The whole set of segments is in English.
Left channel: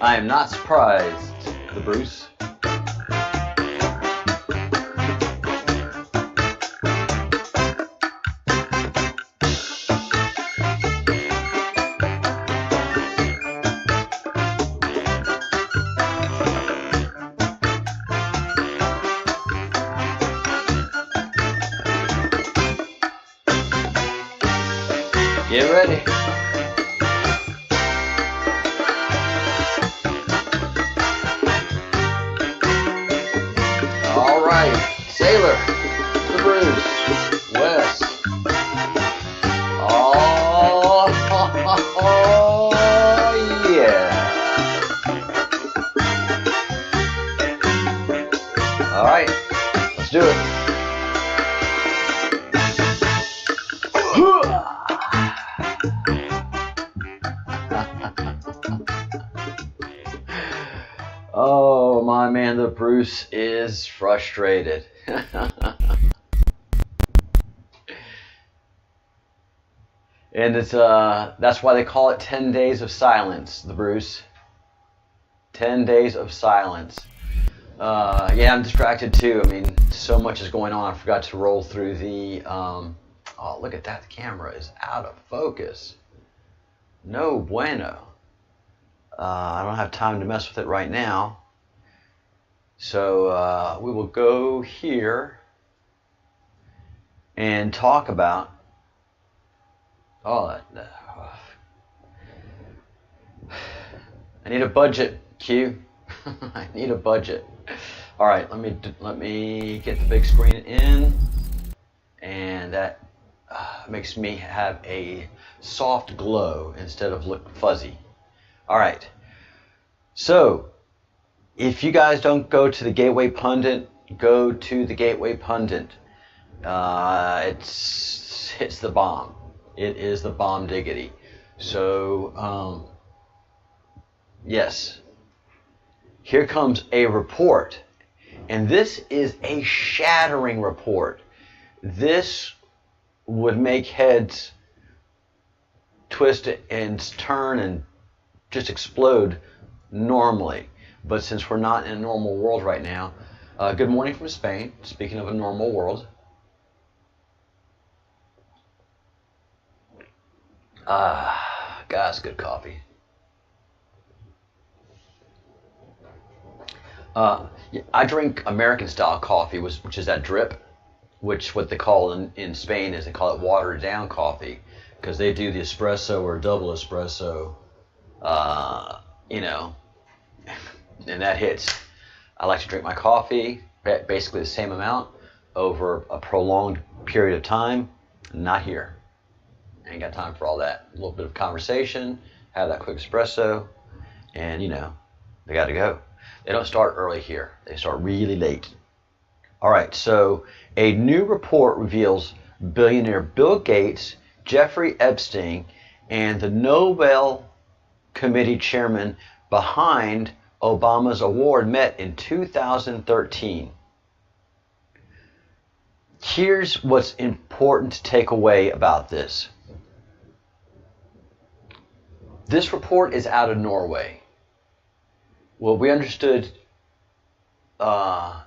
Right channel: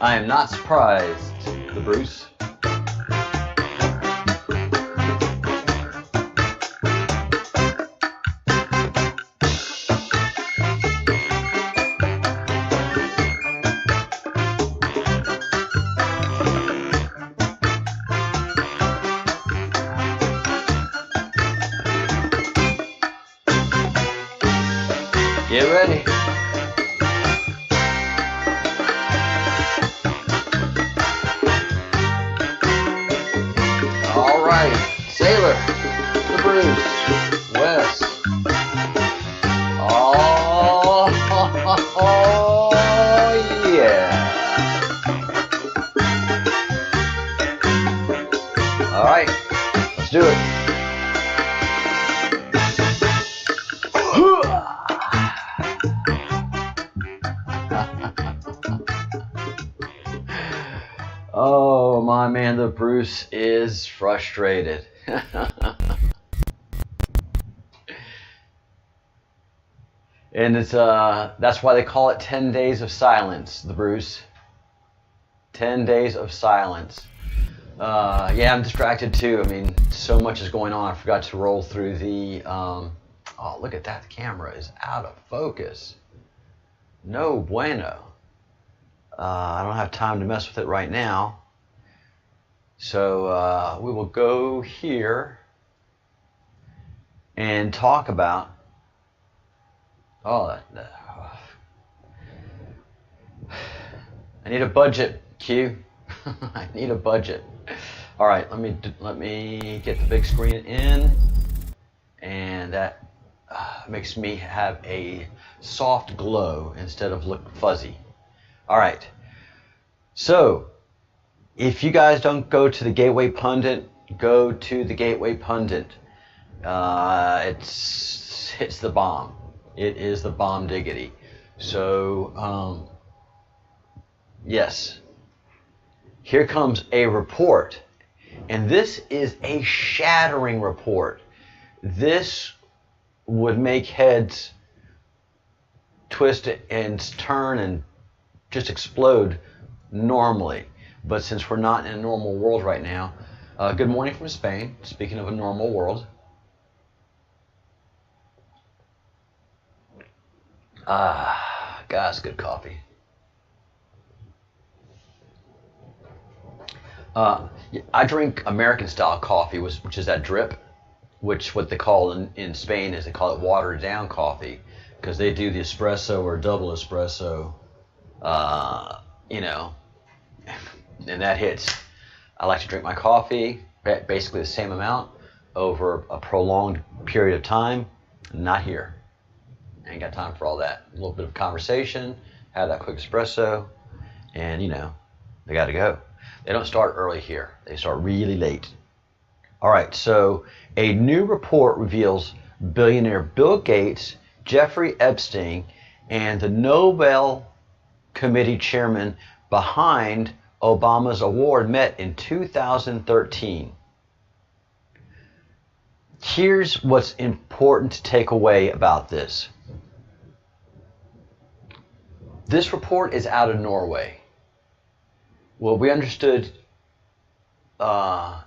I am not surprised, the Bruce. Get ready. All right, Sailor, the Bruce, Wes. Oh, yeah. All right, let's do it. Oh, my man, the Bruce is frustrated. And it's that's why they call it 10 days of silence, the Bruce. 10 days of silence. Yeah, I'm distracted too. I mean, so much is going on. I forgot to roll through the oh, look at that. The camera is out of focus. No bueno. I don't have time to mess with it right now. So we will go here and talk about I need a budget, Q. I need a budget. All right, let me get the big screen in, and that makes me have a soft glow instead of look fuzzy. All right, so if you guys don't go to the Gateway Pundit, go to the Gateway Pundit. It's the bomb. It is the bomb diggity. So, yes, here comes a report, and this is a shattering report. This would make heads twist and turn and just explode normally. But since we're not in a normal world right now, good morning from Spain. Speaking of a normal world. Guys, good coffee. I drink American style coffee, which is that drip, which what they call in Spain is they call it watered down coffee, because they do the espresso or double espresso, you know, and that hits. I like to drink my coffee basically the same amount over a prolonged period of time. Not here. Ain't got time for all that. A little bit of conversation, have that quick espresso, and you know, they got to go. They don't start early here. They start really late. All right, so a new report reveals billionaire Bill Gates, Jeffrey Epstein, and the Nobel Committee chairman behind Obama's award met in 2013. Here's what's important to take away about this. This report is out of Norway. Well, we understood at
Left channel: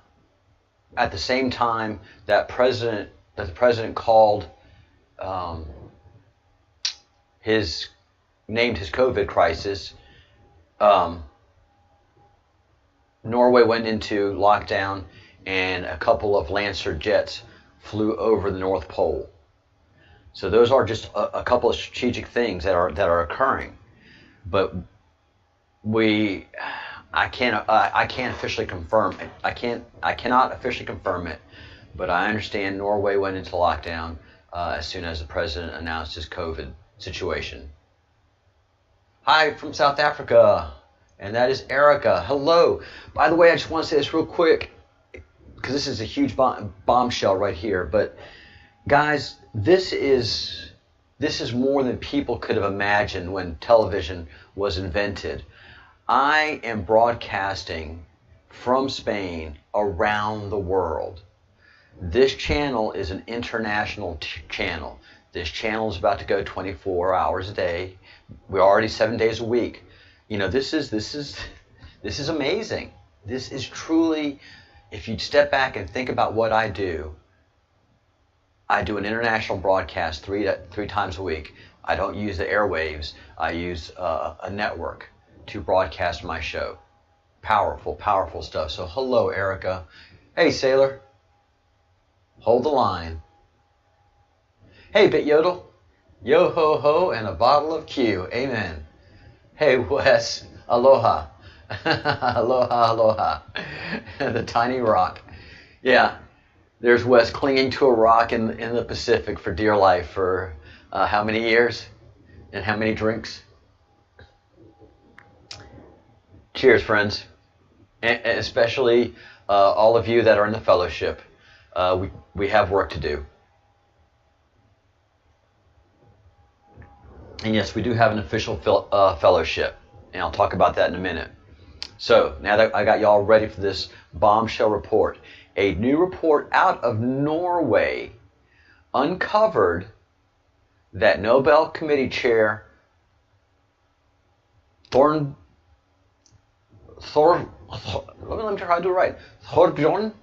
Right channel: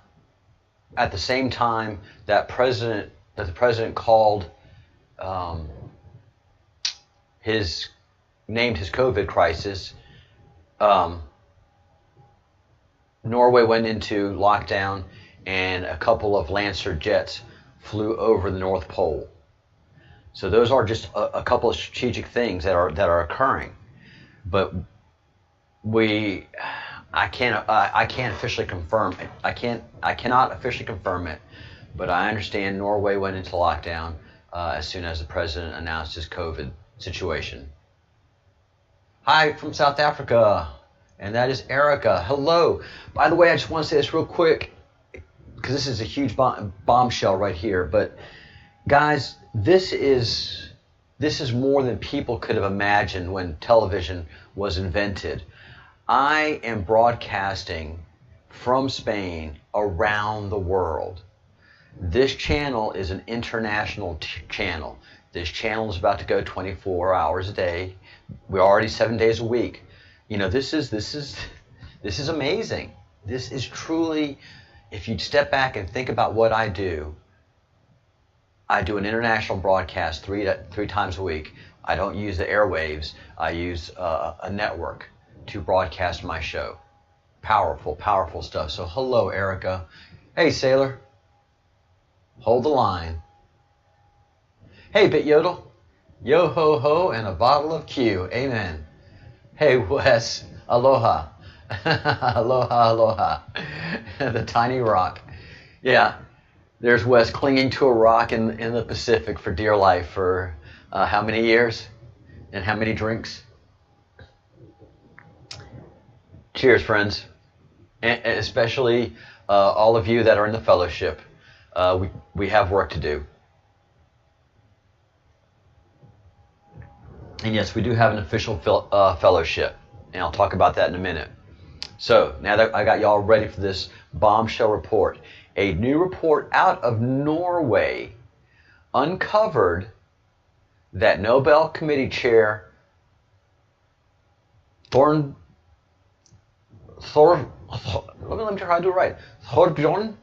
the same time that the president called named his COVID crisis. Norway went into lockdown, and a couple of Lancer jets flew over the North Pole. So those are just a couple of strategic things that are occurring. But I can't officially confirm it. I cannot officially confirm it, but I understand Norway went into lockdown as soon as the president announced his COVID situation. Hi from South Africa, and that is Erica. Hello. By the way, I just want to say this real quick, because this is a huge bombshell right here. But guys, this is more than people could have imagined when television was invented. I am broadcasting from Spain around the world. This channel is an international channel. This channel is about to go 24 hours a day. We're already 7 days a week. this is amazing. This is truly, if you step back and think about what I do an international broadcast three times a week. I don't use the airwaves. I use a network to broadcast my show. Powerful, powerful stuff. So hello, Erica. Hey, Sailor. Hold the line. Hey, Bit Yodel. Yo ho ho and a bottle of Q. Amen. Hey, Wes. Aloha. Aloha, aloha. The tiny rock. Yeah. There's Wes clinging to a rock in the Pacific for dear life for how many years and how many drinks? Cheers, friends. And especially all of you that are in the fellowship. We have work to do. And yes, we do have an official fellowship. And I'll talk about that in a minute. So now that I got y'all ready for this bombshell report, a new report out of Norway uncovered that Nobel Committee Chair let me try to do it right. Thorbjorn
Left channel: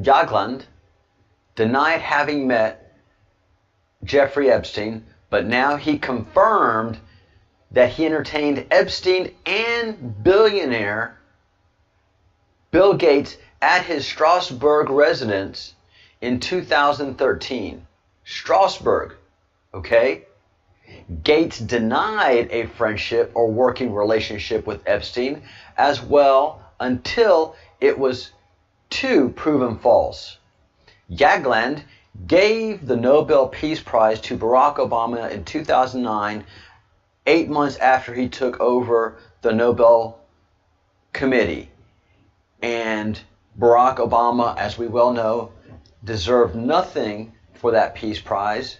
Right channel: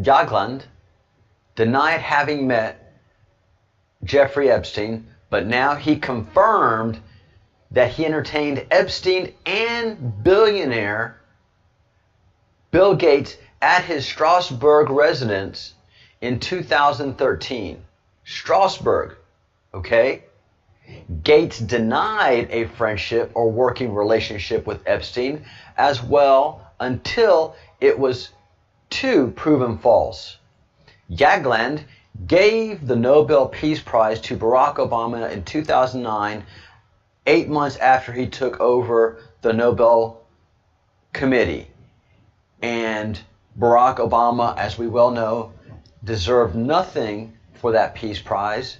Jagland denied having met Jeffrey Epstein, but now he confirmed that he entertained Epstein and billionaire Bill Gates at his Strasbourg residence in 2013. Strasbourg, okay? Gates denied a friendship or working relationship with Epstein as well until it was too proven false. Jagland gave the Nobel Peace Prize to Barack Obama in 2009, 8 months after he took over the Nobel Committee. And Barack Obama, as we well know, deserved nothing for that Peace Prize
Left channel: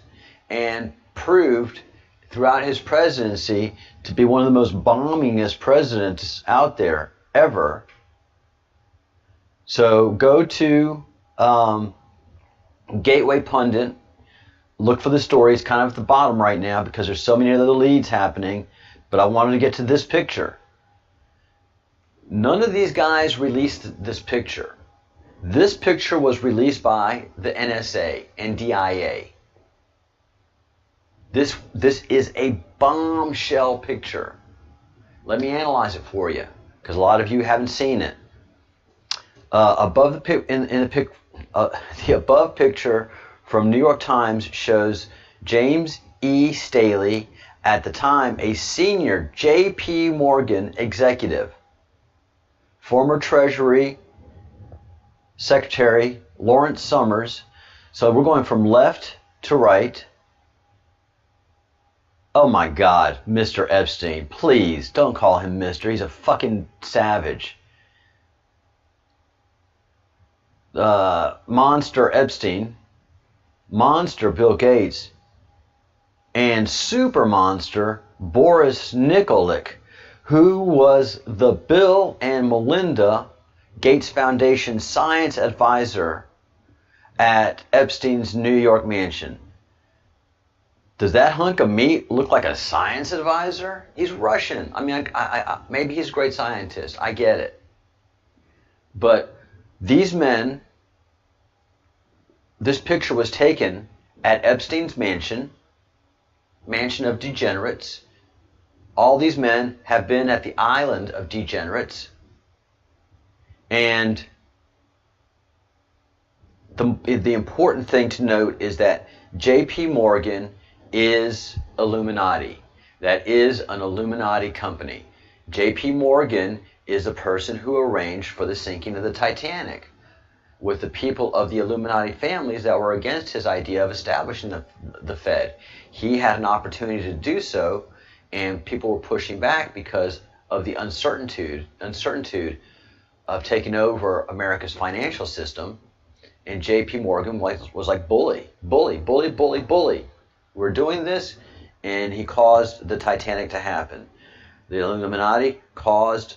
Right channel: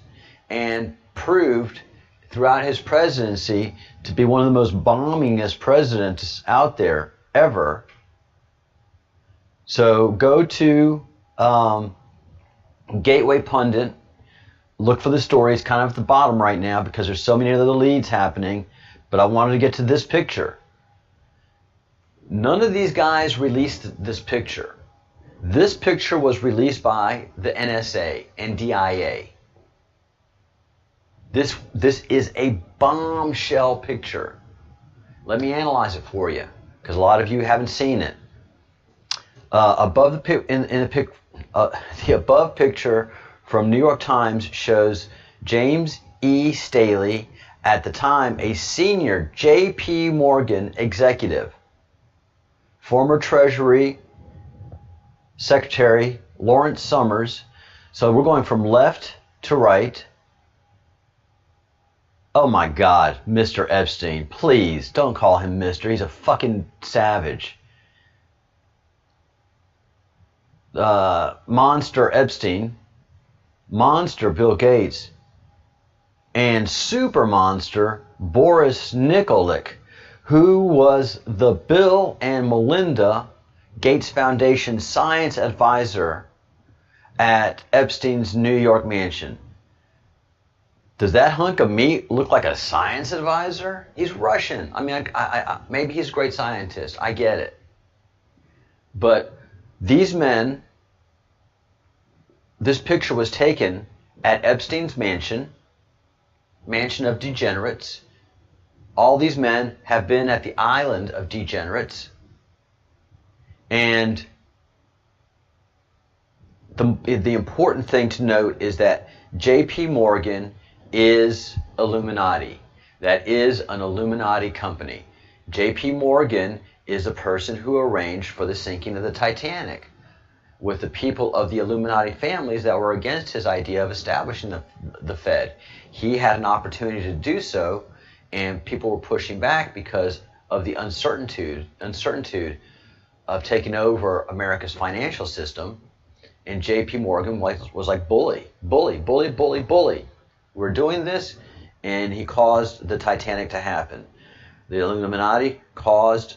and proved throughout his presidency to be one of the most bombingest presidents out there ever. So go to Gateway Pundit, look for the story. It's kind of at the bottom right now because there's so many other leads happening, but I wanted to get to this picture. None of these guys released this picture. This picture was released by the NSA and DIA. This is a bombshell picture. Let me analyze it for you, because a lot of you haven't seen it. Above the above picture from New York Times shows James E. Staley, at the time a senior J.P. Morgan executive. Former Treasury Secretary Lawrence Summers. So we're going from left to right. Oh my God, Mr. Epstein. Please don't call him Mr. He's a fucking savage. Monster Epstein, Monster Bill Gates, and Super Monster Boris Nikolic, who was the Bill and Melinda Gates Foundation science advisor at Epstein's New York mansion. Does that hunk of meat look like a science advisor? He's Russian. I mean, maybe he's a great scientist. I get it. But these men, this picture was taken at Epstein's mansion of degenerates. All these men have been at the island of degenerates. And the important thing to note is that J.P. Morgan is Illuminati. That is an Illuminati company. J.P. Morgan is the person who arranged for the sinking of the Titanic with the people of the Illuminati families that were against his idea of establishing the Fed. He had an opportunity to do so, and people were pushing back because of the uncertainty of taking over America's financial system. And J.P. Morgan was like, bully. We're doing this, and he caused the Titanic to happen. The Illuminati caused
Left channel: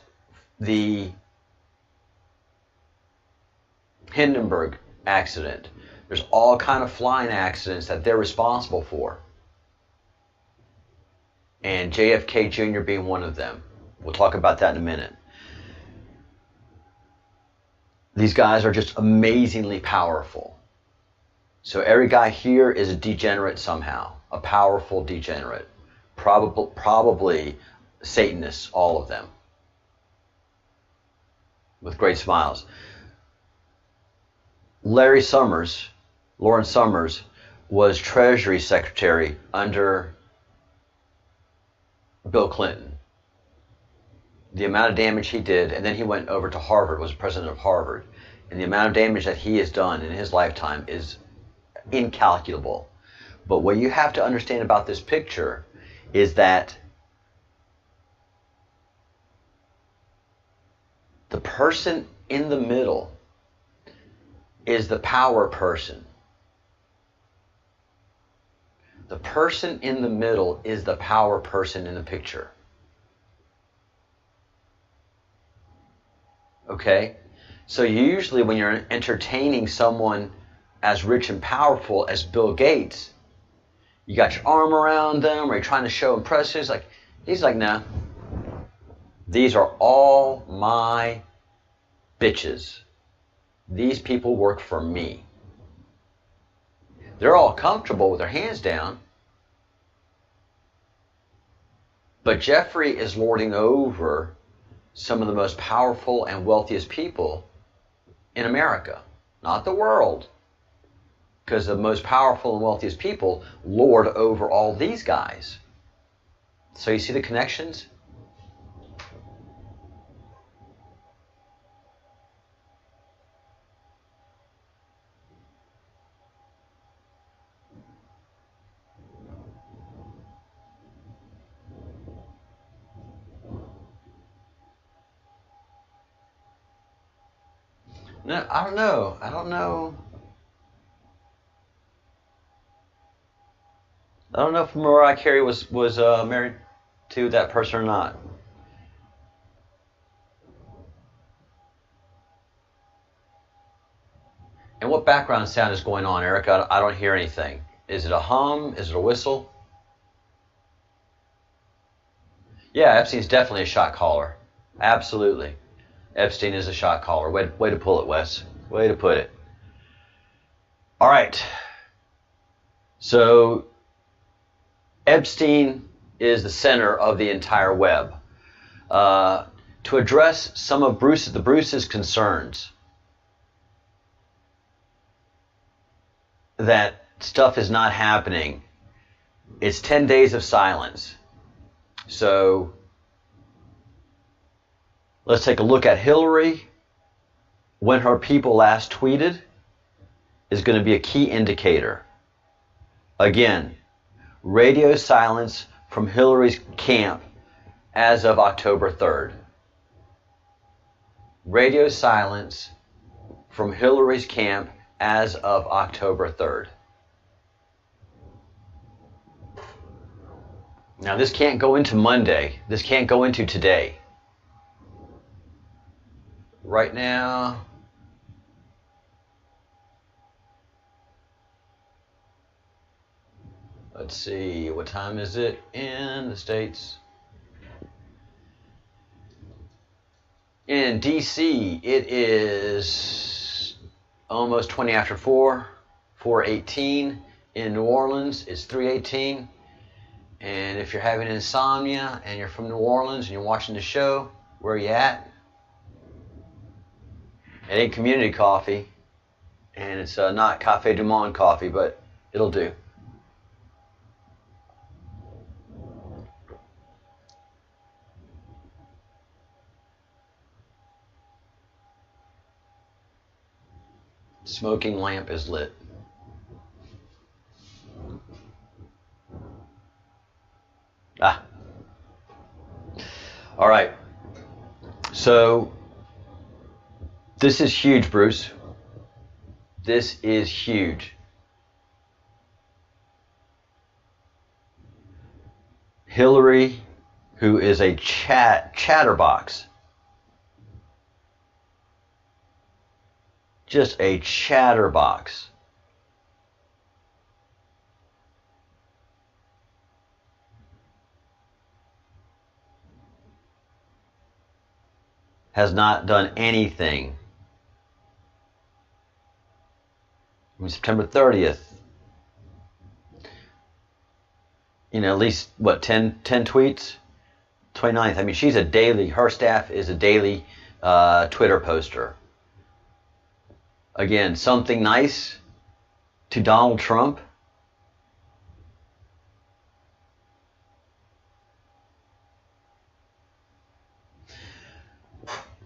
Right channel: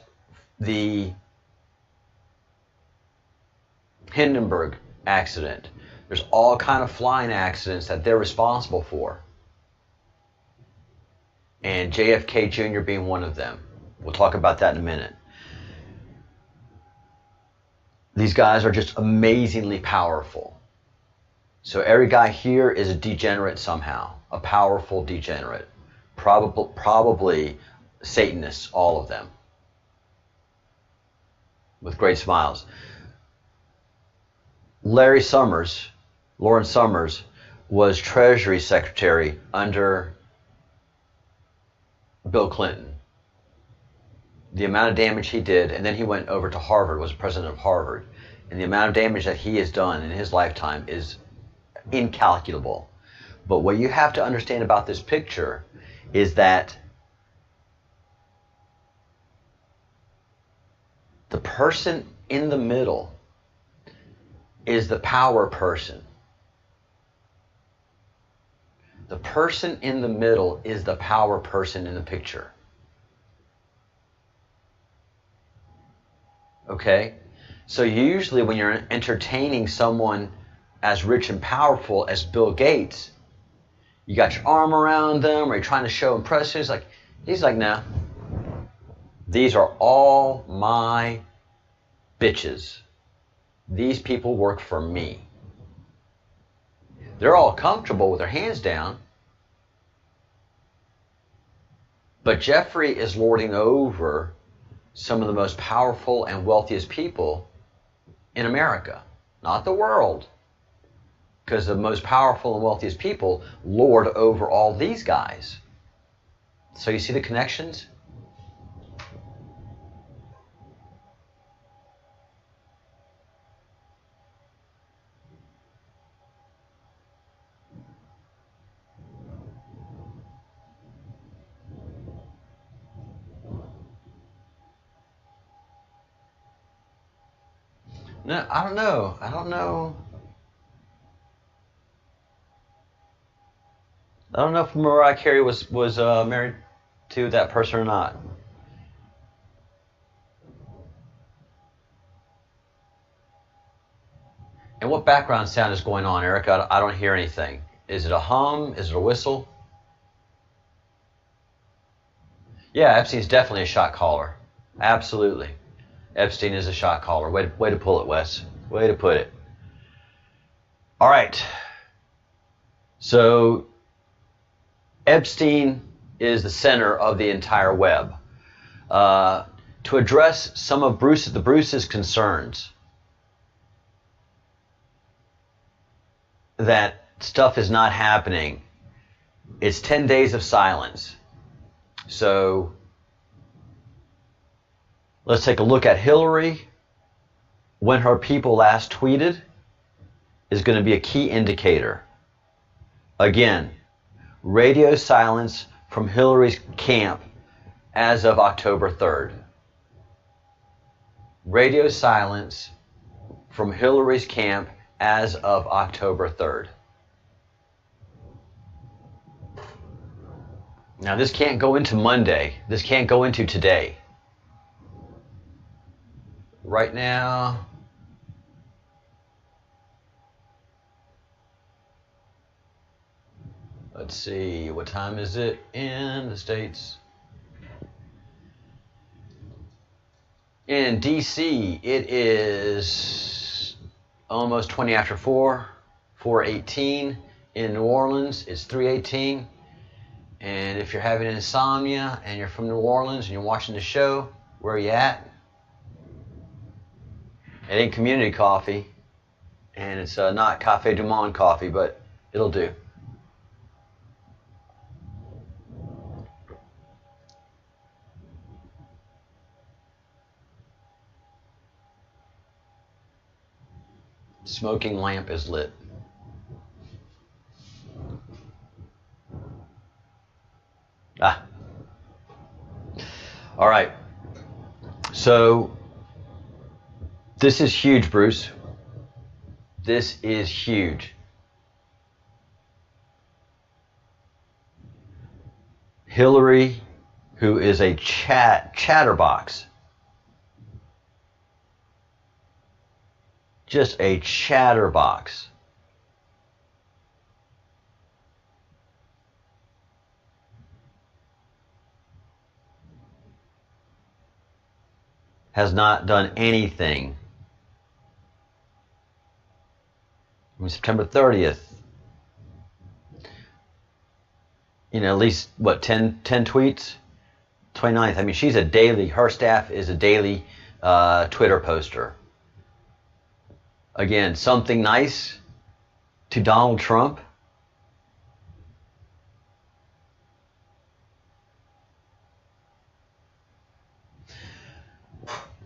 the Hindenburg accident. There's all kind of flying accidents that they're responsible for. And JFK Jr. being one of them. We'll talk about that in a minute. These guys are just amazingly powerful. So every guy here is a degenerate somehow, a powerful degenerate. Probably Satanists, all of them, with great smiles. Lawrence Summers, was Treasury Secretary under Bill Clinton. The amount of damage he did, and then he went over to Harvard, was president of Harvard, and the amount of damage that he has done in his lifetime is incalculable. But what you have to understand about this picture is that the person in the middle is the power person. The person in the middle is the power person in the picture. Okay? So usually when you're entertaining someone as rich and powerful as Bill Gates, you got your arm around them, or you're trying to show impressive. He's like, no. These are all my bitches. These people work for me. They're all comfortable with their hands down. But Jeffrey is lording over some of the most powerful and wealthiest people in America. Not the world. Because the most powerful and wealthiest people lord over all these guys. So you see the connections? No, I don't know. I don't know if Mariah Carey was married to that person or not. And what background sound is going on, Eric? I don't hear anything. Is it a hum? Is it a whistle? Yeah, Epstein's definitely a shot caller. Absolutely. Epstein is a shot caller. Way to pull it, Wes. Way to put it. All right. So Epstein is the center of the entire web. To address some of Bruce's concerns that stuff is not happening, it's 10 days of silence. So let's take a look at Hillary. When her people last tweeted is going to be a key indicator. Again, radio silence from Hillary's camp as of October 3rd. Radio silence from Hillary's camp as of October 3rd. Now this can't go into Monday. This can't go into today. Right now, let's see, what time is it in the States? In DC, it is almost 20 after 4, 4:18. In New Orleans, it's 3:18. And if you're having insomnia and you're from New Orleans and you're watching the show, where are you at? It ain't community coffee, and it's not Café du Monde coffee, but it'll do. Smoking lamp is lit. All right. So this is huge, Bruce. This is huge. Hillary, who is a chatterbox, just a chatterbox, has not done anything. On September 30th, you know, at least, what, 10 tweets? 29th, I mean, she's a daily, her staff is a daily Twitter poster. Again, something nice to Donald Trump.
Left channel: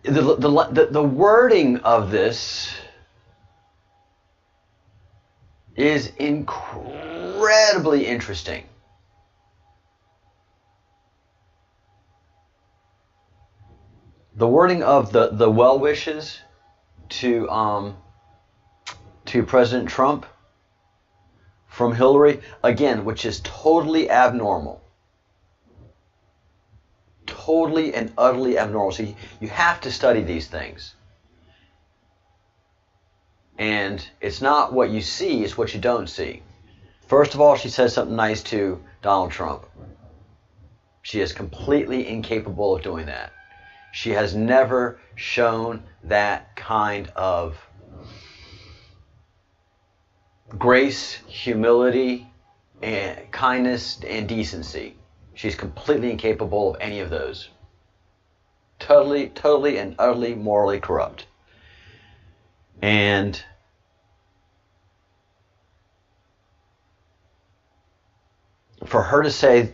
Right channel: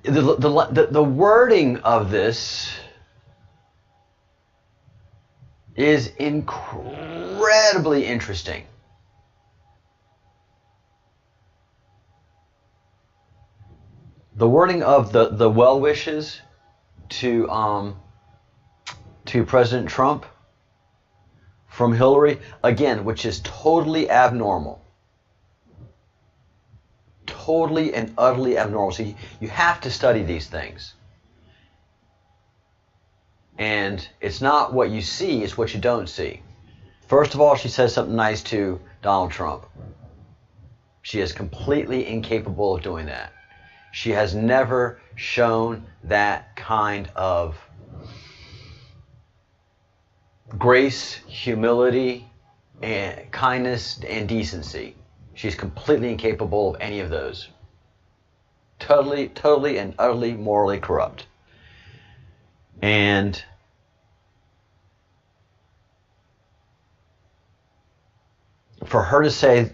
The wording of this is incredibly interesting. The wording of the well wishes to President Trump from Hillary, again, which is totally abnormal. Totally and utterly abnormal. So you have to study these things. And it's not what you see, it's what you don't see. First of all, she says something nice to Donald Trump. She is completely incapable of doing that. She has never shown that kind of grace, humility, and kindness and decency. She's completely incapable of any of those. Totally and utterly morally corrupt. And for her to say,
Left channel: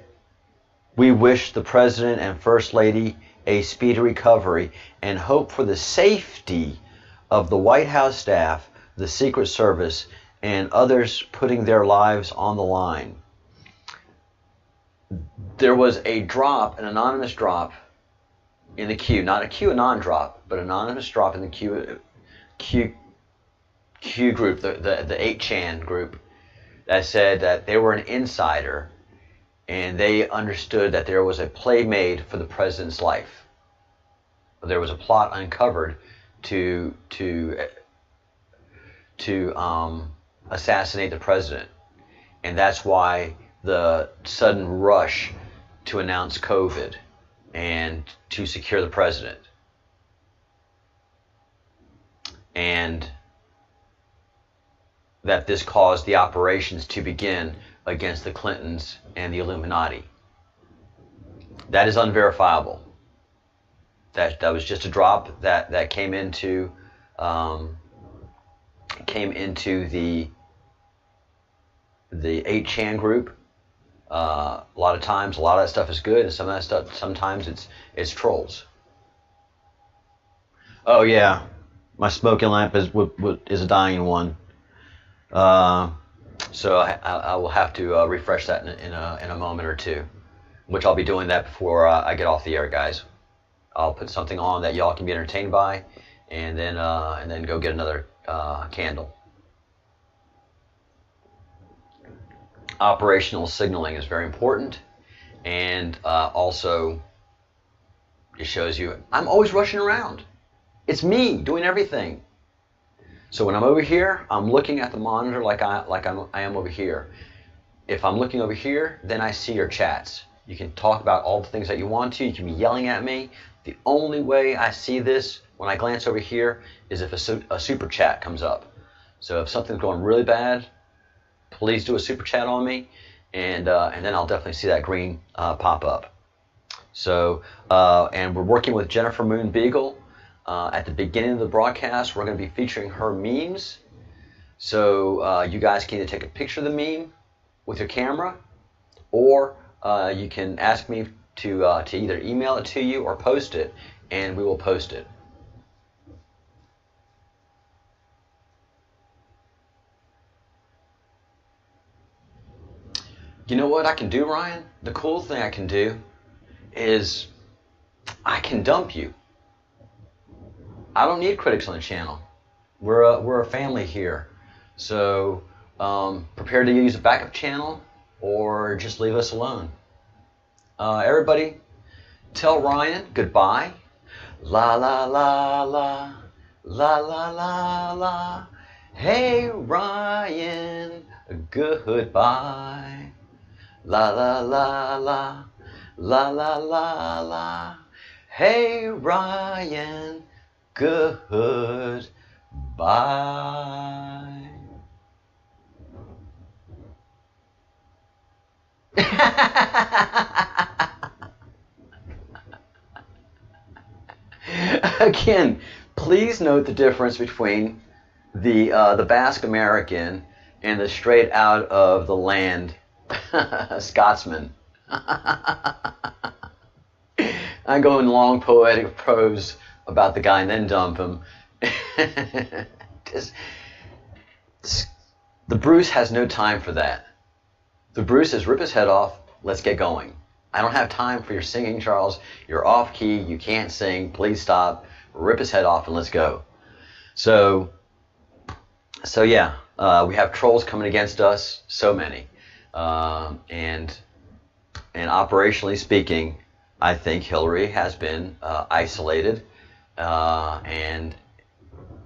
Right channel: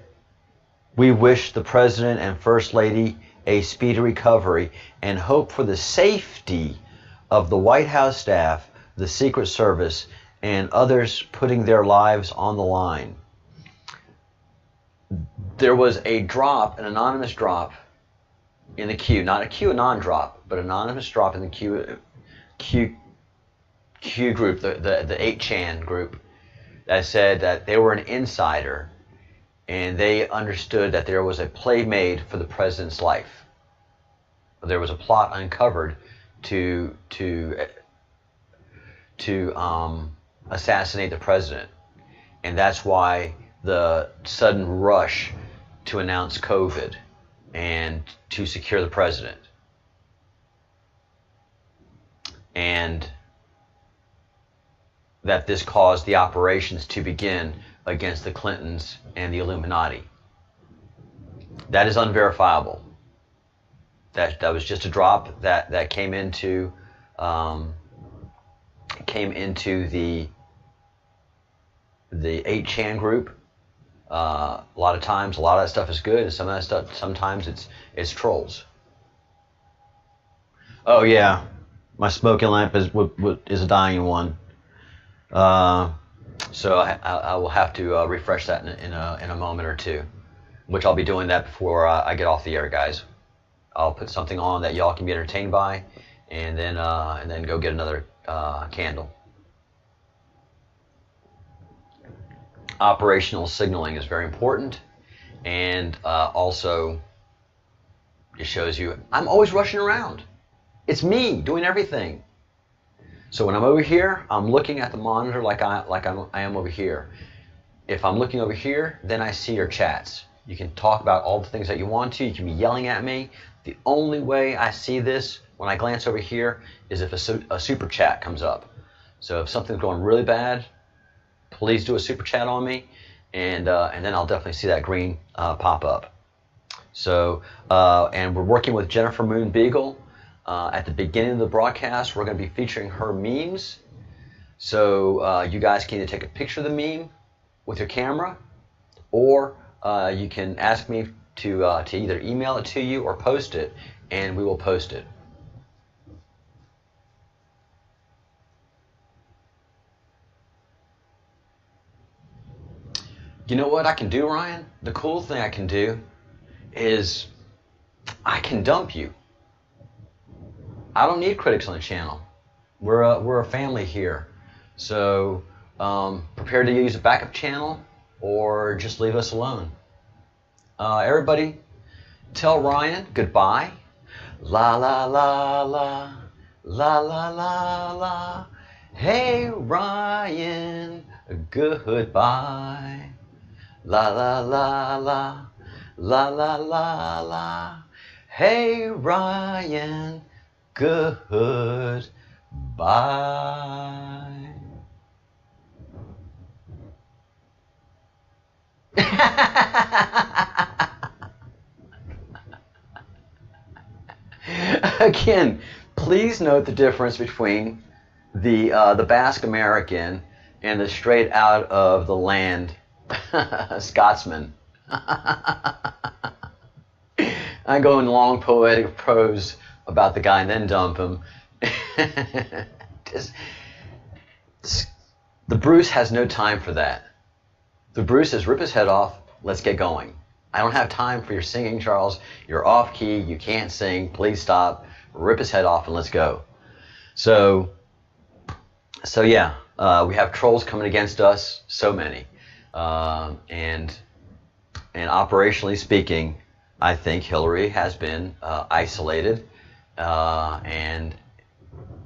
we wish the President and First Lady a speedy recovery and hope for the safety of the White House staff, the Secret Service, and others putting their lives on the line. There was a drop, an anonymous drop in the queue, not a QAnon drop, but an anonymous drop in the Q group, the 8chan group, that said that they were an insider and they understood that there was a play made for the president's life. There was a plot uncovered to assassinate the president, and that's why the sudden rush to announce COVID and to secure the president. And that this caused the operations to begin against the Clintons and the Illuminati. That is unverifiable. That was just a drop that came into the 8chan group. A lot of times, a lot of that stuff is good, and some of that stuff, sometimes it's trolls. Oh yeah, my smoking lamp is a dying one. So I will have to refresh that in a moment or two, which I'll be doing that before I get off the air, guys. I'll put something on that y'all can be entertained by, and then go get another candle. Operational signaling is very important, and also it shows you I'm always rushing around. It's me doing everything. So when I'm over here, I'm looking at the monitor like I am over here. If I'm looking over here, then I see your chats. You can talk about all the things that you want to. You can be yelling at me. The only way I see this when I glance over here is if a super chat comes up. So if something's going really bad, please do a super chat on me, and then I'll definitely see that green pop up. So, and we're working with Jennifer Moon Beagle. At the beginning of the broadcast, we're going to be featuring her memes. So you guys can either take a picture of the meme with your camera, or you can ask me to either email it to you or post it, and we will post it. You know what I can do, Ryan? The cool thing I can do is I can dump you. I don't need critics on the channel. We're a family here. So prepare to use a backup channel or just leave us alone. Everybody, tell Ryan goodbye. La la la la, la la la la. Hey Ryan, goodbye. La la la la, la la la la. Hey Ryan, goodbye. Again, please note the difference between the Basque American and the straight out of the land Scotsman. I go in long poetic prose about the guy and then dump him. The Bruce has no time for that. The Bruce says, rip his head off, let's get going. I don't have time for your singing, Charles. You're off key, you can't sing, please stop. Rip his head off and let's go. So yeah, we have trolls coming against us, so many. And operationally speaking, I think Hillary has been isolated, and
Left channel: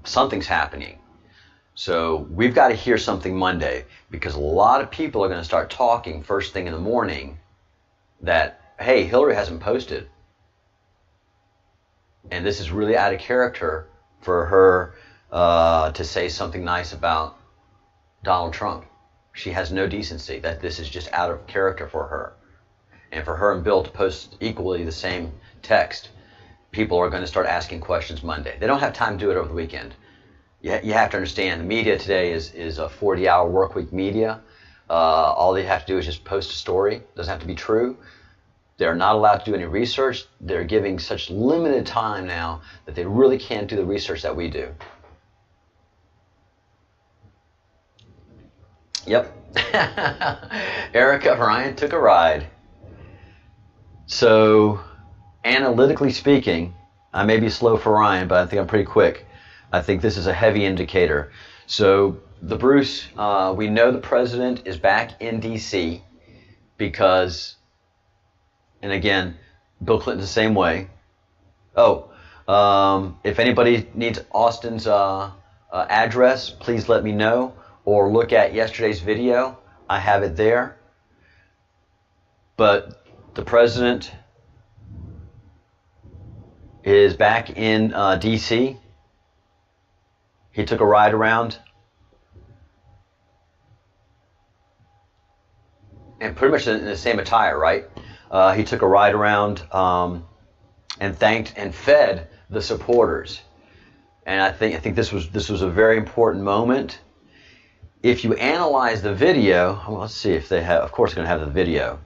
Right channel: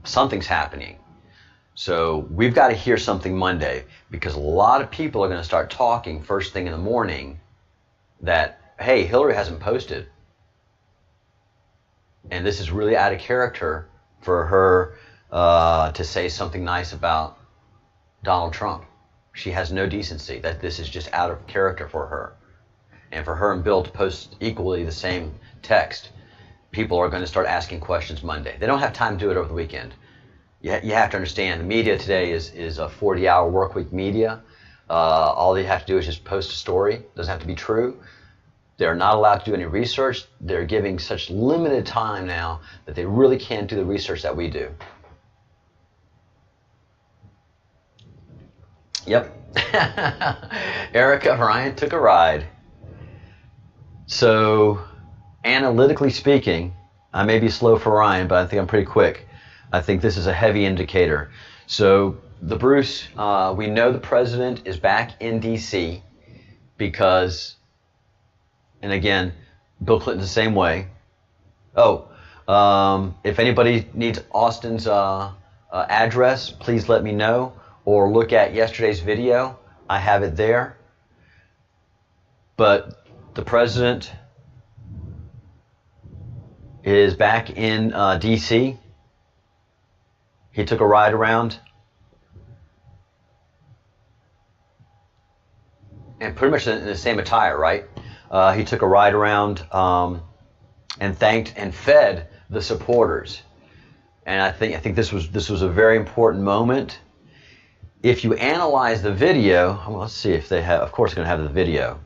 something's happening. So we've got to hear something Monday, because a lot of people are going to start talking first thing in the morning that, hey, Hillary hasn't posted. And this is really out of character for her to say something nice about Donald Trump. She has no decency. That this is just out of character for her. And for her and Bill to post equally the same text, people are going to start asking questions Monday. They don't have time to do it over the weekend. You have to understand, the media today is a 40-hour work week media. All they have to do is just post a story. It doesn't have to be true. They're not allowed to do any research. They're giving such limited time now that they really can't do the research that we do. Yep. Erica Ryan took a ride. So, analytically speaking, I may be slow for Ryan, but I think I'm pretty quick. I think this is a heavy indicator. So, the Bruce, we know the president is back in D.C. because, and again, Bill Clinton the same way. Oh, if anybody needs Austin's address, please let me know, or look at yesterday's video. I have it there. But the president is back in D.C. He took a ride around. And pretty much in the same attire, right? He took a ride around and thanked and fed the supporters. And I think this was a very important moment. If you analyze the video, well, let's see if they have, of course they're going to have the video.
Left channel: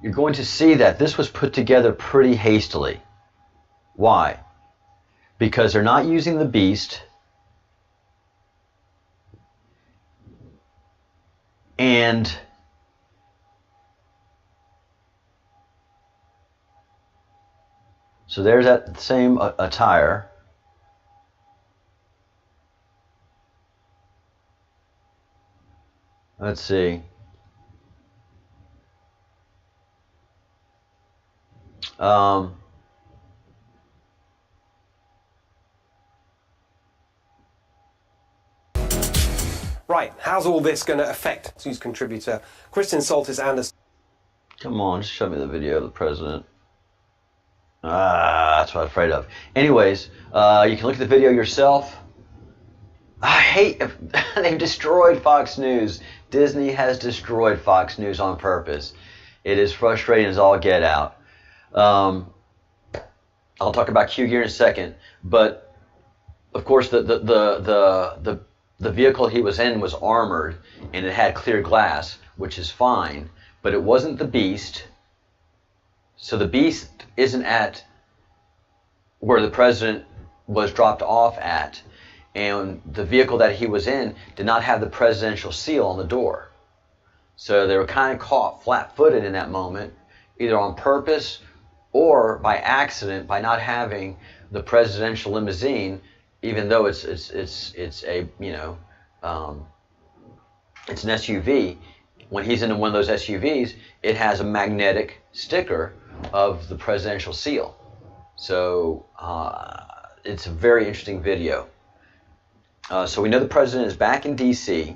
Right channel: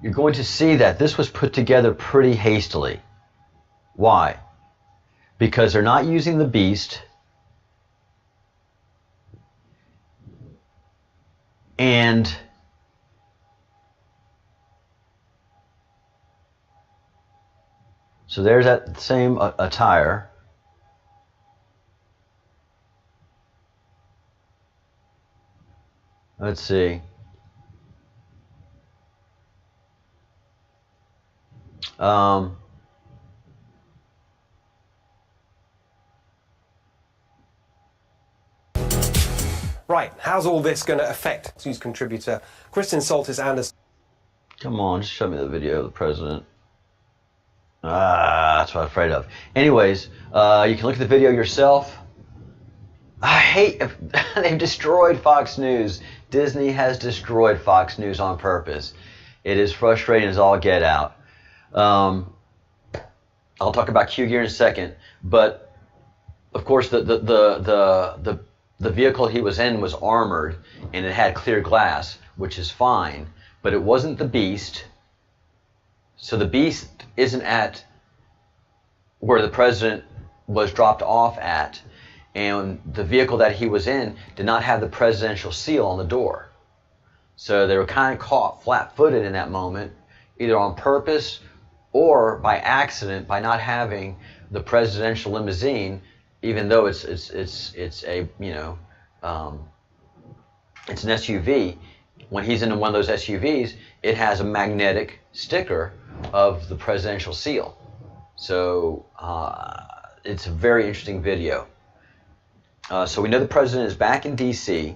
You're going to see that this was put together pretty hastily. Why? Because they're not using the beast, and so there's that same attire. Let's see. Right, how's all this going to affect news contributor Kristen Soltis Anderson? Come on, just show me the video of the president. That's what I'm afraid of. Anyways, you can look at the video yourself. I hate if they've destroyed Fox News. Disney has destroyed Fox News on purpose. It is frustrating as all get out. I'll talk about Q gear in a second, but of course the vehicle he was in was armored and it had clear glass, which is fine, but it wasn't the beast. So the beast isn't at where the president was dropped off at, and the vehicle that he was in did not have the presidential seal on the door. So they were kind of caught flat-footed in that moment, either on purpose or by accident, by not having the presidential limousine, even though it's a, you know, it's an SUV. When he's in one of those SUVs, it has a magnetic sticker of the presidential seal. So it's a very interesting video. So we know the president is back in D.C.,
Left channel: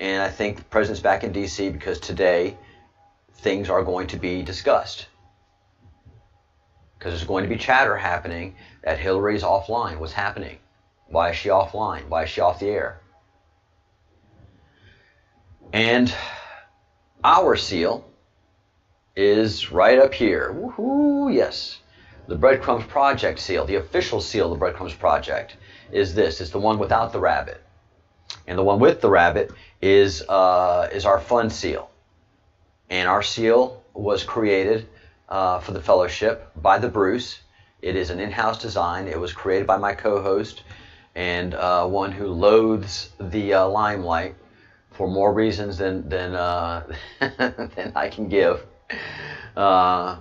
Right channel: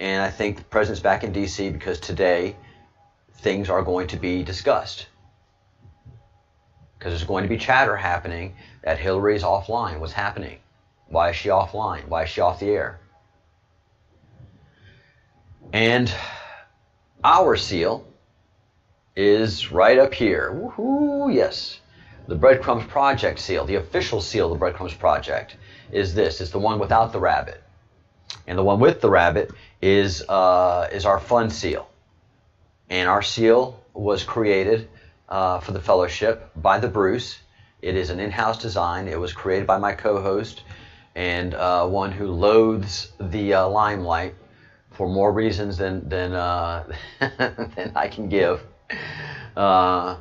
and I think the president's back in D.C. because today things are going to be discussed. Because there's going to be chatter happening that Hillary's offline. What's happening? Why is she offline? Why is she off the air? And our seal is right up here. Woohoo, yes. The Breadcrumbs Project seal, the official seal of the Breadcrumbs Project, is this. It's the one without the rabbit. And the one with the rabbit is our fun seal. And our seal was created for the fellowship by the Bruce. It is an in-house design. It was created by my co-host and one who loathes the limelight for more reasons than than I can give. I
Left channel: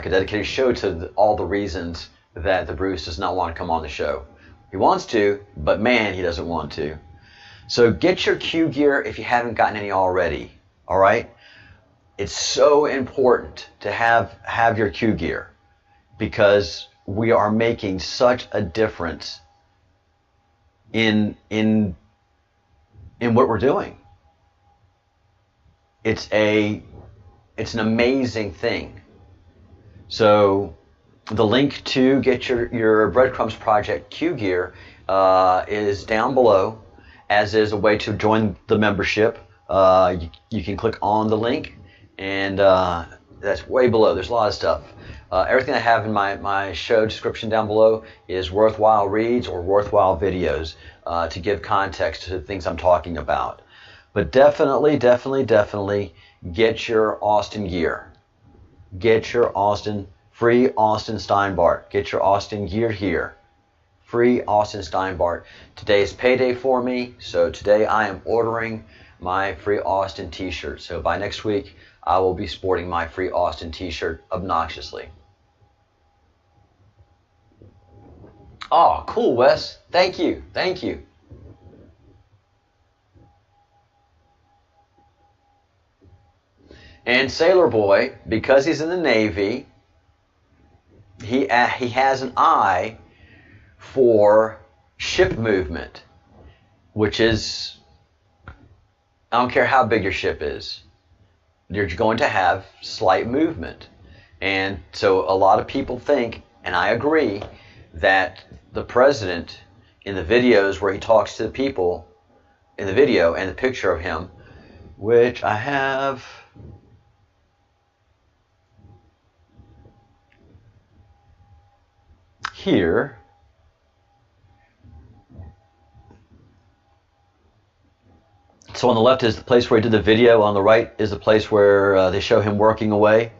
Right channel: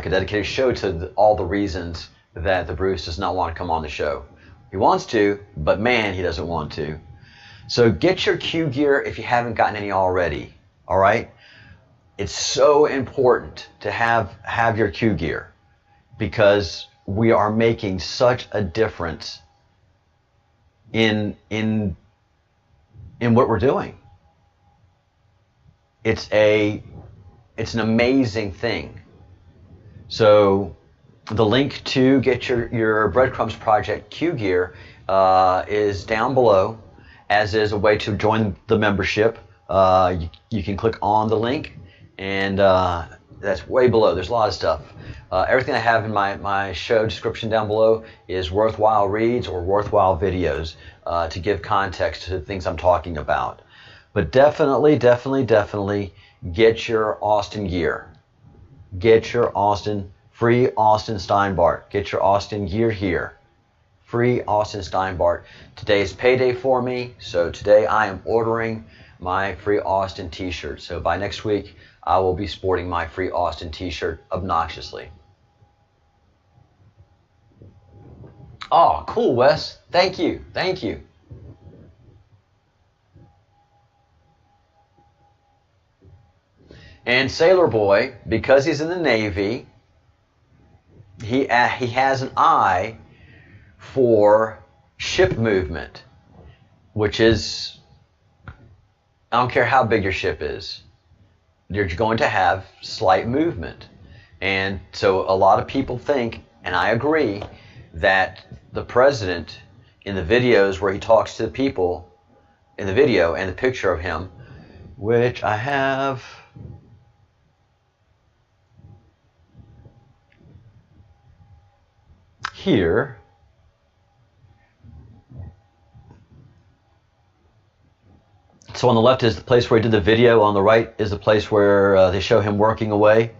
could dedicate a show to all the reasons that the Bruce does not want to come on the show. He wants to, but man, he doesn't want to. So get your Q gear if you haven't gotten any already. All right? It's so important to have your Q gear because we are making such a difference in what we're doing. It's an amazing thing. So the link to get your Breadcrumbs Project Q gear is down below, as is a way to join the membership. You can click on the link, and that's way below. There's a lot of stuff. Everything I have in my show description down below is worthwhile reads or worthwhile videos to give context to the things I'm talking about. But definitely get your Austin gear. Get your free Austin Steinbart. Get your Austin gear here. Free Austin Steinbart. Today is payday for me, so today I am ordering my free Austin t-shirt. So by next week, I will be sporting my free Austin t-shirt obnoxiously. Oh, cool, Wes. Thank you. Thank you. And Sailor Boy, because he's in the Navy, he has an eye for ship movement, which is, I don't care how big your ship is, you're going to have slight movement. And so a lot of people think, and I agree, that the president in the videos where he talks to the people in the video and the picture of him, which I have here, so on the left is the place where he did the video, on the right is the place where they show him working away.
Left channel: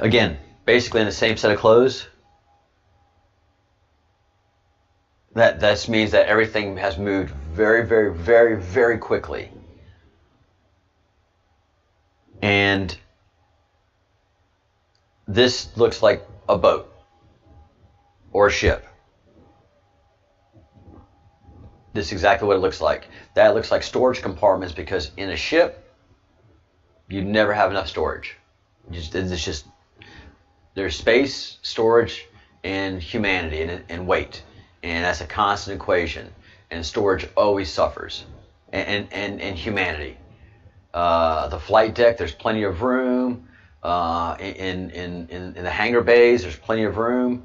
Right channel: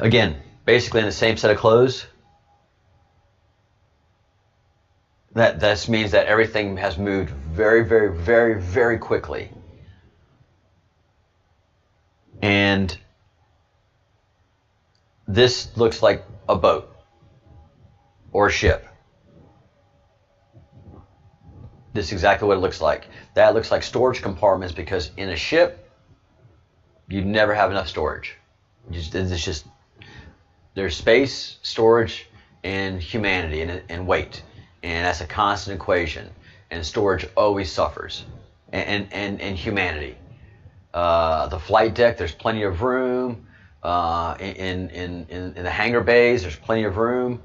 Again, basically in the same set of clothes. That means that everything has moved very quickly. And this looks like a boat or a ship. This is exactly what it looks like. That looks like storage compartments, because in a ship, you never have enough storage. There's space, storage, and humanity and weight. And that's a constant equation. And storage always suffers. And humanity. The flight deck, there's plenty of room. In the hangar bays, there's plenty of room.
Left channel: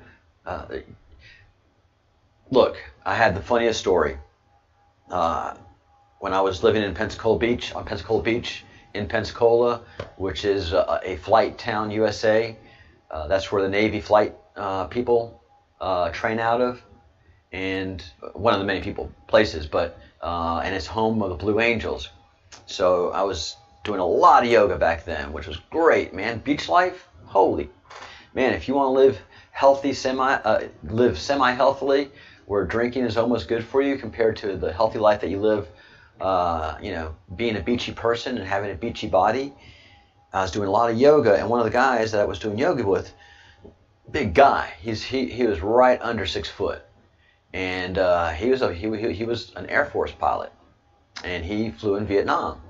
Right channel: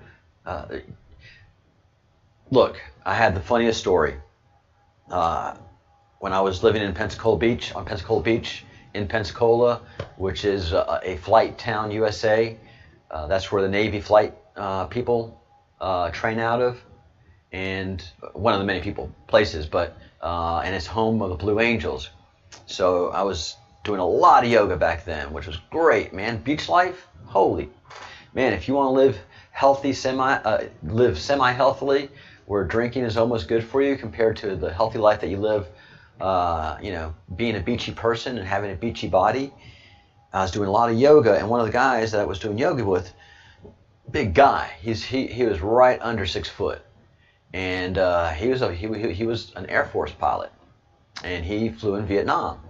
Look, I had the funniest story. When I was living in Pensacola Beach, in Pensacola, which is a flight town, USA. That's where the Navy flight people train out of, and one of the many places. But and it's home of the Blue Angels. So I was doing a lot of yoga back then, which was great, man. Beach life, holy man! If you want to live healthy, live semi-healthily, where drinking is almost good for you compared to the healthy life that you live, being a beachy person and having a beachy body. I was doing a lot of yoga, and one of the guys that I was doing yoga with, big guy, he was right under 6 foot, and he was an Air Force pilot, and he flew in Vietnam.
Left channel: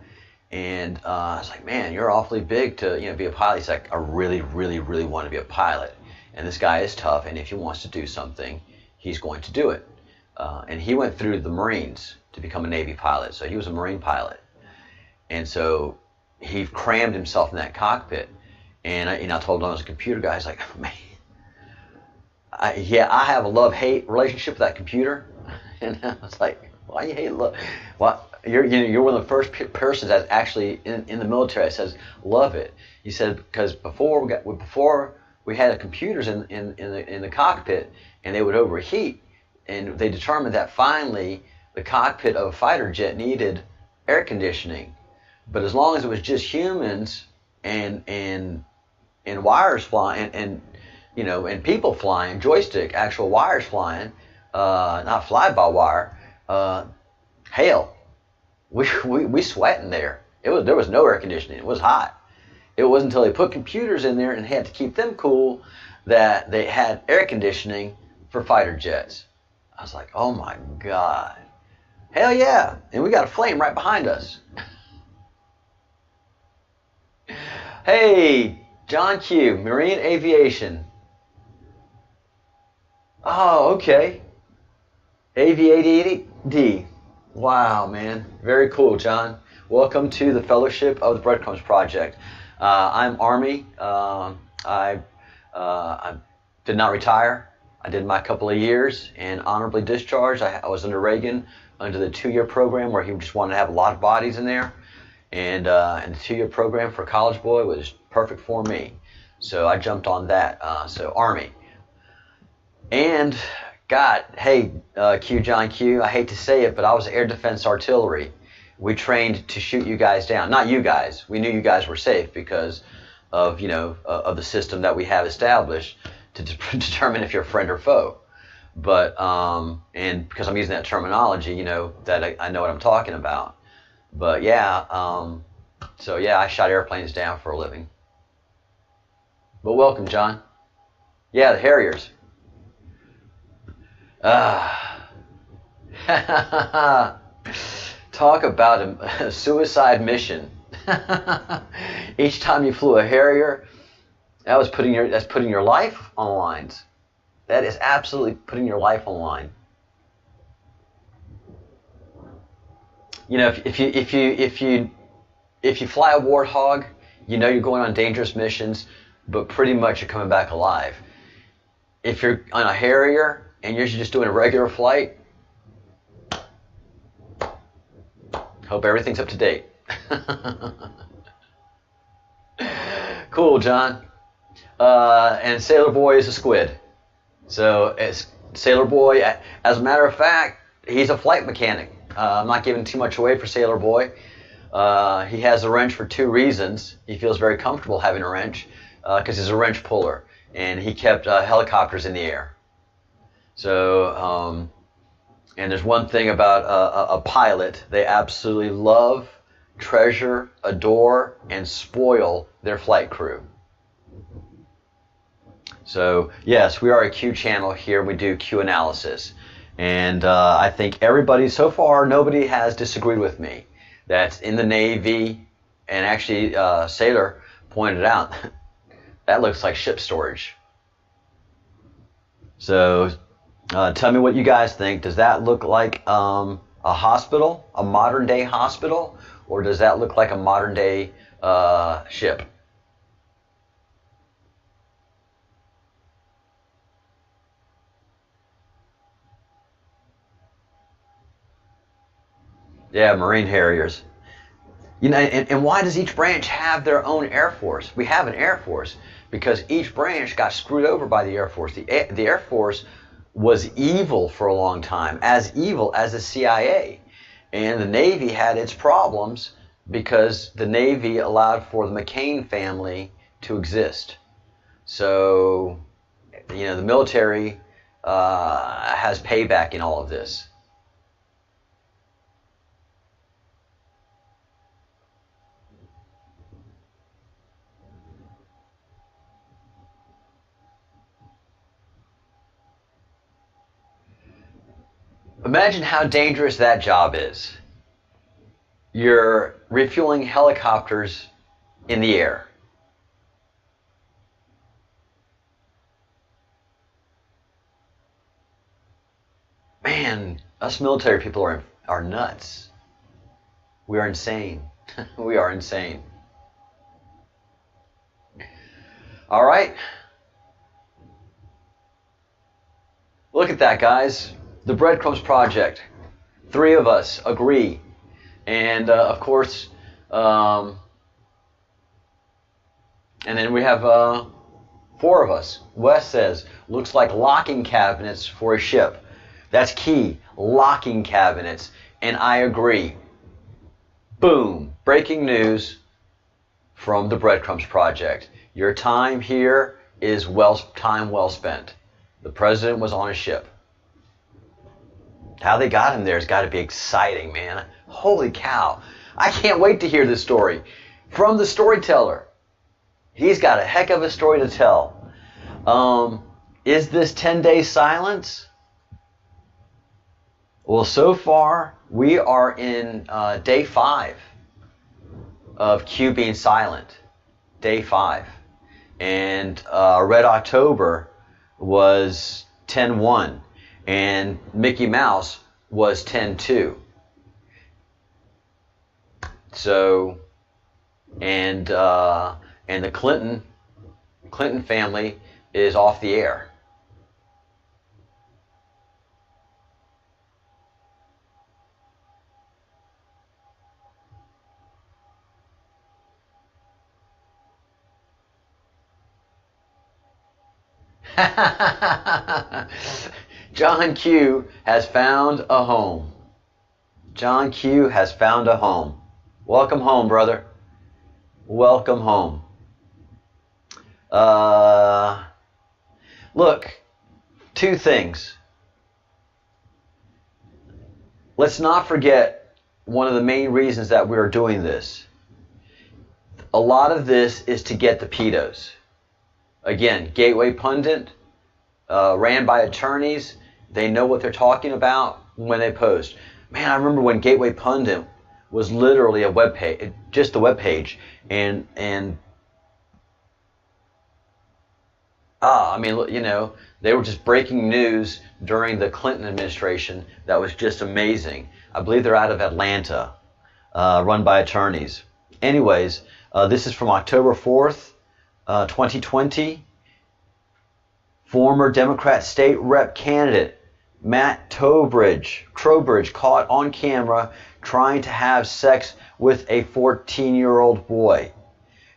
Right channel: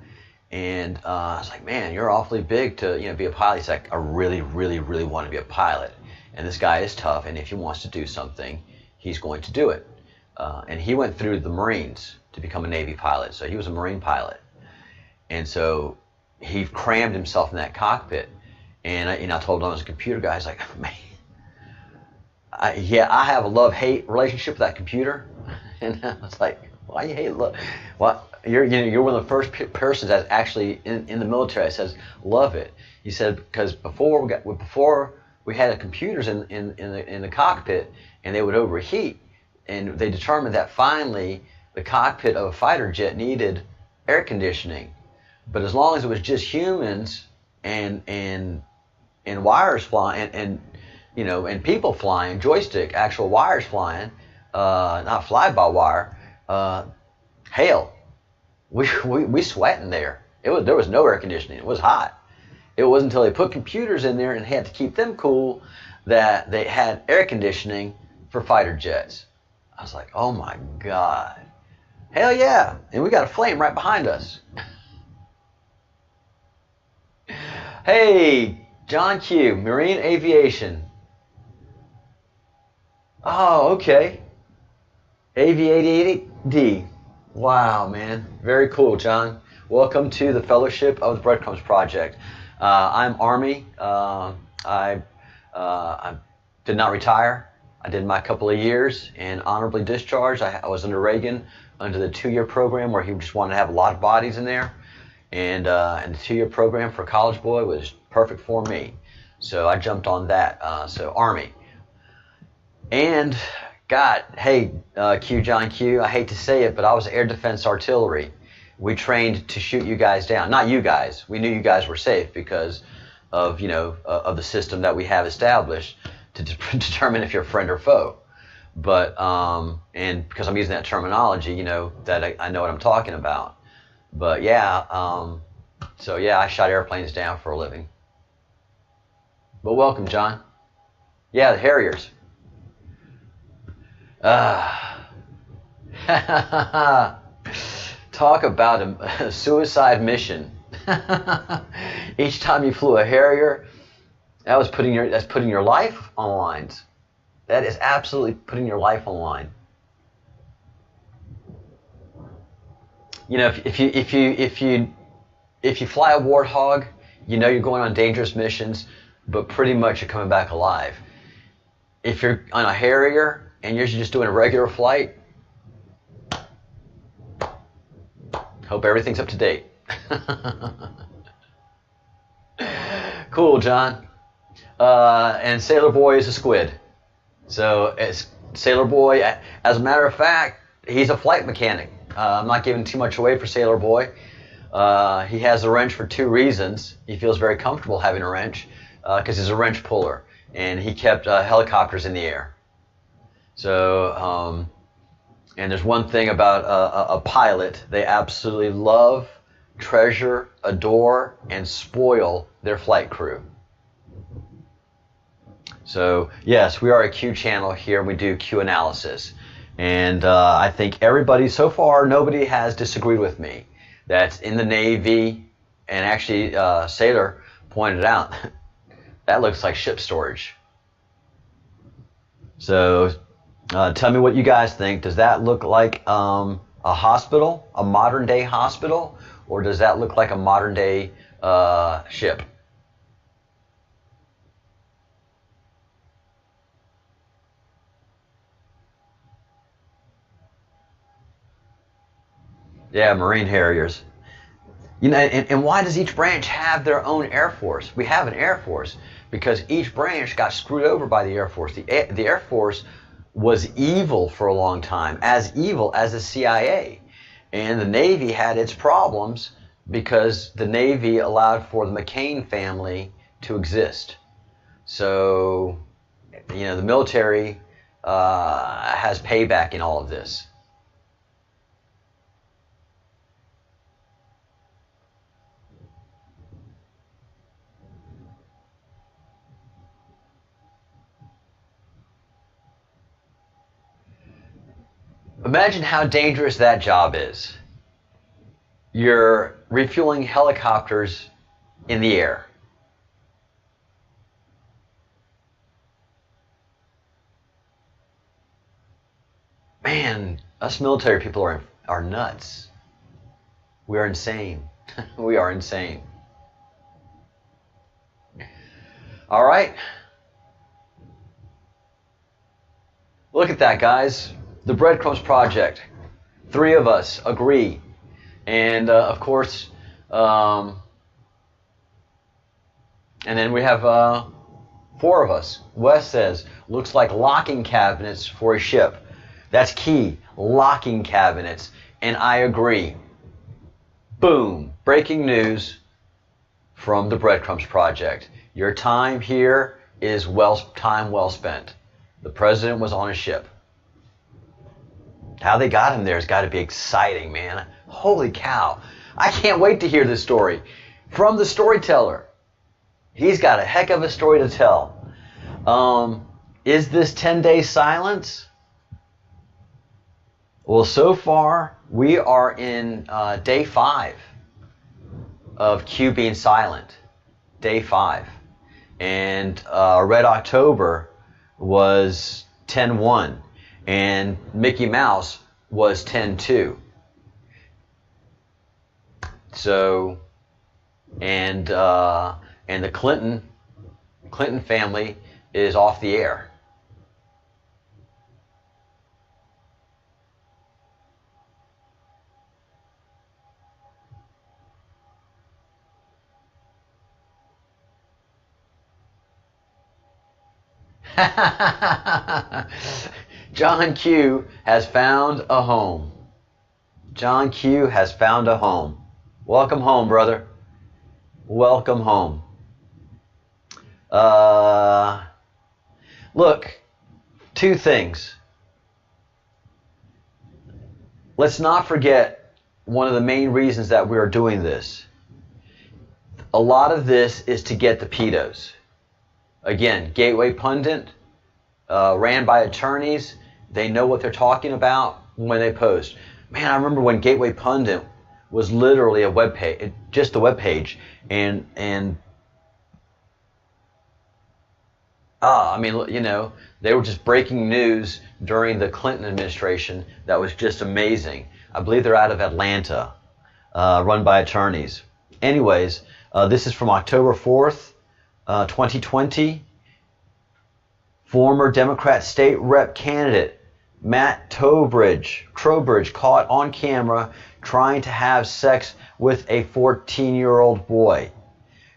And I was like, man, you're awfully big to be a pilot. He's like, I really want to be a pilot. And this guy is tough, and if he wants to do something, he's going to do it. And he went through the Marines to become a Navy pilot, so he was a Marine pilot. And so he crammed himself in that cockpit. And I told him I was a computer guy. He's like, man, I have a love-hate relationship with that computer. And I was like, why you hate love? Well, you're one of the first persons that's actually in the military that says love it. He said, because before we had the computers in the cockpit, and they would overheat, and they determined that finally the cockpit of a fighter jet needed air conditioning. But as long as it was just humans and wires flying and people flying, joystick, actual wires flying, not fly-by-wire, hell, we sweating there. There was no air conditioning. It was hot. It wasn't until they put computers in there and had to keep them cool that they had air conditioning for fighter jets. I was like, oh my God. Hell yeah. And we got a flame right behind us. Hey, John Q, Marine Aviation. Oh, okay. Aviated. Wow, man. Very cool, John. Welcome to the Fellowship of the Breadcrumbs Project. I'm Army. I did not retire. I did my couple of years and honorably discharged. I was under Reagan under the 2-year program where he just wanted to have a lot of bodies in there. And the 2-year program for a college boy was perfect for me. So I jumped on that. So Army. And God, hey, John Q, I hate to say it, but I was Air Defense Artillery. We trained to shoot you guys down. Not you guys. We knew you guys were safe because of, of the system that we have established to determine if you're friend or foe. But, and because I'm using that terminology, that I know what I'm talking about. But yeah, so yeah, I shot airplanes down for a living. But welcome, John. Yeah, the Harriers. Talk about a suicide mission. Each time you flew a Harrier, that's putting your life on lines. That is absolutely putting your life on line. If you fly a Warthog, you're going on dangerous missions, but pretty much you're coming back alive. If you're on a Harrier and you're just doing a regular flight, hope everything's up to date. Cool, John. And Sailor Boy is a squid. So Sailor Boy, as a matter of fact, he's a flight mechanic. I'm not giving too much away for Sailor Boy. He has a wrench for 2 reasons. He feels very comfortable having a wrench because he's a wrench puller, and he kept helicopters in the air. So, and there's one thing about a pilot: they absolutely love, treasure, adore, and spoil their flight crew. So yes, we are a Q channel here. We do Q analysis. And I think everybody, so far, nobody has disagreed with me. That's in the Navy, and actually Sailor pointed out, that looks like ship storage. So tell me what you guys think. Does that look like a hospital, a modern day hospital, or does that look like a modern day ship? Yeah, Marine Harriers. And why does each branch have their own Air Force? We have an Air Force because each branch got screwed over by the Air Force. The Air Force was evil for a long time, as evil as the CIA. And the Navy had its problems because the Navy allowed for the McCain family to exist. So, the military has payback in all of this. Imagine how dangerous that job is. You're refueling helicopters in the air. Man, us military people are nuts. We are insane. We are insane. All right. Look at that, guys. The Breadcrumbs Project. 3 of us agree. And, of course, and then we have 4 of us. Wes says, looks like locking cabinets for a ship. That's key. Locking cabinets. And I agree. Boom. Breaking news from the Breadcrumbs Project. Your time here is time well spent. The president was on a ship. How they got him there has got to be exciting, man. Holy cow. I can't wait to hear this story from the storyteller. He's got a heck of a story to tell. Is this 10-day silence? Well, so far, we are in day 5 of Q being silent. Day 5. And Red October was 10-1. And Mickey Mouse was 10-2. So, and the Clinton family is off the air. John Q has found a home. John Q has found a home. Welcome home, brother. Welcome home. Look, 2 things. Let's not forget one of the main reasons that we are doing this. A lot of this is to get the pedos. Again, Gateway Pundit, ran by attorneys. They know what they're talking about when they post. Man, I remember when Gateway Pundit was literally a web page, just a web page, and I mean, you know, they were just breaking news during the Clinton administration. That was just amazing. I believe they're out of Atlanta, run by attorneys. Anyways, this is from October 4th, 2020. Former Democrat state rep candidate Matt Trowbridge caught on camera trying to have sex with a 14-year-old boy.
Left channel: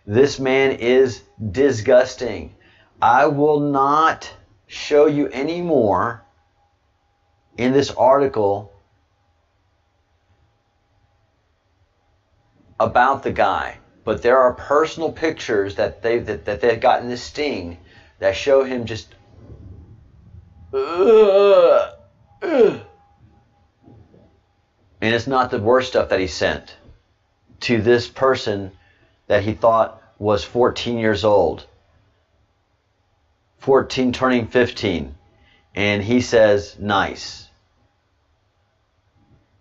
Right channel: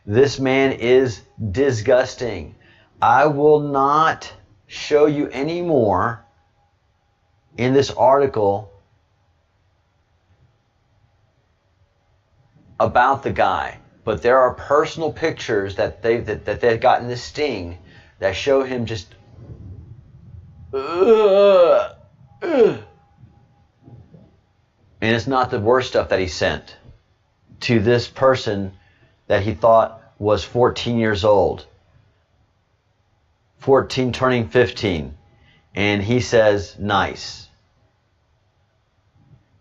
This man is disgusting. I will not show you any more in this article about the guy, but there are personal pictures that they've gotten this sting that show him just and it's not the worst stuff that he sent to this person that he thought was 14 years old. 14 turning 15. And he says, nice.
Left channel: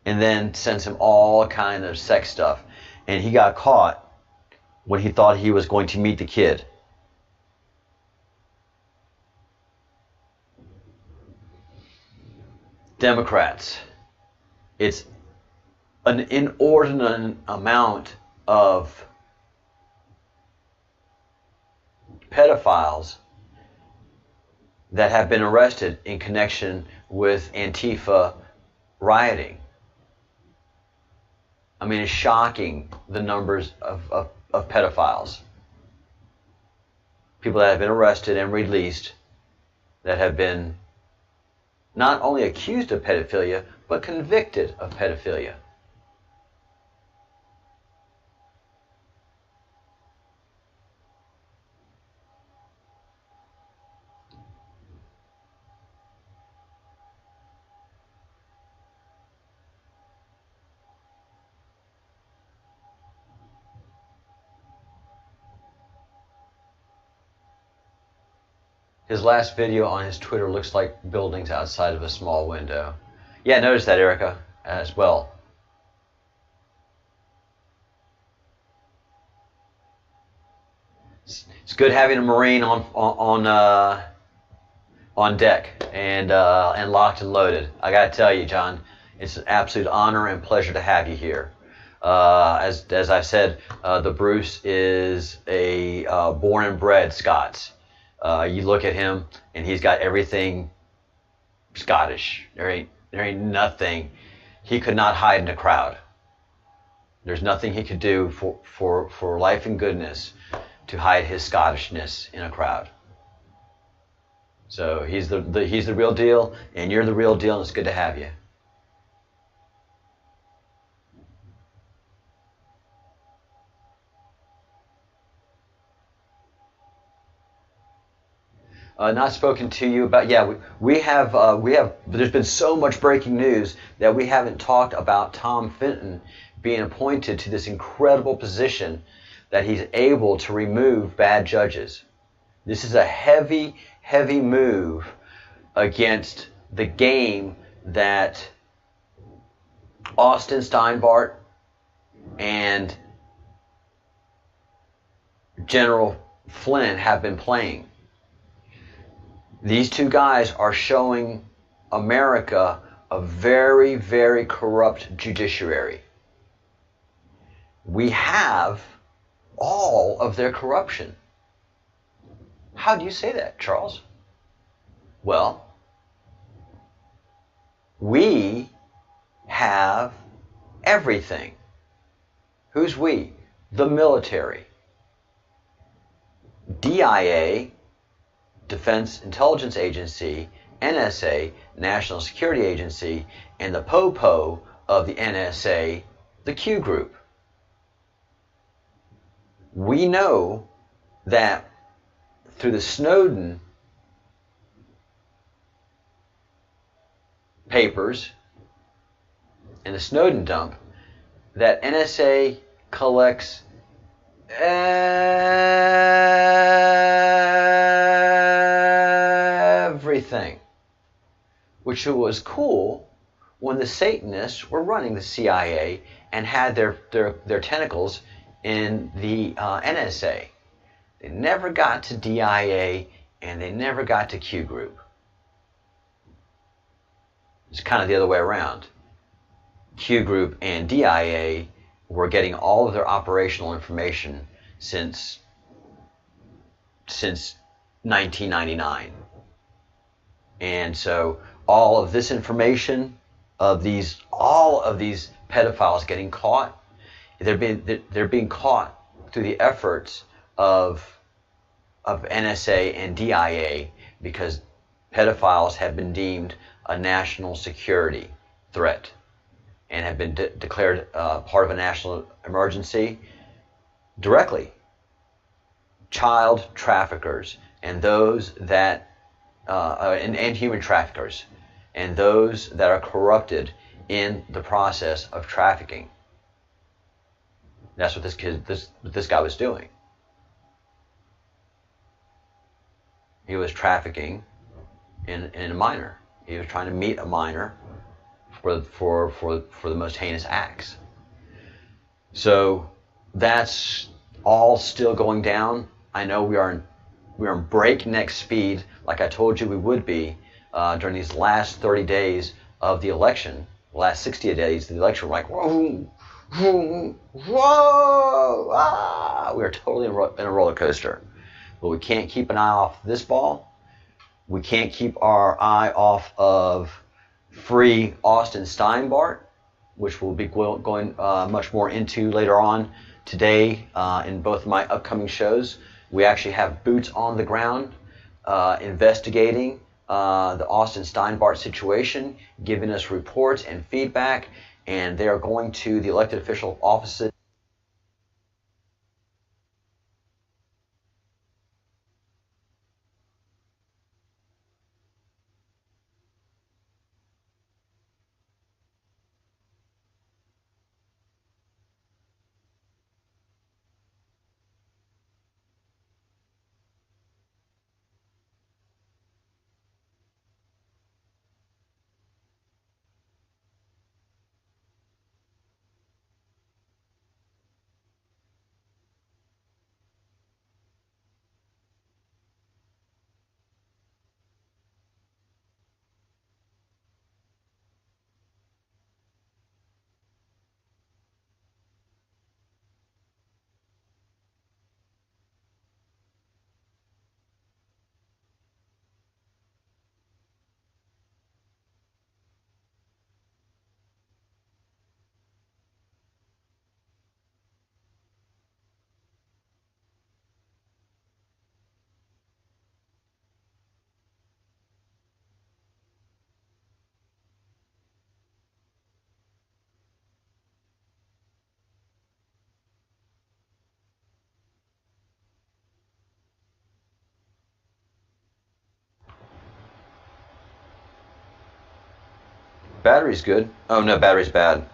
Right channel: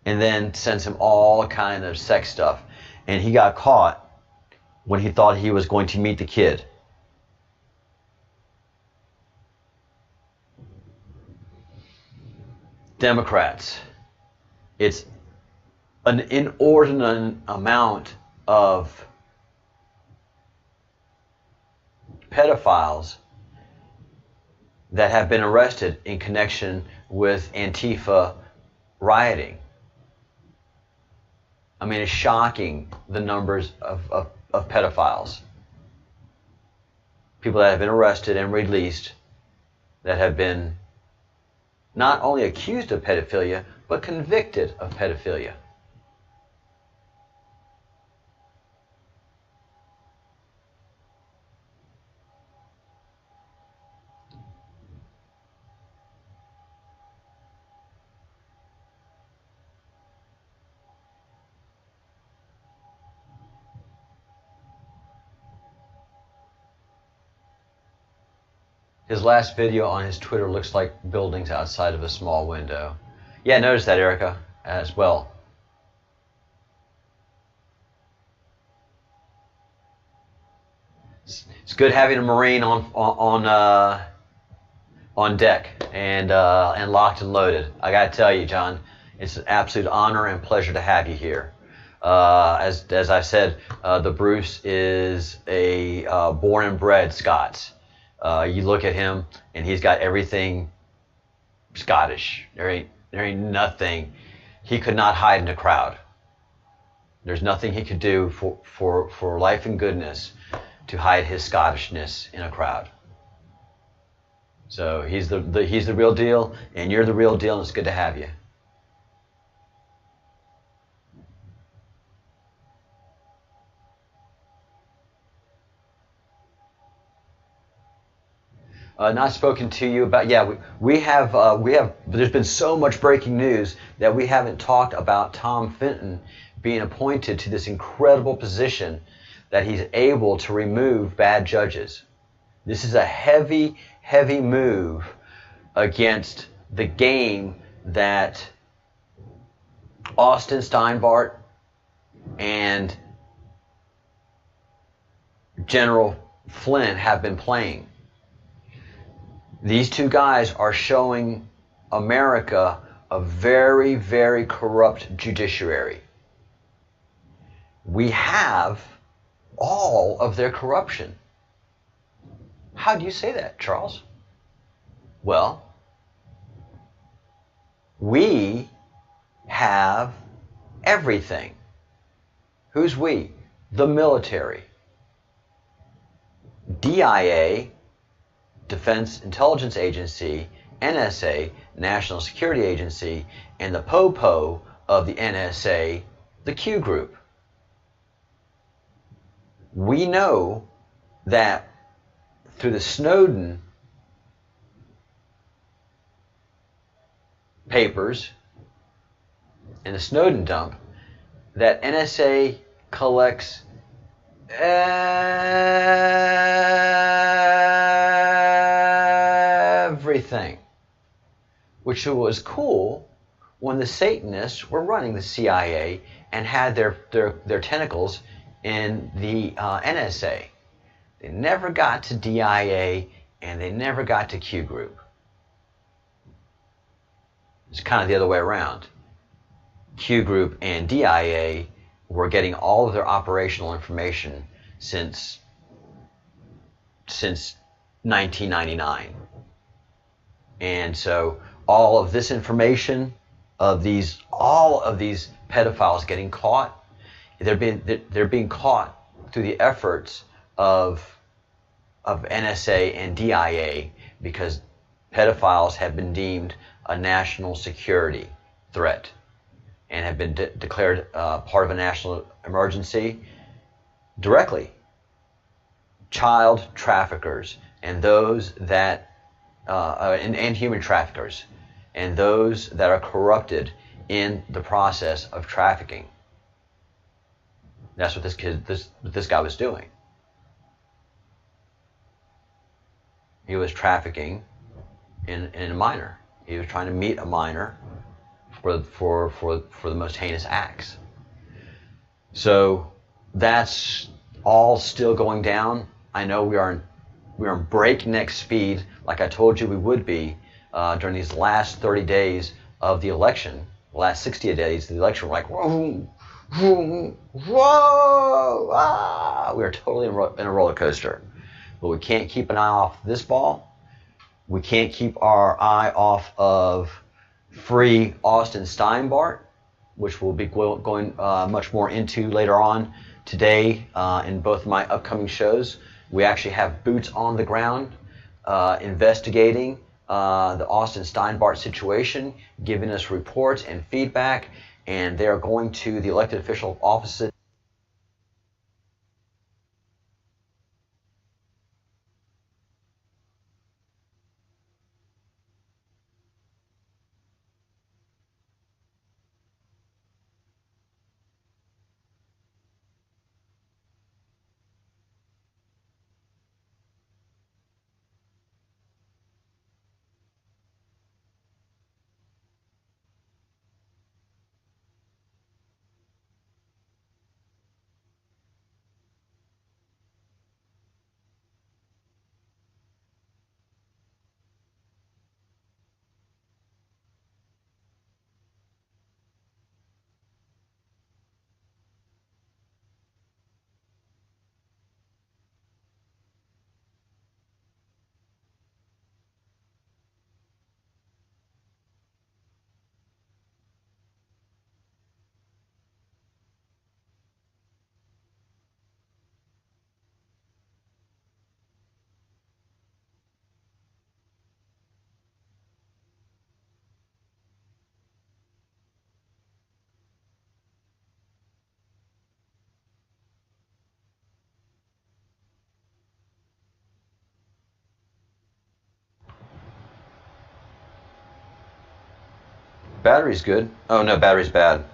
And then sends him all kind of sex stuff. And he got caught when he thought he was going to meet the kid. Democrats. It's an inordinate amount of pedophiles that have been arrested in connection with Antifa rioting. I mean, it's shocking, the numbers of pedophiles. People that have been arrested and released that have been not only accused of pedophilia, but convicted of pedophilia. His last video on his Twitter looks like buildings outside of a small window. Yeah, notice that, Erica, as well. It's good having a Marine on deck and locked and loaded. I got to tell you, John, it's an absolute honor and pleasure to have you here. As I said, the Bruce is a born and bred Scots. You look at him, and he's got everything Scottish. There ain't nothing. He could not hide in a crowd. There's nothing he could do for life and goodness to hide his Scottishness in a crowd. So he's the real deal, and you're the real deal, and it's good to have you. Not spoken to you about. Yeah, we have. There's been so much breaking news that we haven't talked about Tom Fenton being appointed to this incredible position that he's able to remove bad judges. This is a heavy, heavy move against the game that Austin Steinbart and General Flynn have been playing. These two guys are showing America a very, very corrupt judiciary. We have all of their corruption. How do you say that, Charles? Well, we have everything. Who's we? The military. DIA, Defense Intelligence Agency, NSA, National Security Agency, and the POPO of the NSA, the Q group. We know that through the Snowden papers and the Snowden dump that NSA collects everything, which was cool when the Satanists were running the CIA and had their tentacles in the NSA. They never got to DIA and they never got to Q group. It's kind of the other way around. Q group and DIA were getting all of their operational information since 1999. And so all of this information of all of these pedophiles getting caught, they're being caught through the efforts of NSA and DIA because pedophiles have been deemed a national security threat and have been declared part of a national emergency directly. Child traffickers and those that and human traffickers and those that are corrupted in the process of trafficking. That's what this guy was doing. He was trafficking in a minor. He was trying to meet a minor for the most heinous acts. So that's all still going down. I know we are in breakneck speed, like I told you we would be during these last 30 days of the election. The last 60 days of the election, we're like, whoa, whoa, whoa, ah. We are totally in a roller coaster. But we can't keep an eye off this ball. We can't keep our eye off of free Austin Steinbart, which we'll be going much more into later on today in both of my upcoming shows. We actually have boots on the ground investigating the Austin Steinbart situation, giving us reports and feedback, and they are going to the elected official offices. Battery's good. Oh no, battery's bad.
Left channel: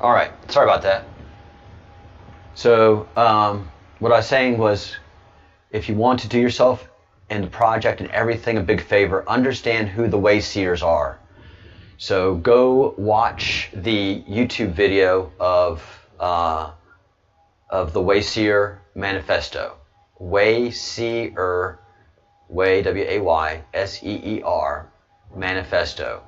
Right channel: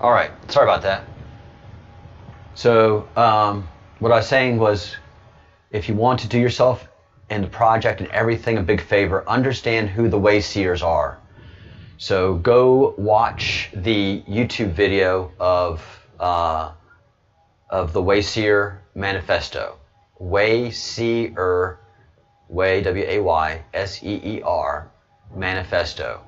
All right, sorry about that. So what I was saying was, if you want to do yourself and the project and everything a big favor, understand who the Wayseers are. So go watch the YouTube video of the Wayseer Manifesto. Wayseer, Wayseer Manifesto,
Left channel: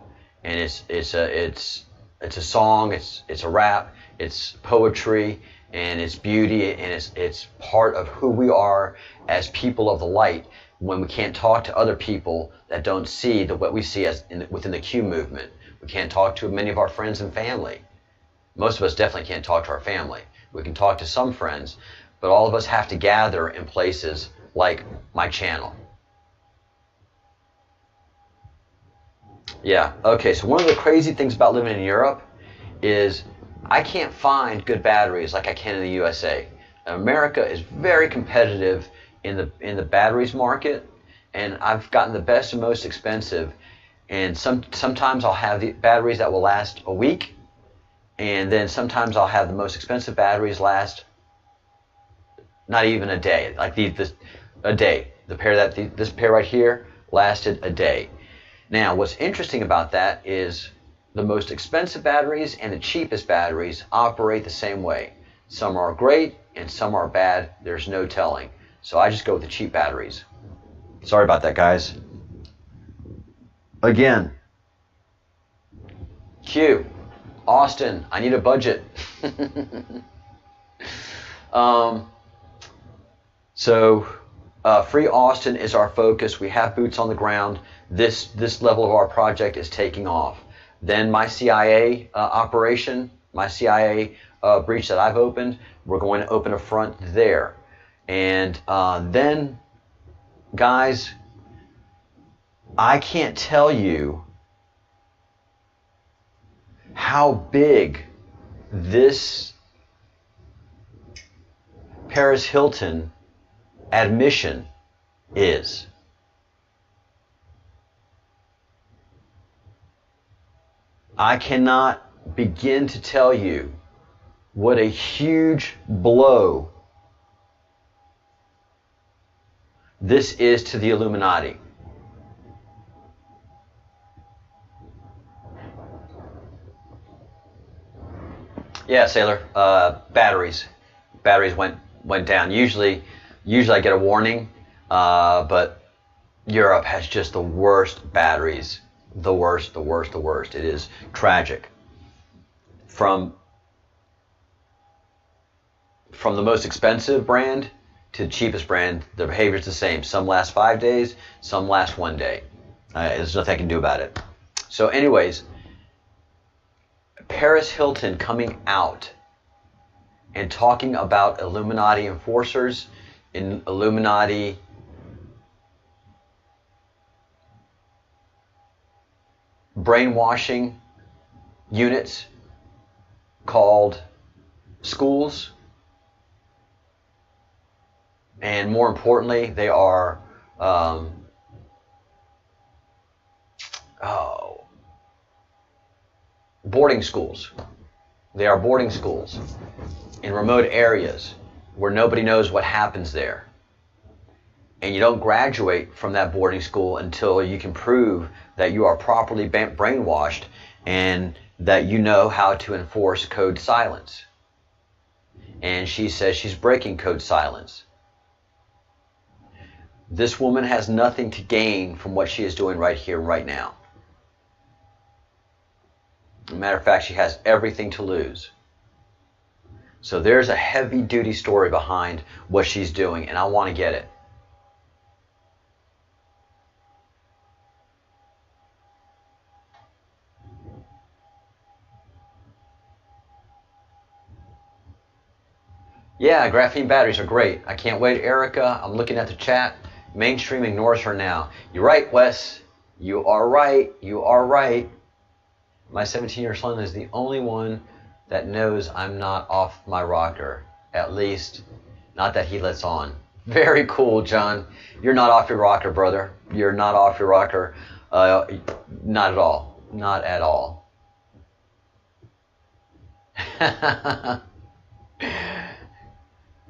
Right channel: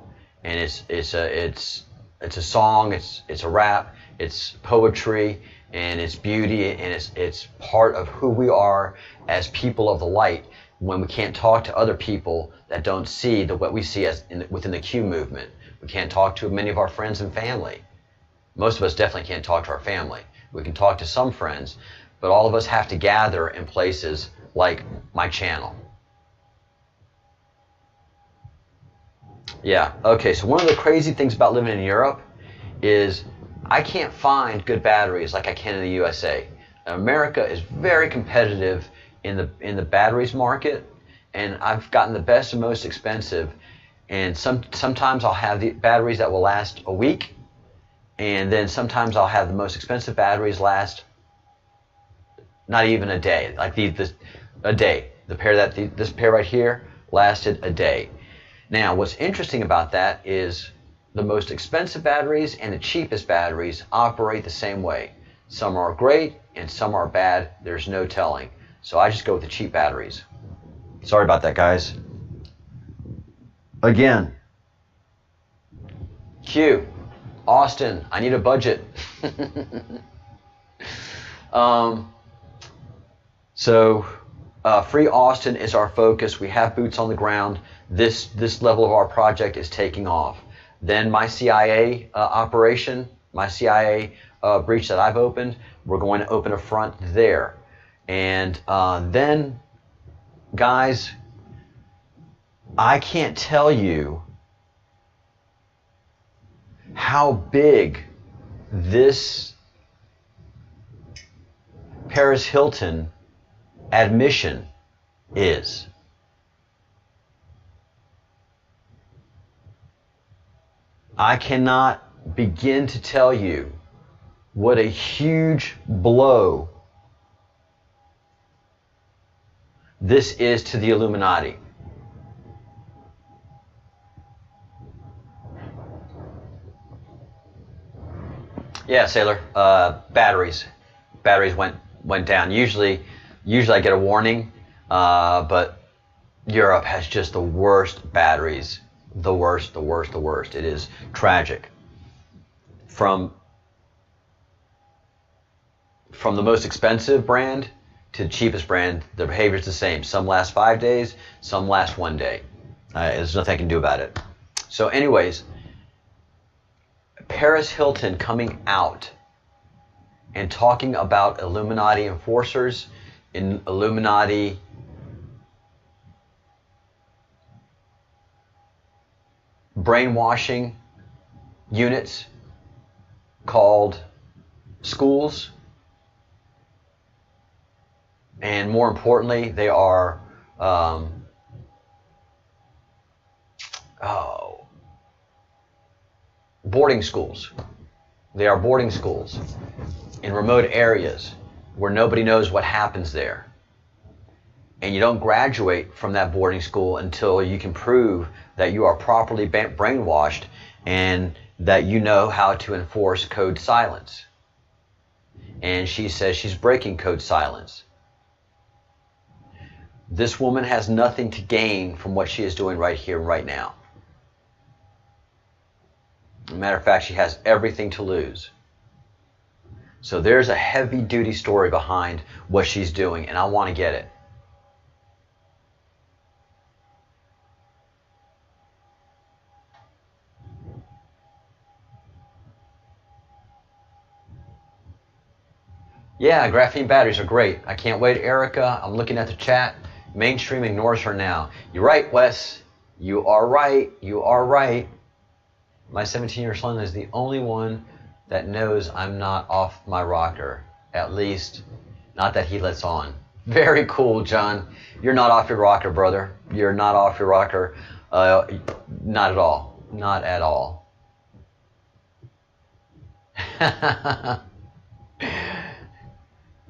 and it's a song, it's a rap, it's poetry, and it's beauty, and it's part of who we are as people of the light when we can't talk to other people that don't see what we see as within the Q movement. We can't talk to many of our friends and family. Most of us definitely can't talk to our family. We can talk to some friends, but all of us have to gather in places like my channel. Yeah, okay, so one of the crazy things about living in Europe is I can't find good batteries like I can in the USA. America is very competitive in the batteries market, and I've gotten the best and most expensive, and sometimes I'll have the batteries that will last a week, and then sometimes I'll have the most expensive batteries last not even a day. Like a day. This pair right here lasted a day. Now, what's interesting about that is the most expensive batteries and the cheapest batteries operate the same way. Some are great and some are bad. There's no telling. So I just go with the cheap batteries. Sorry about that, guys. Again, Q, Austin, I need a budget. Free Austin is our focus. We have boots on the ground. This level of our project is taking off. Then my CIA operation, my CIA breach that I've opened, we're going to open a front there. And then, guys, I can't tell you how big this Paris Hilton admission is. I cannot begin to tell you what a huge blow this is to the Illuminati. Yeah, Sailor. Batteries went down. Usually I get a warning, but Europe has just the worst batteries. The worst. It is tragic. From the most expensive brand to the cheapest brand, the behavior is the same. Some last 5 days, some last 1 day. There's nothing I can do about it. So anyways, Paris Hilton coming out and talking about Illuminati enforcers in Illuminati brainwashing units called schools, and more importantly, they are boarding schools. They are boarding schools in remote areas where nobody knows what happens there. And you don't graduate from that boarding school until you can prove that you are properly brainwashed and that you know how to enforce code silence. And she says she's breaking code silence. This woman has nothing to gain from what she is doing right here, right now. As a matter of fact, she has everything to lose. So there's a heavy-duty story behind what she's doing, and I want to get it. Yeah, graphene batteries are great. I can't wait, Erica. I'm looking at the chat. Mainstream ignores her now. You're right, Wes. You are right. You are right. My 17-year son is the only one that knows I'm not off my rocker. At least, not that he lets on. Very cool, John. You're not off your rocker, brother. You're not off your rocker. Not at all. Not at all.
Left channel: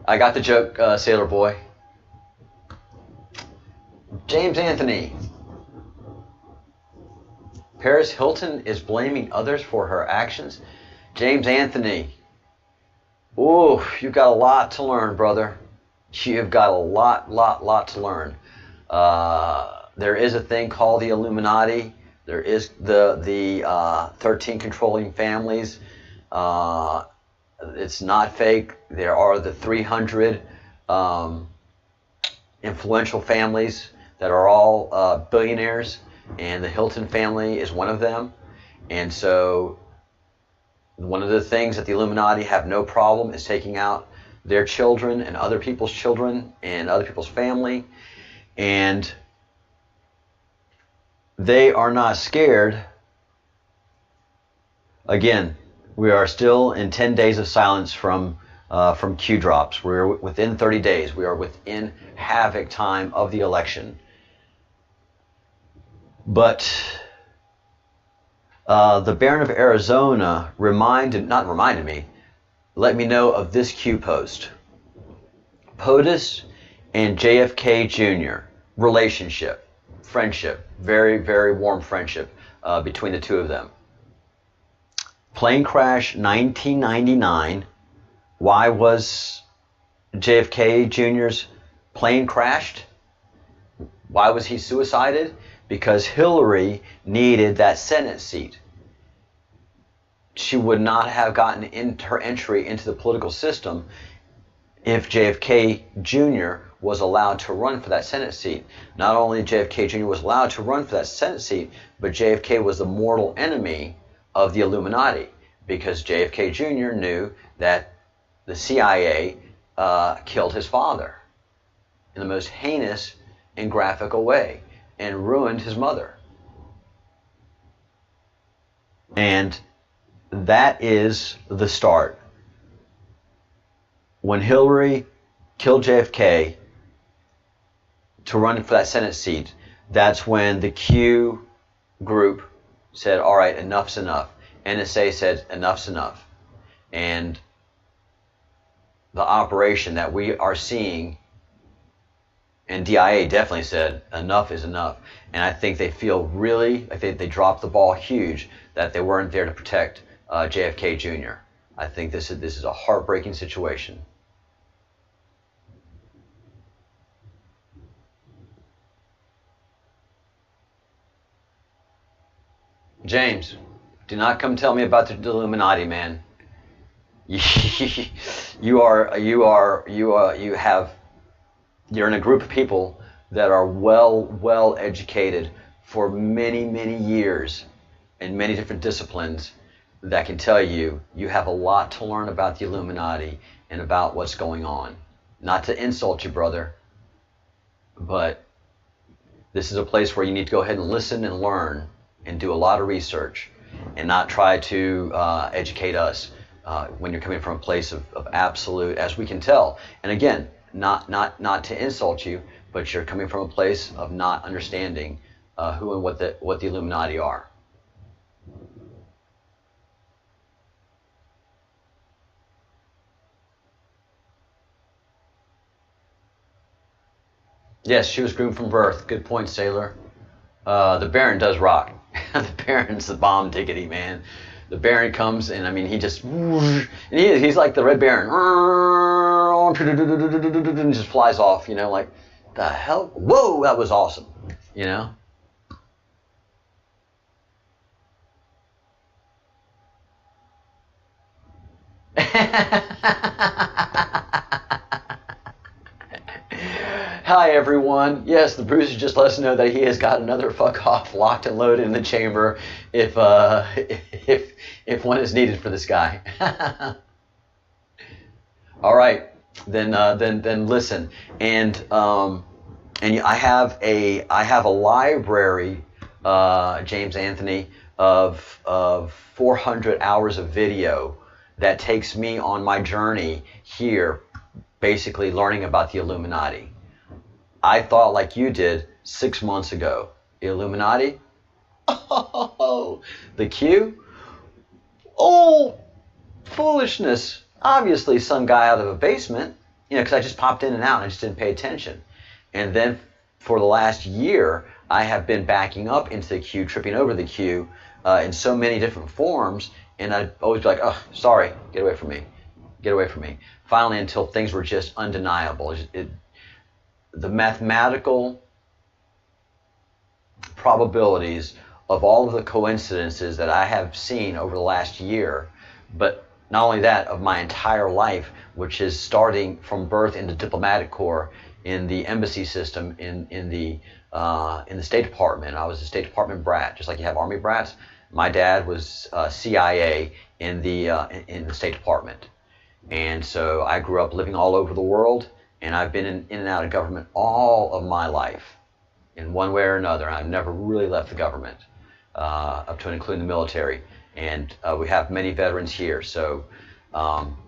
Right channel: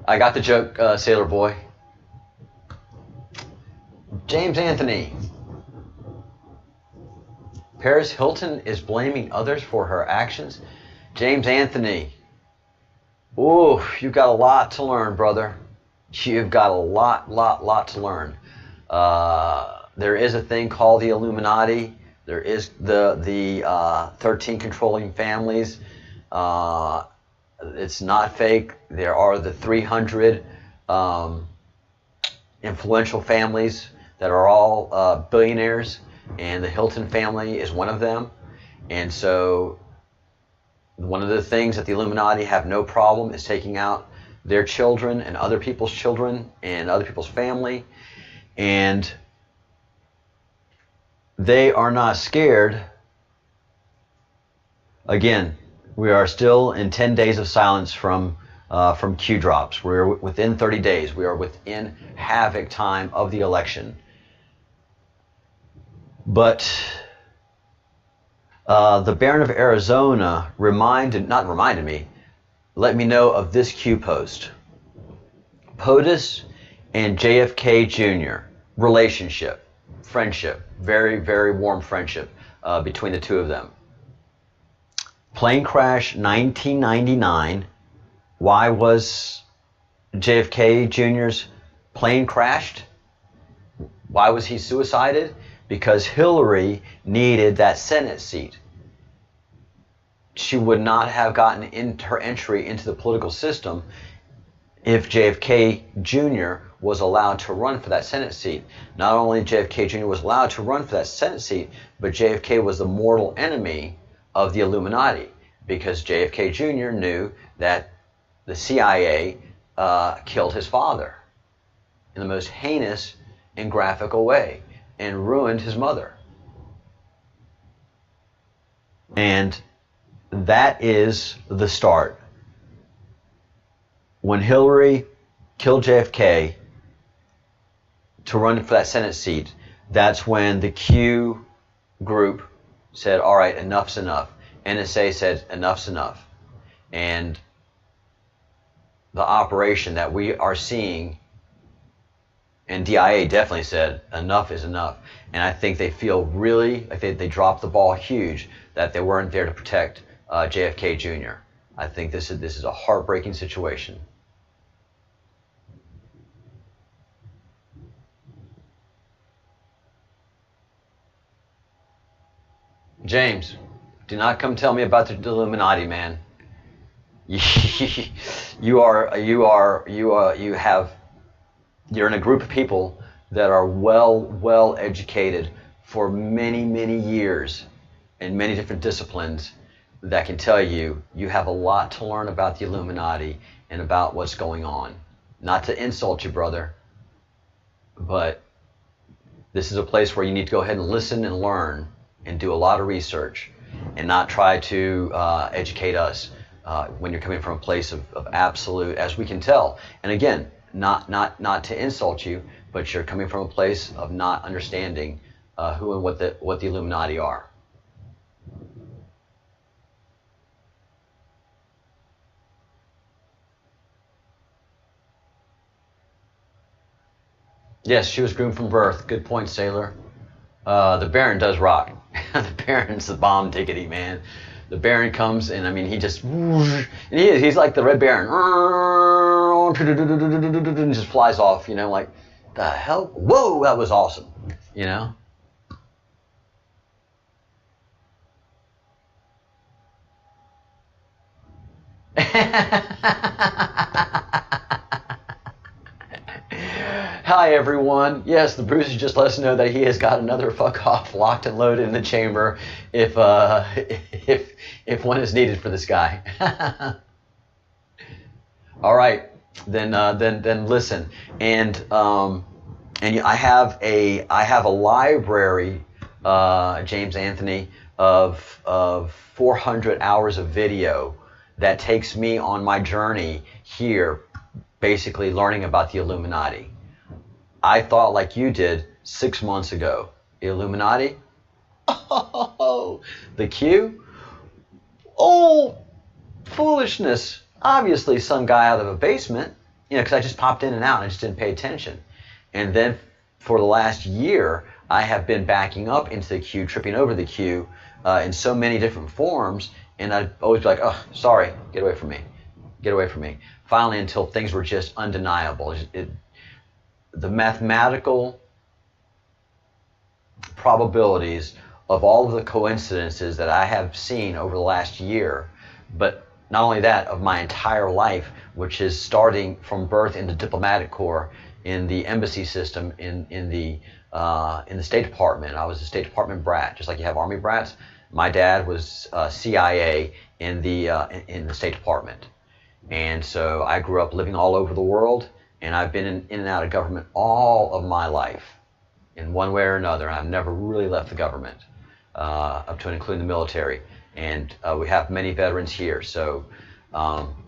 I got the joke, Sailor Boy. James Anthony. Paris Hilton is blaming others for her actions. James Anthony. Ooh, you've got a lot to learn, brother. You've got a lot to learn. There is a thing called the Illuminati. There is the 13 controlling families. It's not fake. There are the 300 influential families that are all billionaires, and the Hilton family is one of them. And so one of the things that the Illuminati have no problem is taking out their children and other people's children and other people's family. And they are not scared. Again, we are still in 10 days of silence from Q drops. We're within 30 days. We are within havoc time of the election. But the Baron of Arizona let me know of this Q post. POTUS and JFK Jr. relationship, friendship, very, very warm friendship between the two of them. Plane crash 1999. Why was JFK Jr.'s plane crashed? Why was he suicided? Because Hillary needed that Senate seat. She would not have gotten her entry into the political system if JFK Jr. was allowed to run for that Senate seat. Not only JFK Jr. was allowed to run for that Senate seat, but JFK was the mortal enemy of the Illuminati, because JFK Jr. knew that the CIA killed his father in the most heinous and graphical way and ruined his mother. And that is the start. When Hillary killed JFK to run for that Senate seat, that's when the Q group said, all right, enough's enough. NSA said, enough's enough. And the operation that we are seeing, and DIA definitely said, enough is enough. And I think they feel really, I think they dropped the ball huge, that they weren't there to protect JFK Jr. I think this is a heartbreaking situation. James, do not come tell me about the Illuminati, man. You're in a group of people that are well educated for many years in many different disciplines that can tell you have a lot to learn about the Illuminati and about what's going on. Not to insult you, brother, but this is a place where you need to go ahead and listen and learn and do a lot of research and not try to educate us when you're coming from a place of absolute, as we can tell. And again, not to insult you, but you're coming from a place of not understanding who and what the Illuminati are. Yes, she was groomed from birth. Good point, Sailor. The Baron does rock. The Baron's the bomb diggity, man. The Baron comes and I mean he just and he's like the Red Baron. And just flies off, you know, like the hell? Whoa, that was awesome. You know? Hi everyone. Yes, the Bruiser just let us know that he has got another fuck off locked and loaded in the chamber if one is needed for this guy. All right, then listen. And I have a library, James Anthony, of 400 hours of video that takes me on my journey here, basically learning about the Illuminati. I thought like you did 6 months ago. Illuminati? Oh, the Q? Oh, foolishness. Obviously some guy out of a basement, because I just popped in and out and I just didn't pay attention. And then for the last year, I have been backing up into the Q, tripping over the Q in so many different forms, and I'd always be like, oh, sorry, get away from me. Get away from me. Finally, until things were just undeniable. The mathematical probabilities of all of the coincidences that I have seen over the last year, but not only that, of my entire life, which is starting from birth in the diplomatic corps, in the embassy system, in the State Department. I was a State Department brat, just like you have Army brats. My dad was CIA in the State Department, and so I grew up living all over the world, and I've been in and out of government all of my life, in one way or another. I've never really left the government, up to and including the military. And we have many veterans here. So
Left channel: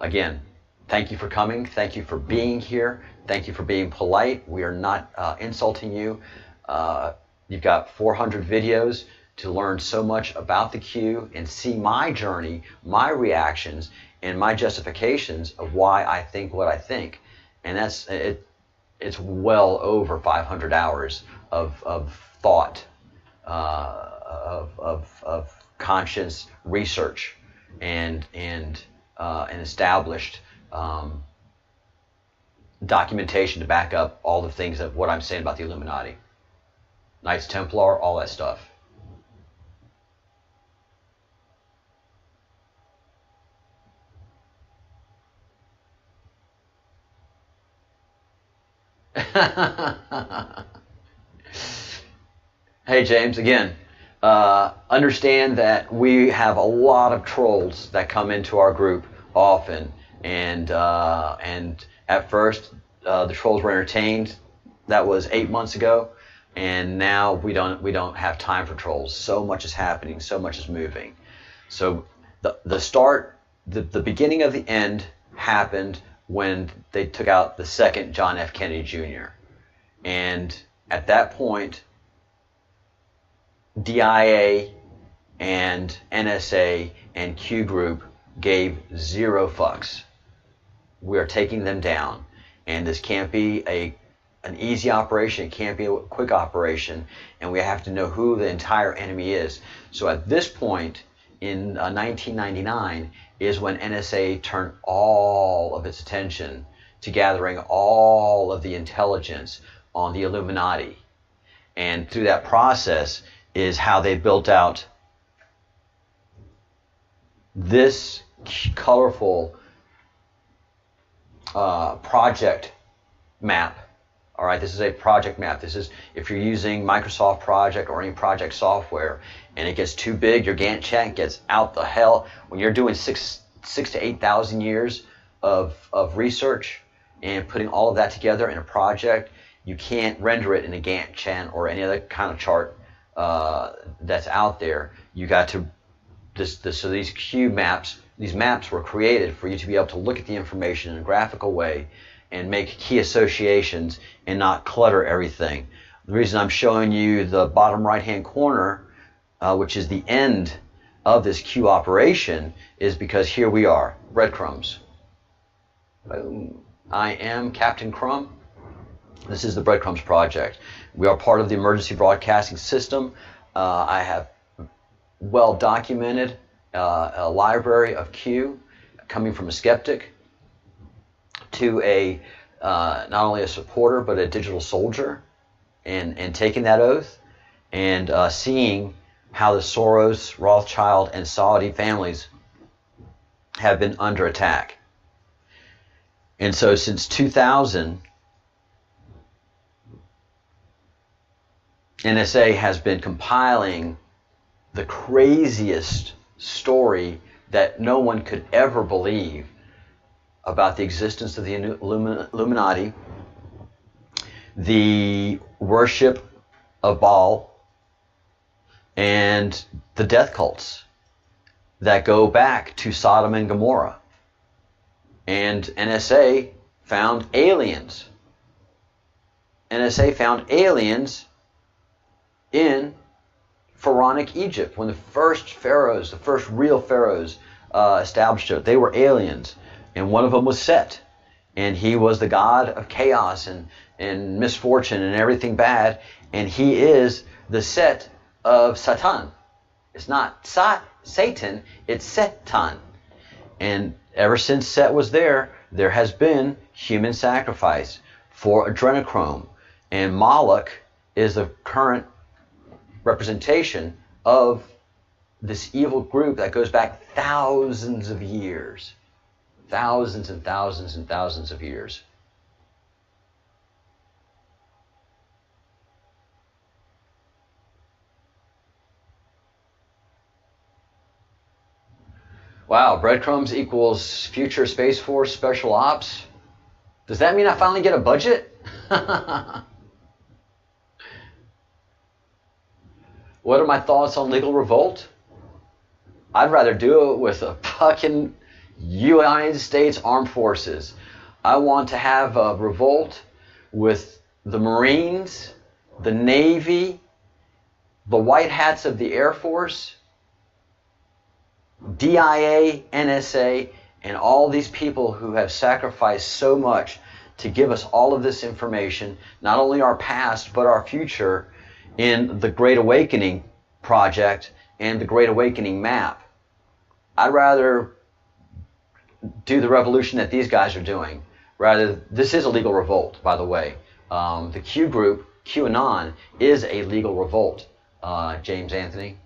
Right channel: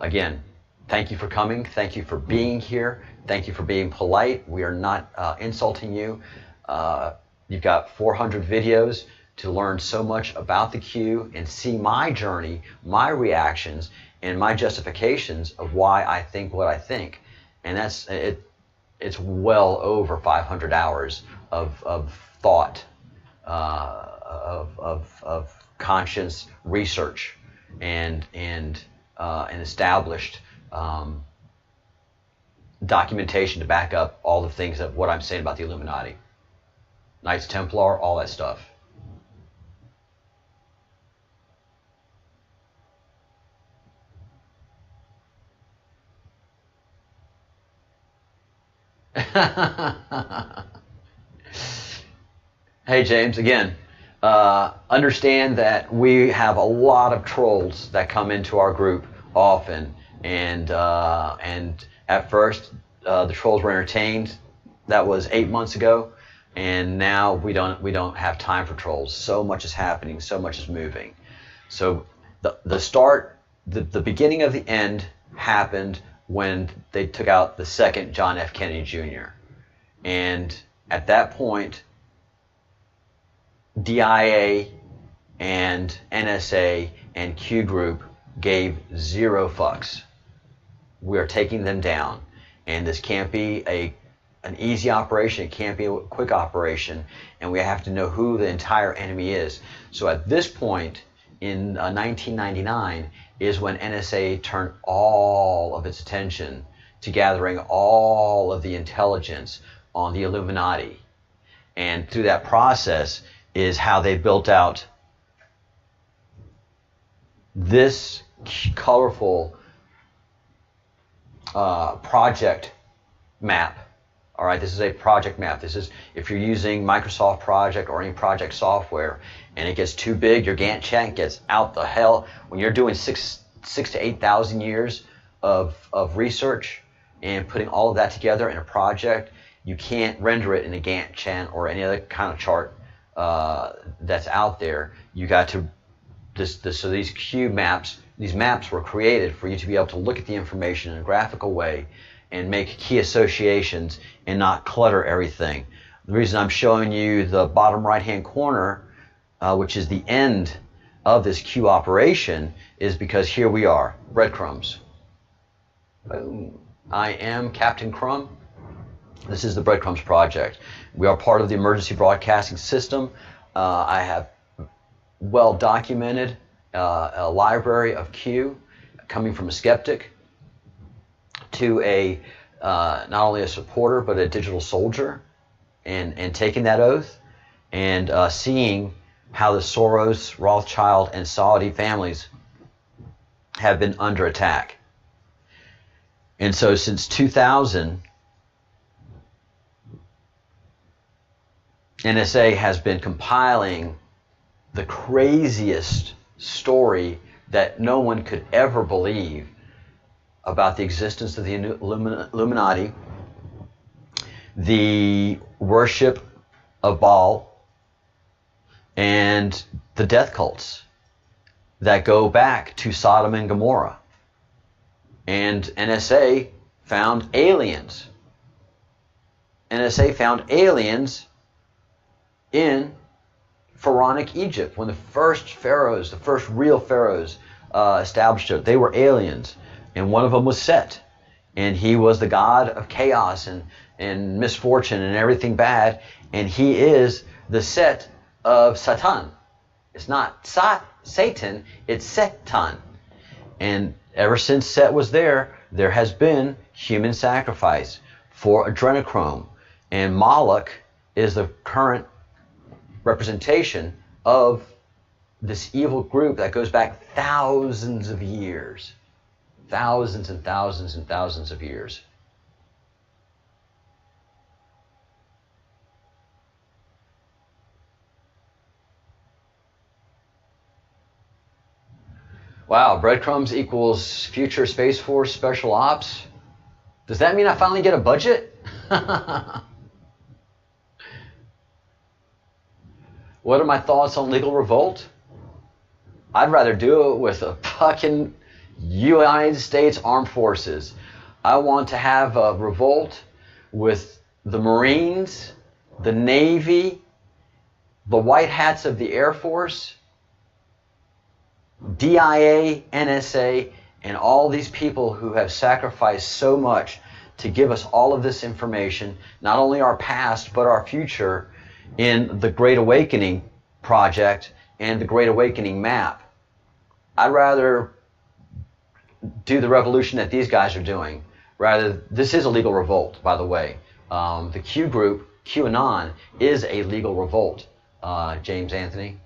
again, thank you for coming. Thank you for being here. Thank you for being polite. We are not insulting you. You've got 400 videos to learn so much about the Q and see my journey, my reactions, and my justifications of why I think what I think. And that's it. It's well over 500 hours of thought, of conscious research, and established documentation to back up all the things of what I'm saying about the Illuminati, Knights Templar, all that stuff. Hey James, again, understand that we have a lot of trolls that come into our group often, and at first the trolls were entertained. That was 8 months ago, and now we don't have time for trolls. So much is happening, so much is moving. So the beginning of the end happened when they took out the second John F. Kennedy Jr. And at that point, DIA and NSA and Q Group gave 0 fucks. We are taking them down, and this can't be an easy operation. It can't be a quick operation, and we have to know who the entire enemy is. So at this point in 1999 is when NSA turned all of its attention to gathering all of the intelligence on the Illuminati. And through that process is how they built out this colorful project map. All right, this is a project map. This is, if you're using Microsoft Project or any project software and it gets too big, your Gantt chart gets out the hell. When you're doing 6,000 to 8,000 years of research and putting all of that together in a project, you can't render it in a Gantt chart or any other kind of chart that's out there. You got to, so these cube maps, these maps were created for you to be able to look at the information in a graphical way and make key associations and not clutter everything. The reason I'm showing you the bottom right hand corner, which is the end of this Q operation, is because here we are, breadcrumbs. Boom. I am Captain Crumb. This is the Breadcrumbs Project. We are part of the emergency broadcasting system. I have well documented a library of Q, coming from a skeptic to a not only a supporter but a digital soldier, and taking that oath and seeing how the Soros, Rothschild, and Saudi families have been under attack. And so since 2000, NSA has been compiling the craziest story that no one could ever believe about the existence of the Illuminati, the worship of Baal, and the death cults that go back to Sodom and Gomorrah. And NSA found aliens. NSA found aliens in Pharaonic Egypt when the first pharaohs, the first real pharaohs established it. They were aliens. And one of them was Set. And he was the god of chaos and misfortune and everything bad. And he is the Set of Satan. It's not Satan, it's Satan. And ever since Set was there has been human sacrifice for adrenochrome. And Moloch is the current representation of this evil group that goes back thousands of years. Thousands and thousands and thousands of years. Wow, breadcrumbs equals future Space Force special ops. Does that mean I finally get a budget? What are my thoughts on legal revolt? I'd rather do it with a fucking United States Armed Forces. I want to have a revolt with the Marines, the Navy, the white hats of the Air Force, DIA, NSA, and all these people who have sacrificed so much to give us all of this information, not only our past, but our future, in the Great Awakening project and the Great Awakening map. I'd rather do the revolution that these guys are doing. This is a legal revolt, by the way. The Q group, QAnon, is a legal revolt, James Anthony.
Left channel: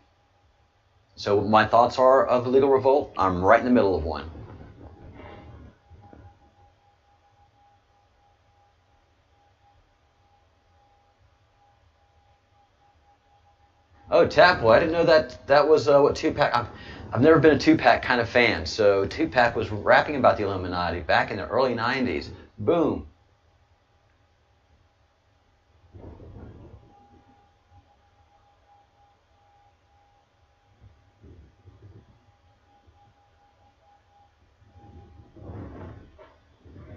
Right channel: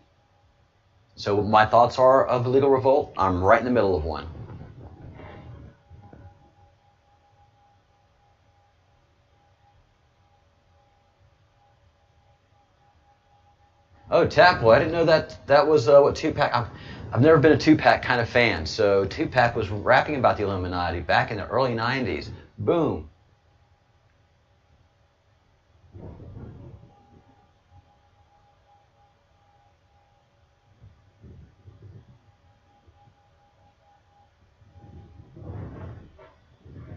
So my thoughts are of the legal revolt. I'm right in the middle of one. Oh, Tapboy, I didn't know that was what Tupac. I've never been a Tupac kind of fan. So Tupac was rapping about the Illuminati back in the early 90s. Boom.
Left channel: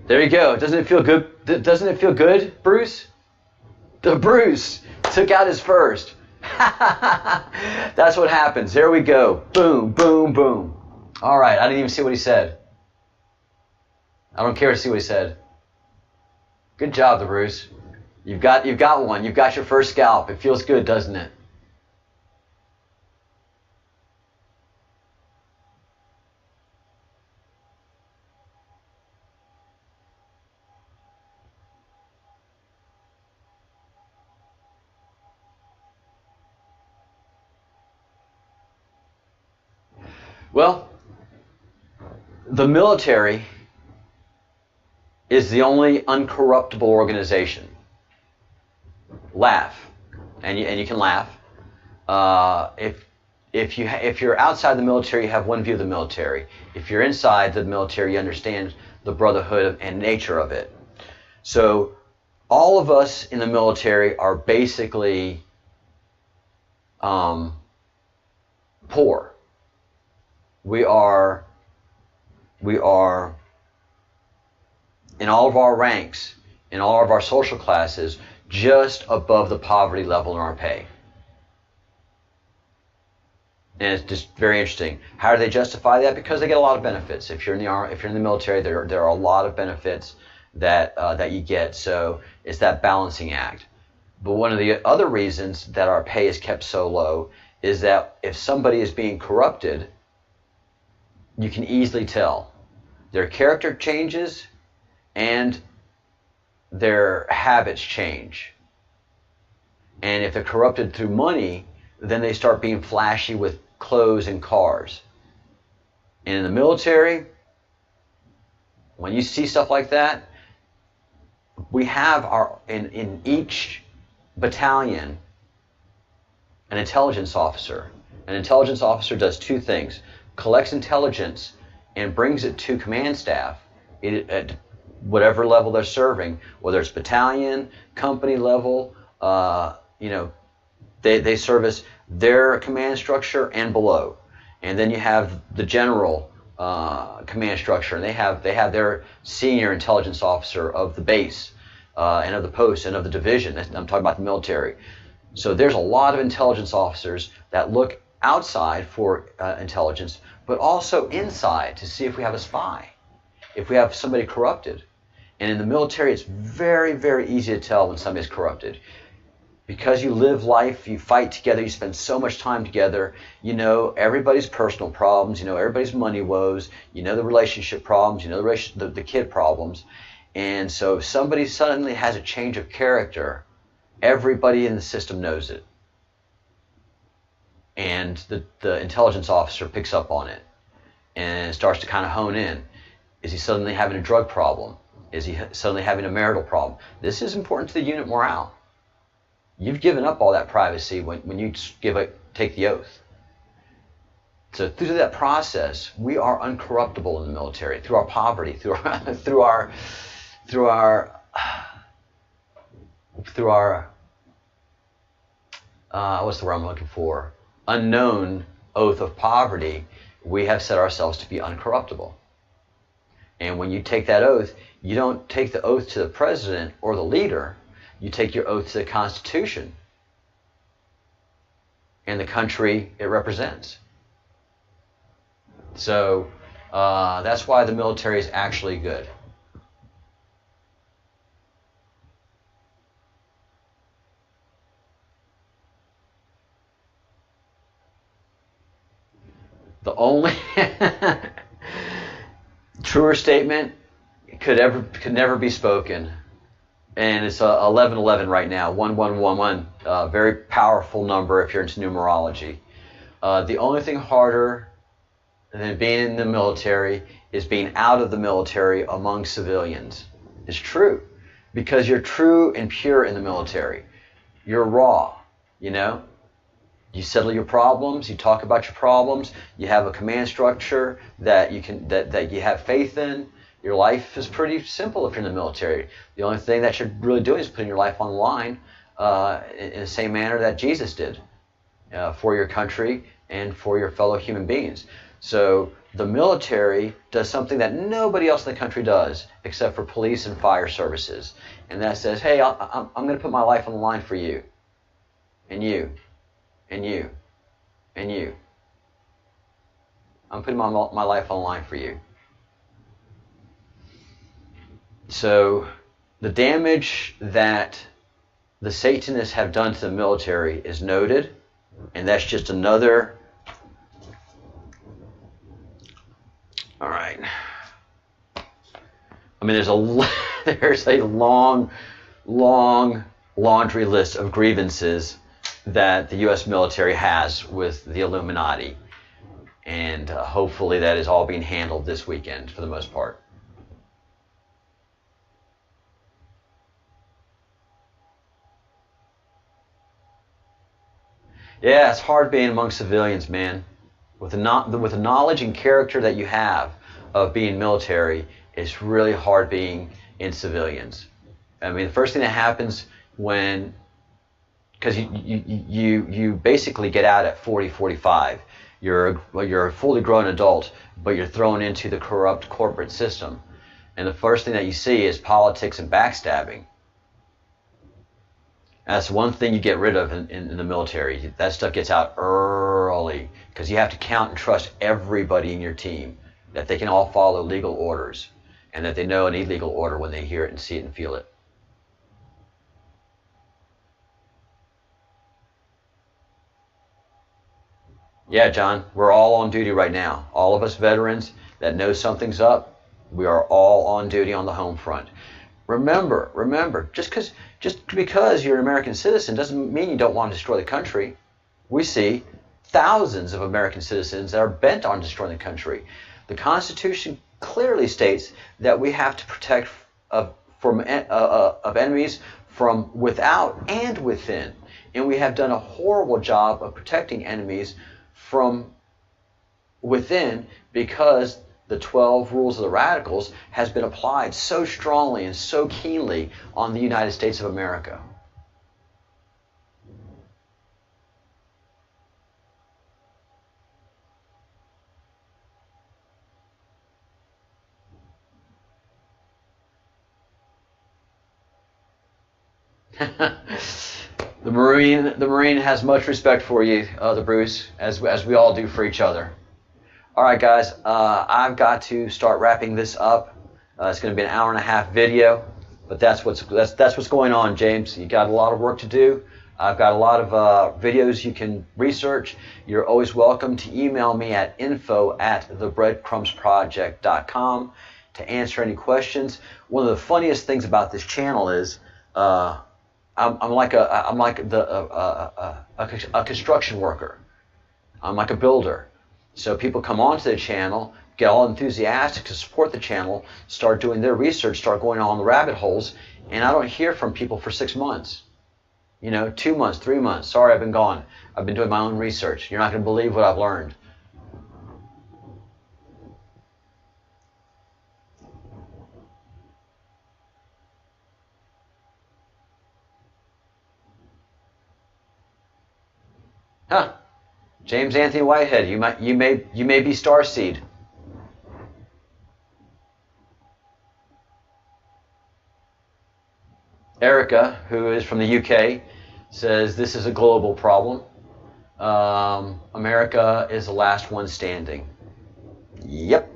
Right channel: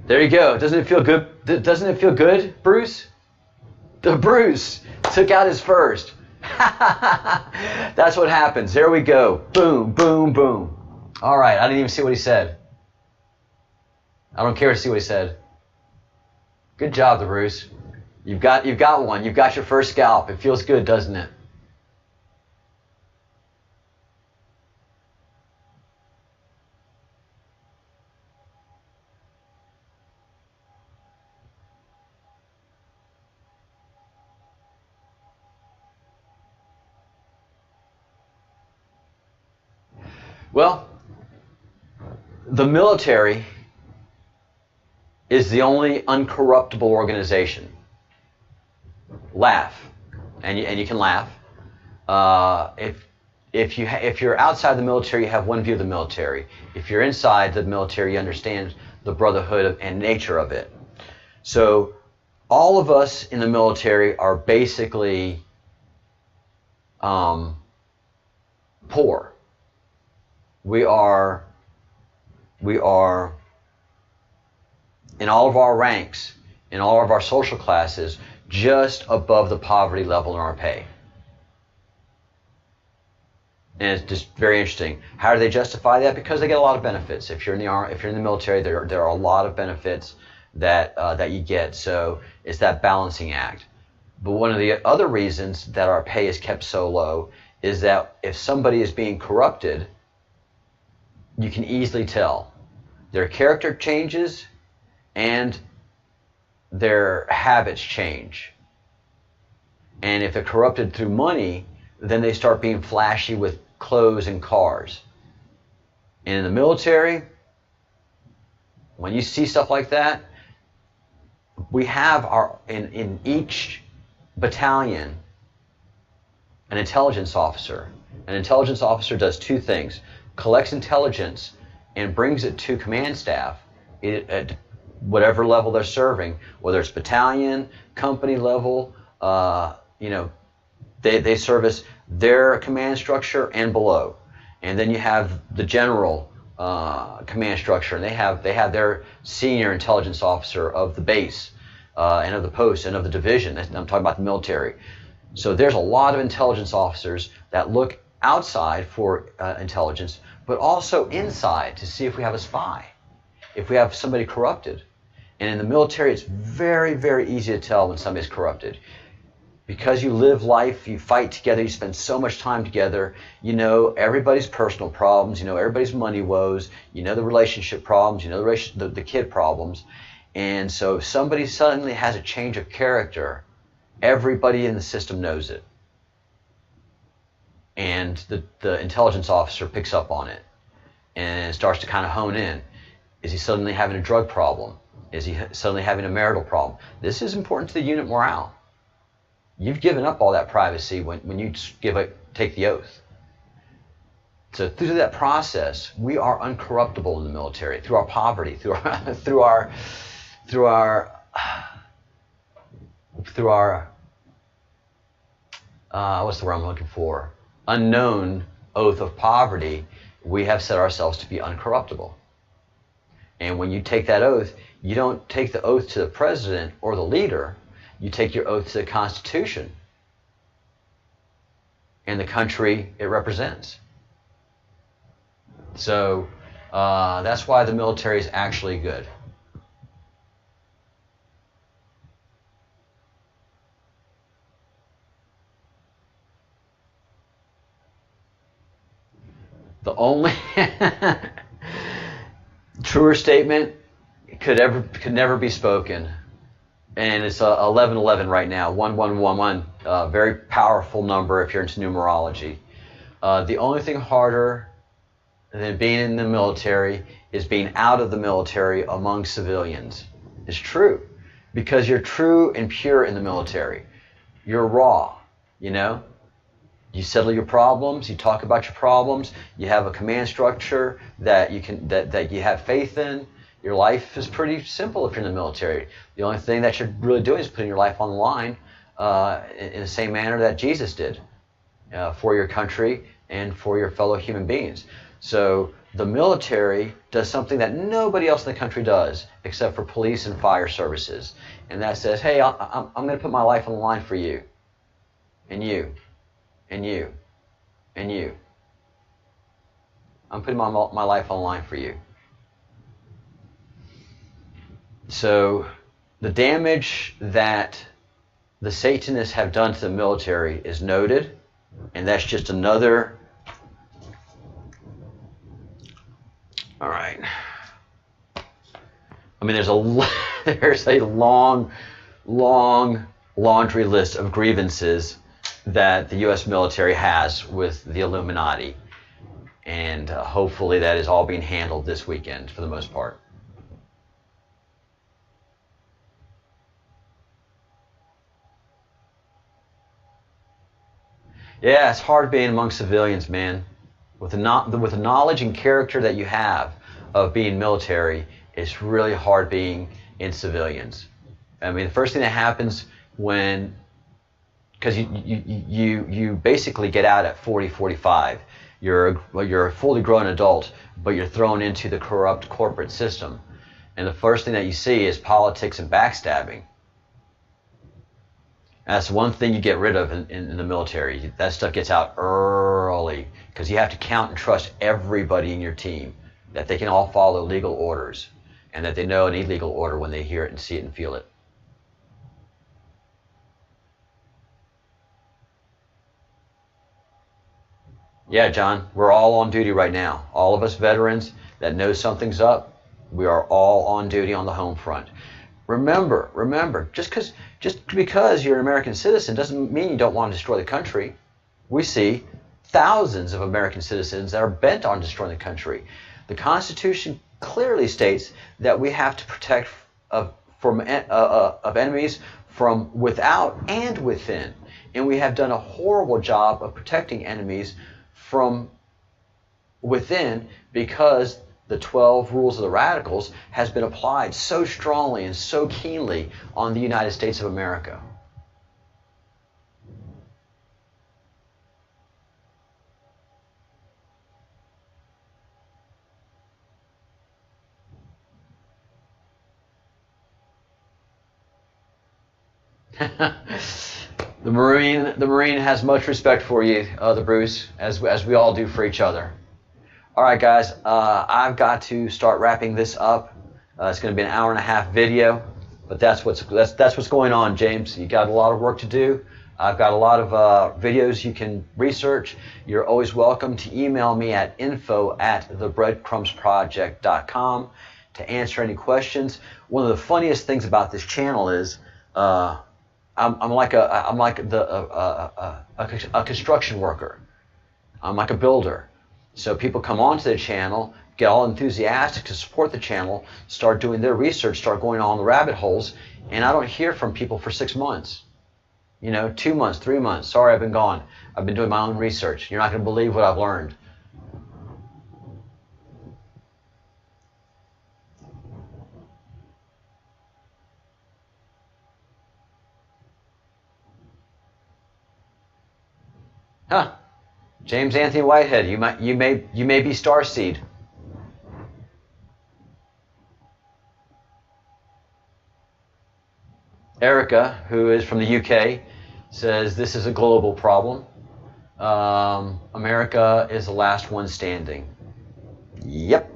There you go. Doesn't it feel good? Doesn't it feel good, Bruce? The Bruce took out his first. That's what happens. There we go. Boom, boom, boom. All right. I didn't even see what he said. I don't care to see what he said. Good job, the Bruce. You've got one. You've got your first scalp. It feels good, doesn't it? Well, the military is the only uncorruptible organization. Laugh, and you can laugh. If you're outside the military, you have one view of the military. If you're inside the military, you understand the brotherhood and nature of it. So all of us in the military are basically poor. We are in all of our ranks, in all of our social classes, just above the poverty level in our pay. And it's just very interesting. How do they justify that? Because they get a lot of benefits. If you're in the army, if you're in the military, there are a lot of benefits that you get. So it's that balancing act. But one of the other reasons that our pay is kept so low is that if somebody is being corrupted, you can easily tell. Their character changes and their habits change. And if they're corrupted through money, then they start being flashy with clothes and cars. And in the military, when you see stuff like that, we have in each battalion an intelligence officer. An intelligence officer does two things: collects intelligence and brings it to command staff, at whatever level they're serving, whether it's battalion, company level, they service their command structure and below. And then you have the general command structure, and they have their senior intelligence officer of the base and of the post and of the division. I'm talking about the military. So there's a lot of intelligence officers that look outside for intelligence, but also inside to see if we have a spy, if we have somebody corrupted. And in the military, it's very, very easy to tell when somebody's corrupted. Because you live life, you fight together, you spend so much time together, you know everybody's personal problems, you know everybody's money woes, you know the relationship problems, you know the kid problems. And so if somebody suddenly has a change of character, everybody in the system knows it. And the intelligence officer picks up on it and starts to kind of hone in. Is he suddenly having a drug problem? Is he suddenly having a marital problem? This is important to the unit morale. You've given up all that privacy when you take the oath. So through that process, we are uncorruptible in the military through our poverty, through our what's the word I'm looking for? Unknown oath of poverty. We have set ourselves to be uncorruptible. And when you take that oath, you don't take the oath to the president or the leader. You take your oath to the Constitution and the country it represents. So that's why the military is actually good. The only truer statement could never be spoken. And it's 1111 right now, 1111, very powerful number if you're into numerology. The only thing harder than being in the military is being out of the military among civilians. It's true, because you're true and pure in the military. You're raw, you know? You settle your problems, you talk about your problems, you have a command structure that you have faith in. Your life is pretty simple if you're in the military. The only thing that you're really doing is putting your life on the line in the same manner that Jesus did for your country and for your fellow human beings. So the military does something that nobody else in the country does except for police and fire services. And that says, hey, I'm going to put my life on the line for you, and you, and you, and you. I'm putting my life on the line for you. So the damage that the Satanists have done to the military is noted, and that's just another. All right. I mean, there's a long laundry list of grievances that the U.S. military has with the Illuminati, and hopefully that is all being handled this weekend for the most part. Yeah, it's hard being among civilians, man. With the knowledge and character that you have of being military, it's really hard being in civilians. I mean, the first thing that happens because you basically get out at 40, 45. You're a fully grown adult, but you're thrown into the corrupt corporate system. And the first thing that you see is politics and backstabbing. That's one thing you get rid of in the military. That stuff gets out early because you have to count and trust everybody in your team, that they can all follow legal orders and that they know an illegal order when they hear it and see it and feel it. Yeah, John, we're all on duty right now. All of us veterans that know something's up, we are all on duty on the home front. Remember, just because you're an American citizen doesn't mean you don't want to destroy the country. We see thousands of American citizens that are bent on destroying the country. The Constitution clearly states that we have to protect of enemies from without and within. And we have done a horrible job of protecting enemies from within because the 12 rules of the radicals has been applied so strongly and so keenly on the United States of America. The Marine has much respect for you, the Bruce, as we all do for each other. All right, guys, I've got to start wrapping this up. It's going to be an hour-and-a-half video, but that's what's going on, James. You got a lot of work to do. I've got a lot of videos you can research. You're always welcome to email me at info@thebreadcrumbsproject.com to answer any questions. One of the funniest things about this channel is I'm like a construction worker. I'm like a builder. So people come onto the channel, get all enthusiastic to support the channel, start doing their research, start going on the rabbit holes, and I don't hear from people for 6 months. 2 months, 3 months. Sorry, I've been gone. I've been doing my own research. You're not going to believe what I've learned. Huh. James Anthony Whitehead, you may be starseed. Erica, who is from the UK, says this is a global problem. America is the last one standing. Yep.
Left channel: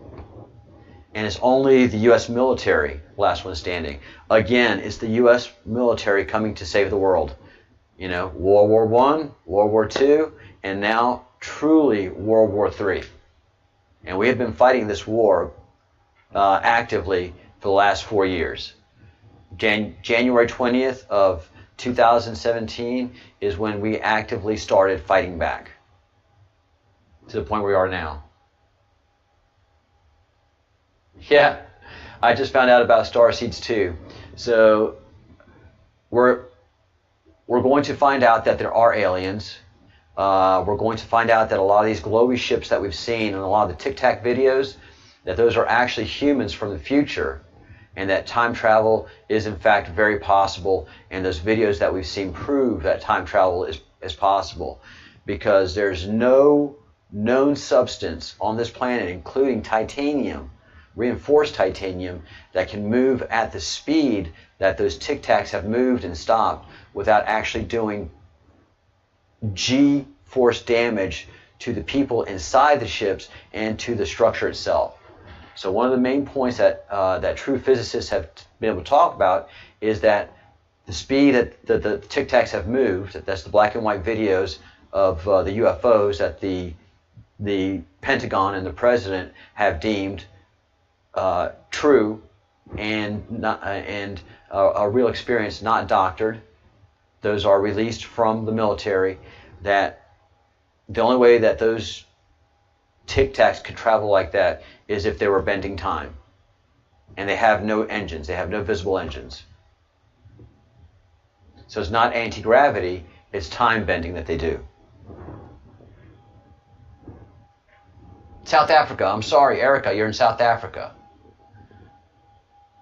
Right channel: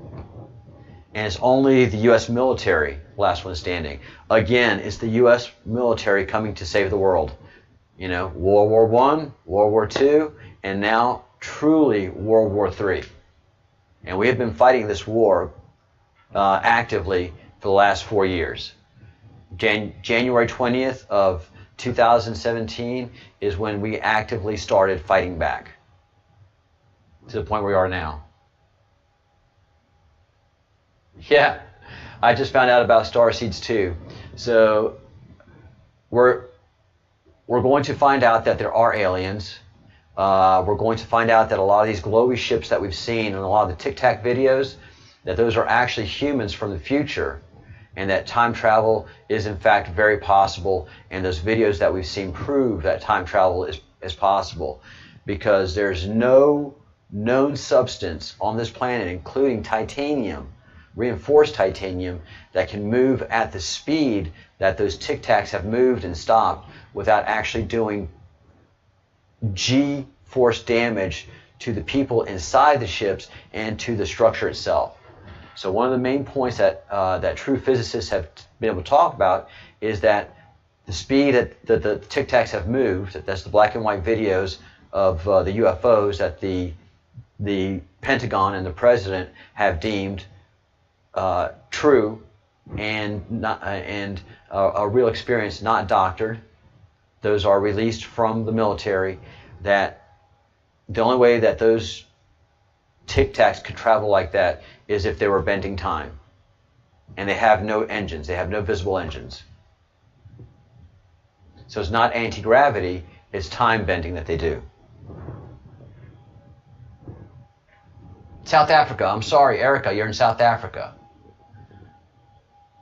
And it's only the U.S. military last one standing. Again, it's the U.S. military coming to save the world. World War I, World War II, and now truly World War III. And we have been fighting this war actively for the last 4 years. January 20th of 2017 is when we actively started fighting back to the point where we are now. Yeah, I just found out about starseeds too. So we're going to find out that there are aliens. We're going to find out that a lot of these glowy ships that we've seen in a lot of the Tic Tac videos, that those are actually humans from the future, and that time travel is in fact very possible, and those videos that we've seen prove that time travel is possible, because there's no known substance on this planet, including titanium, reinforced titanium, that can move at the speed that those Tic Tacs have moved and stopped without actually doing G-force damage to the people inside the ships and to the structure itself. So one of the main points that true physicists have been able to talk about is that the speed that the Tic Tacs have moved, that's the black and white videos of the UFOs that the Pentagon and the President have deemed true and a real experience, not doctored. Those are released from the military. That the only way that those Tic Tacs could travel like that is if they were bending time. And they have no engines. They have no visible engines. So it's not anti-gravity, it's time bending that they do. South Africa. I'm sorry, Erica, you're in South Africa.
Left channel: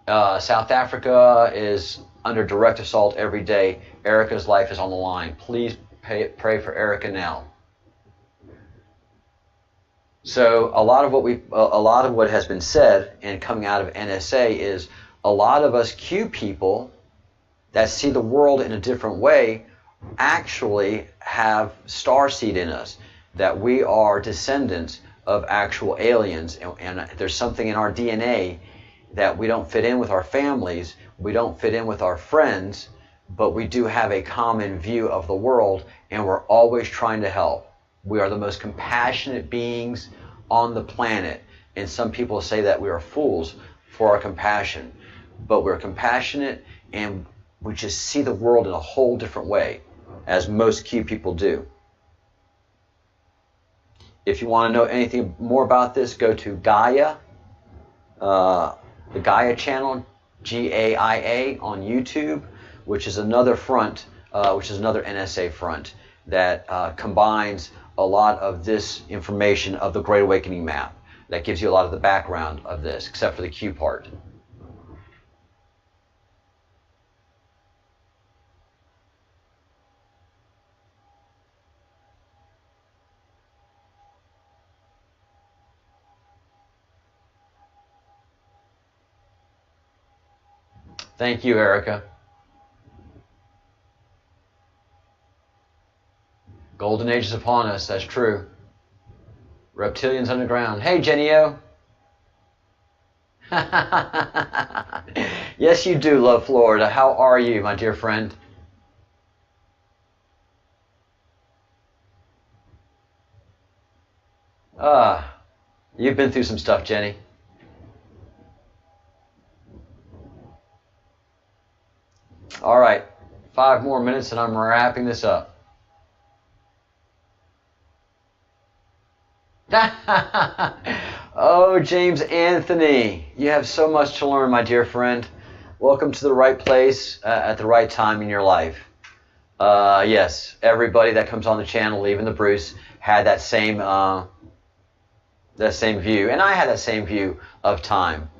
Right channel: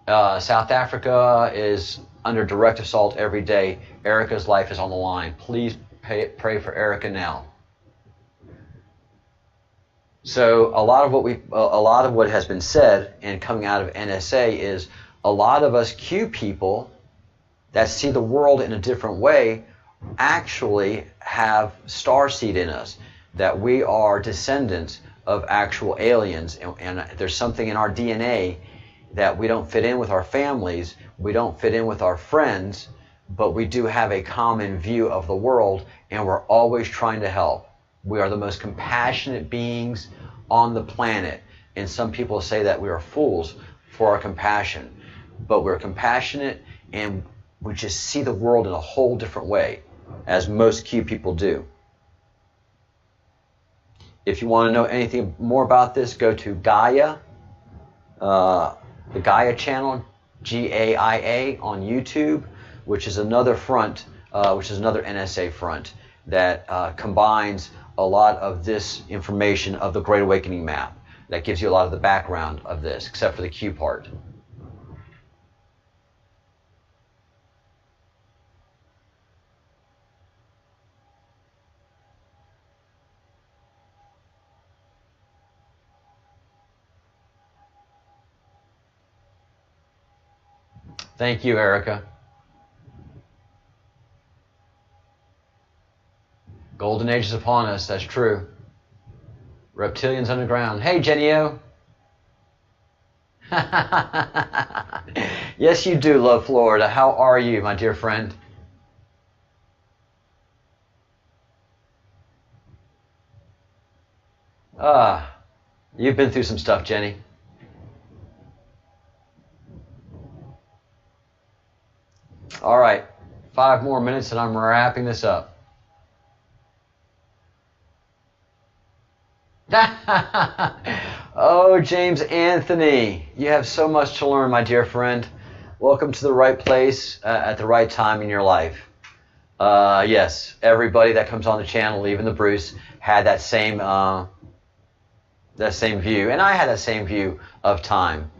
South Africa is under direct assault every day. Erica's life is on the line. Please pray for Erica now. So a lot of what has been said and coming out of NSA is a lot of us Q people that see the world in a different way actually have starseed in us, that we are descendants of actual aliens, and there's something in our DNA that we don't fit in with our families, we don't fit in with our friends, but we do have a common view of the world, and we're always trying to help. We are the most compassionate beings on the planet, and some people say that we are fools for our compassion, but we're compassionate and we just see the world in a whole different way, as most Q people do. If you want to know anything more about this, go to Gaia, the Gaia channel, Gaia on YouTube, which is another front, which is another NSA front that combines a lot of this information of the Great Awakening map. that gives you a lot of the background of this, except for the Q part. Thank you, Erica. Golden age is upon us, that's true. Reptilians underground. Hey, Jenny-O. Yes, you do love Florida. How are you, my dear friend? You've been through some stuff, Jenny. All right, 5 more minutes and I'm wrapping this up. Oh, James Anthony, you have so much to learn, my dear friend. Welcome to the right place at the right time in your life. Yes, everybody that comes on the channel, even the Bruce, had that same view, and I had that same view of time.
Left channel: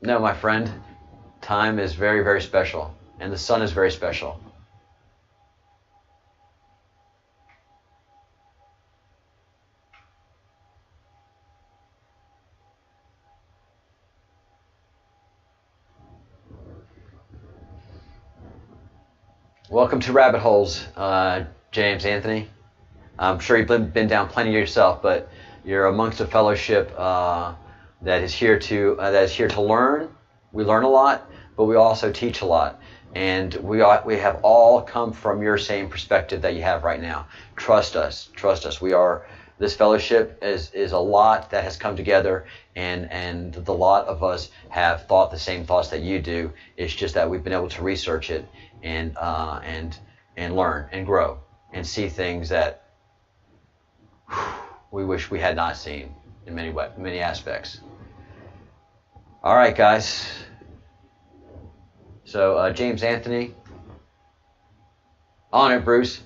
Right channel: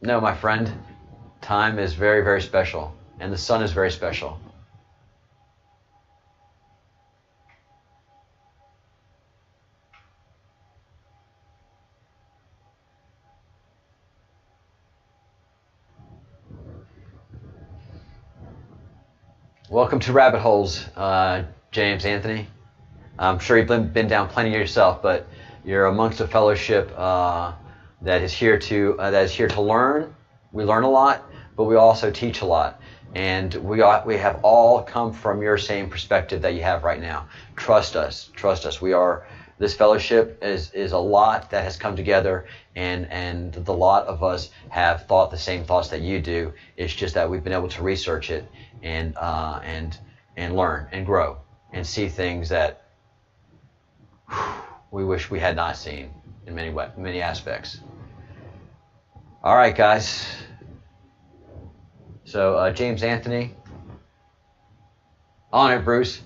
No, my friend, time is very, very special, and the sun is very special. Welcome to Rabbit Holes, James Anthony. I'm sure you've been down plenty yourself, but you're amongst a fellowship that is here to learn. We learn a lot, but we also teach a lot, and we have all come from your same perspective that you have right now. Trust us. This fellowship is a lot that has come together, and the lot of us have thought the same thoughts that you do. It's just that we've been able to research it and learn and grow and see things that we wish we had not seen in many aspects. All right, guys. So James Anthony, on it, Bruce.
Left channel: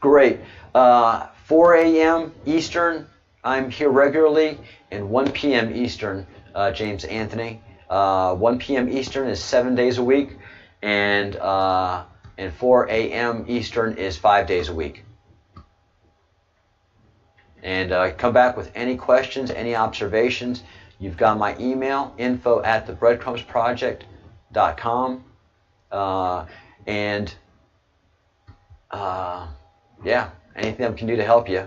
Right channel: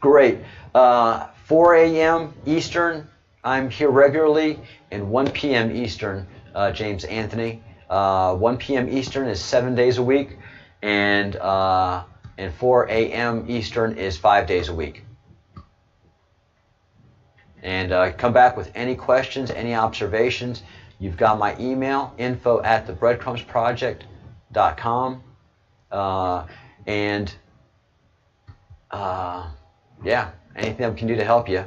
Great. 4 a.m. Eastern, I'm here regularly, and 1 p.m. Eastern, James Anthony. 1 p.m. Eastern is 7 days a week, and 4 a.m. Eastern is 5 days a week. And come back with any questions, any observations. You've got my email, info@thebreadcrumbsproject.com. Yeah, anything I can do to help you,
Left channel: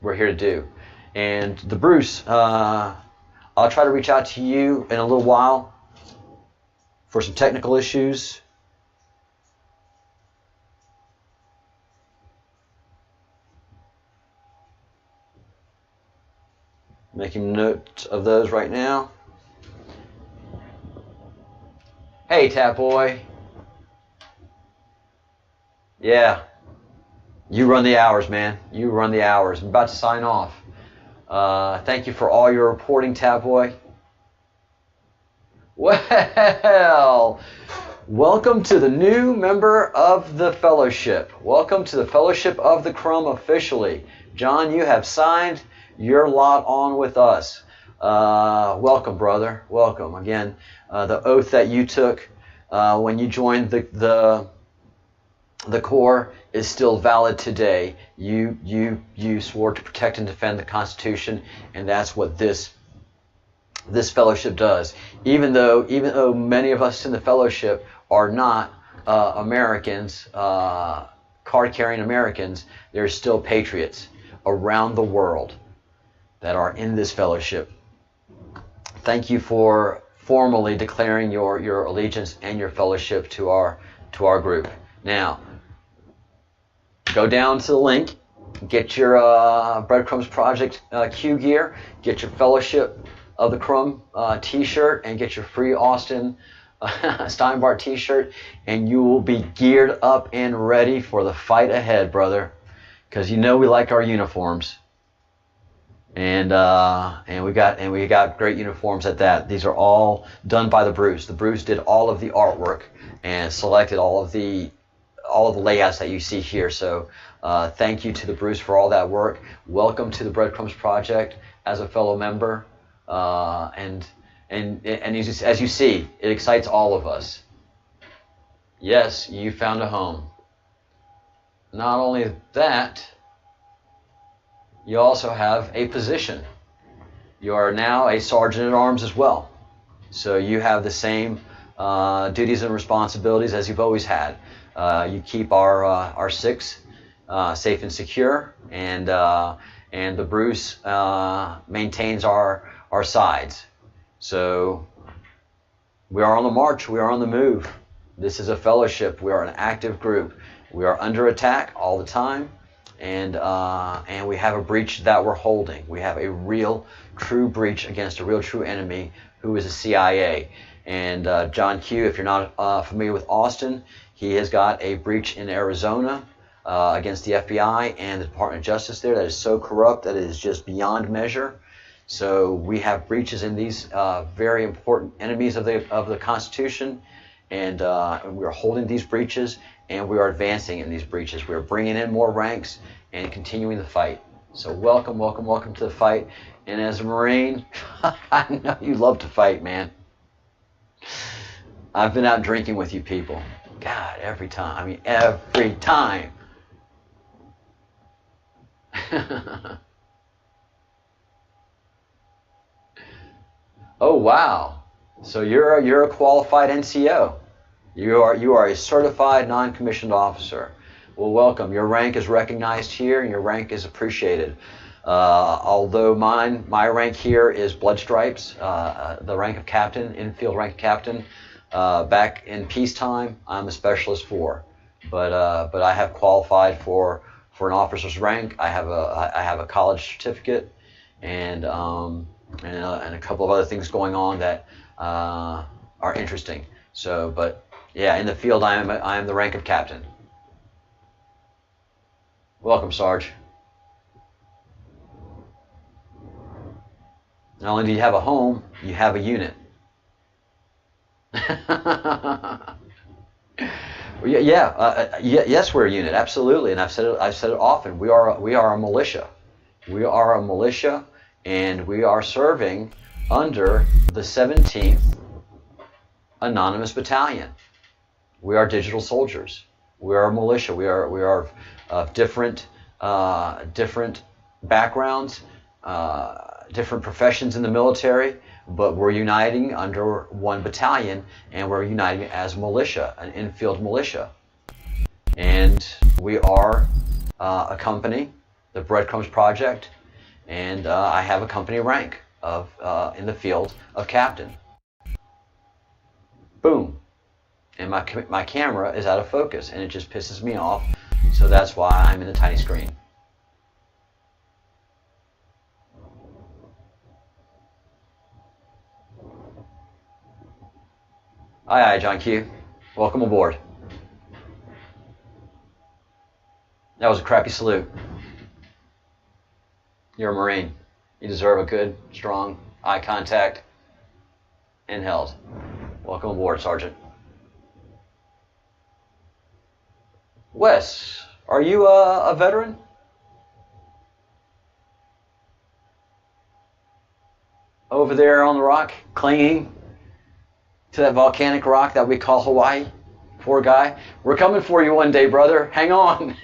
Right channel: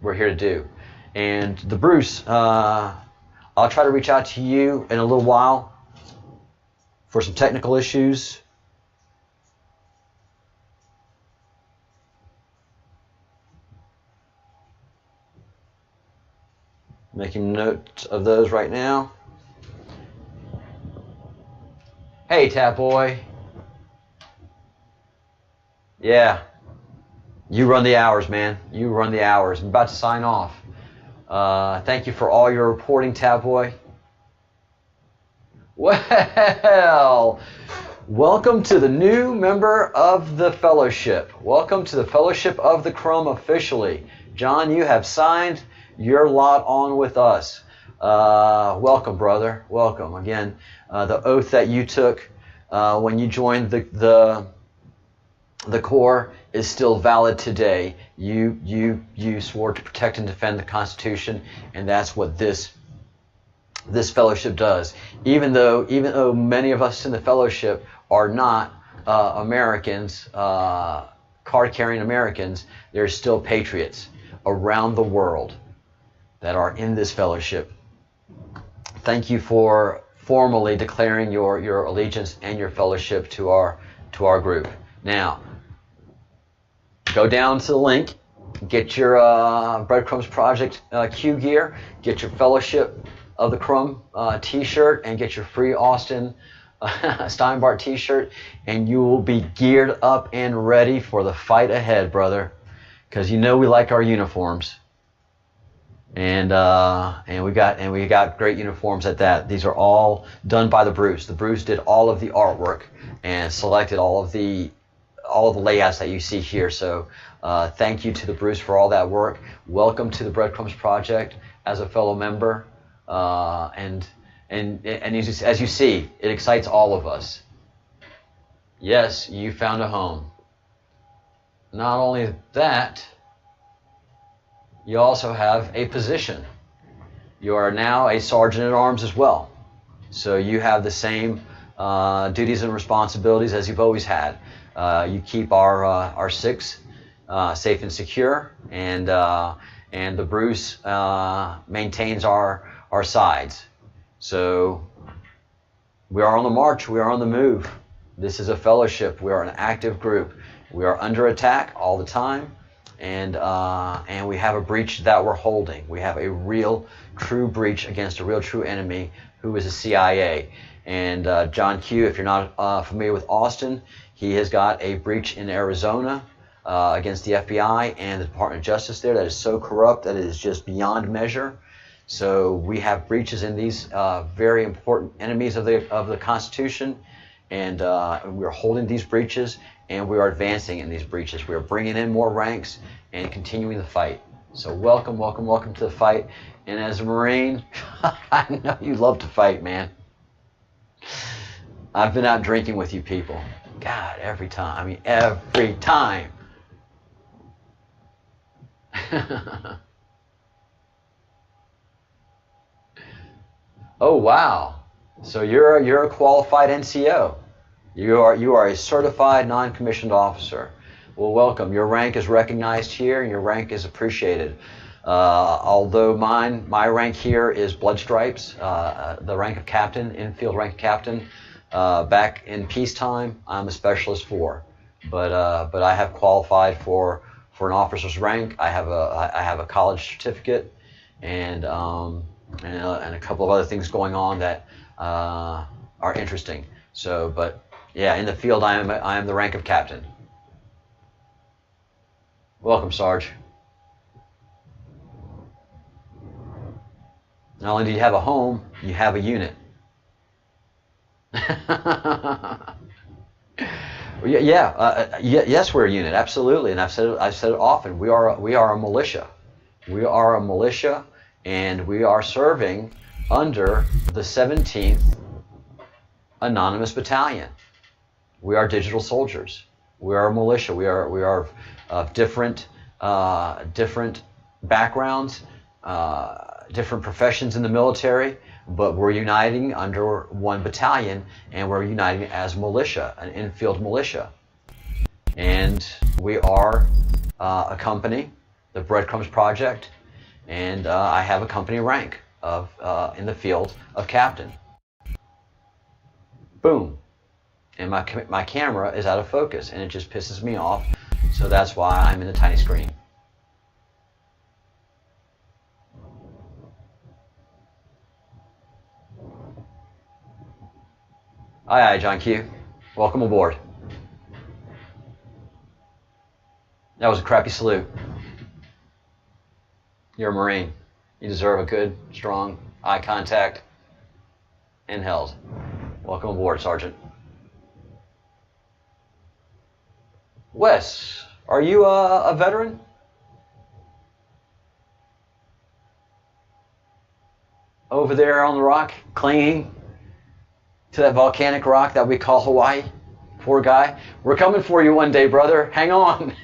we're here to do. And the Bruce, I'll try to reach out to you in a little while for some technical issues. Making note of those right now. Hey, Tat Boy. Yeah. You run the hours, man. You run the hours. I'm about to sign off. Thank you for all your reporting, Tat Boy. Well, welcome to the new member of the fellowship. Welcome to the Fellowship of the Crumb officially. John, you have signed your lot on with us. Welcome, brother. Welcome. Again, the oath that you took when you joined the Corps is still valid today. You swore to protect and defend the Constitution, and that's what this fellowship does. Even though many of us in the fellowship are not Americans, card-carrying Americans, there's still patriots around the world that are in this fellowship. Thank you for formally declaring your allegiance and your fellowship to our group. Now, go down to the link, get your Breadcrumbs Project Q gear, get your Fellowship of the Crumb t-shirt, and get your free Austin Steinbart t-shirt, and you will be geared up and ready for the fight ahead, brother. Because you know we like our uniforms. And we got great uniforms at that. These are all done by the Bruce. The Bruce did all of the artwork and selected all of the all of the layouts that you see here. So thank you to the Bruce for all that work. Welcome to the Breadcrumbs Project as a fellow member. And as you see, it excites all of us. Yes, you found a home. Not only that, you also have a position. You are now a sergeant at arms as well. So you have the same duties and responsibilities as you've always had. You keep our six safe and secure, and the Bruce maintains our sides. So we are on the march. We are on the move. This is a fellowship. We are an active group. We are under attack all the time, and we have a breach that we're holding. We have a real, true breach against a real, true enemy who is the CIA. And John Q, if you're not familiar with Austin, he has got a breach in Arizona against the FBI and the Department of Justice there that is so corrupt that it is just beyond measure. So we have breaches in these very important enemies of the Constitution, and we are holding these breaches, and we are advancing in these breaches. We are bringing in more ranks and continuing the fight. So welcome, welcome, welcome to the fight. And as a Marine, I know you love to fight, man. I've been out drinking with you people. God, every time. I mean, every time. Oh, wow. So you're a qualified NCO. You are a certified non-commissioned officer. Well, welcome. Your rank is recognized here, and your rank is appreciated. Although my rank here is blood stripes, the rank of captain, infield rank of captain. Back in peacetime, I'm a specialist 4, but I have qualified for an officer's rank. I have a college certificate, and a couple of other things going on that are interesting. So, but yeah, in the field, I am the rank of captain. Welcome, Sarge. Not only do you have a home, you have a unit. Yes, we're a unit, absolutely, and I've said it often. We are a militia. We are a militia, and we are serving under the 17th Anonymous Battalion. We are digital soldiers. We are a militia. We are of different backgrounds, different professions in the military, but we're uniting under one battalion, and we're uniting as militia, an infield militia. And we are a company, the Breadcrumbs Project, and I have a company rank of in the field of captain. Boom. And my camera is out of focus, and it just pisses me off, so that's why I'm in the tiny screen. Aye, aye, John Q. Welcome aboard. That was a crappy salute. You're a Marine. You deserve a good, strong eye contact and held. Welcome aboard, Sergeant. Wes, are you a veteran? Over there on the rock, clinging to that volcanic rock that we call Hawaii. Poor guy. We're coming for you one day, brother. Hang on.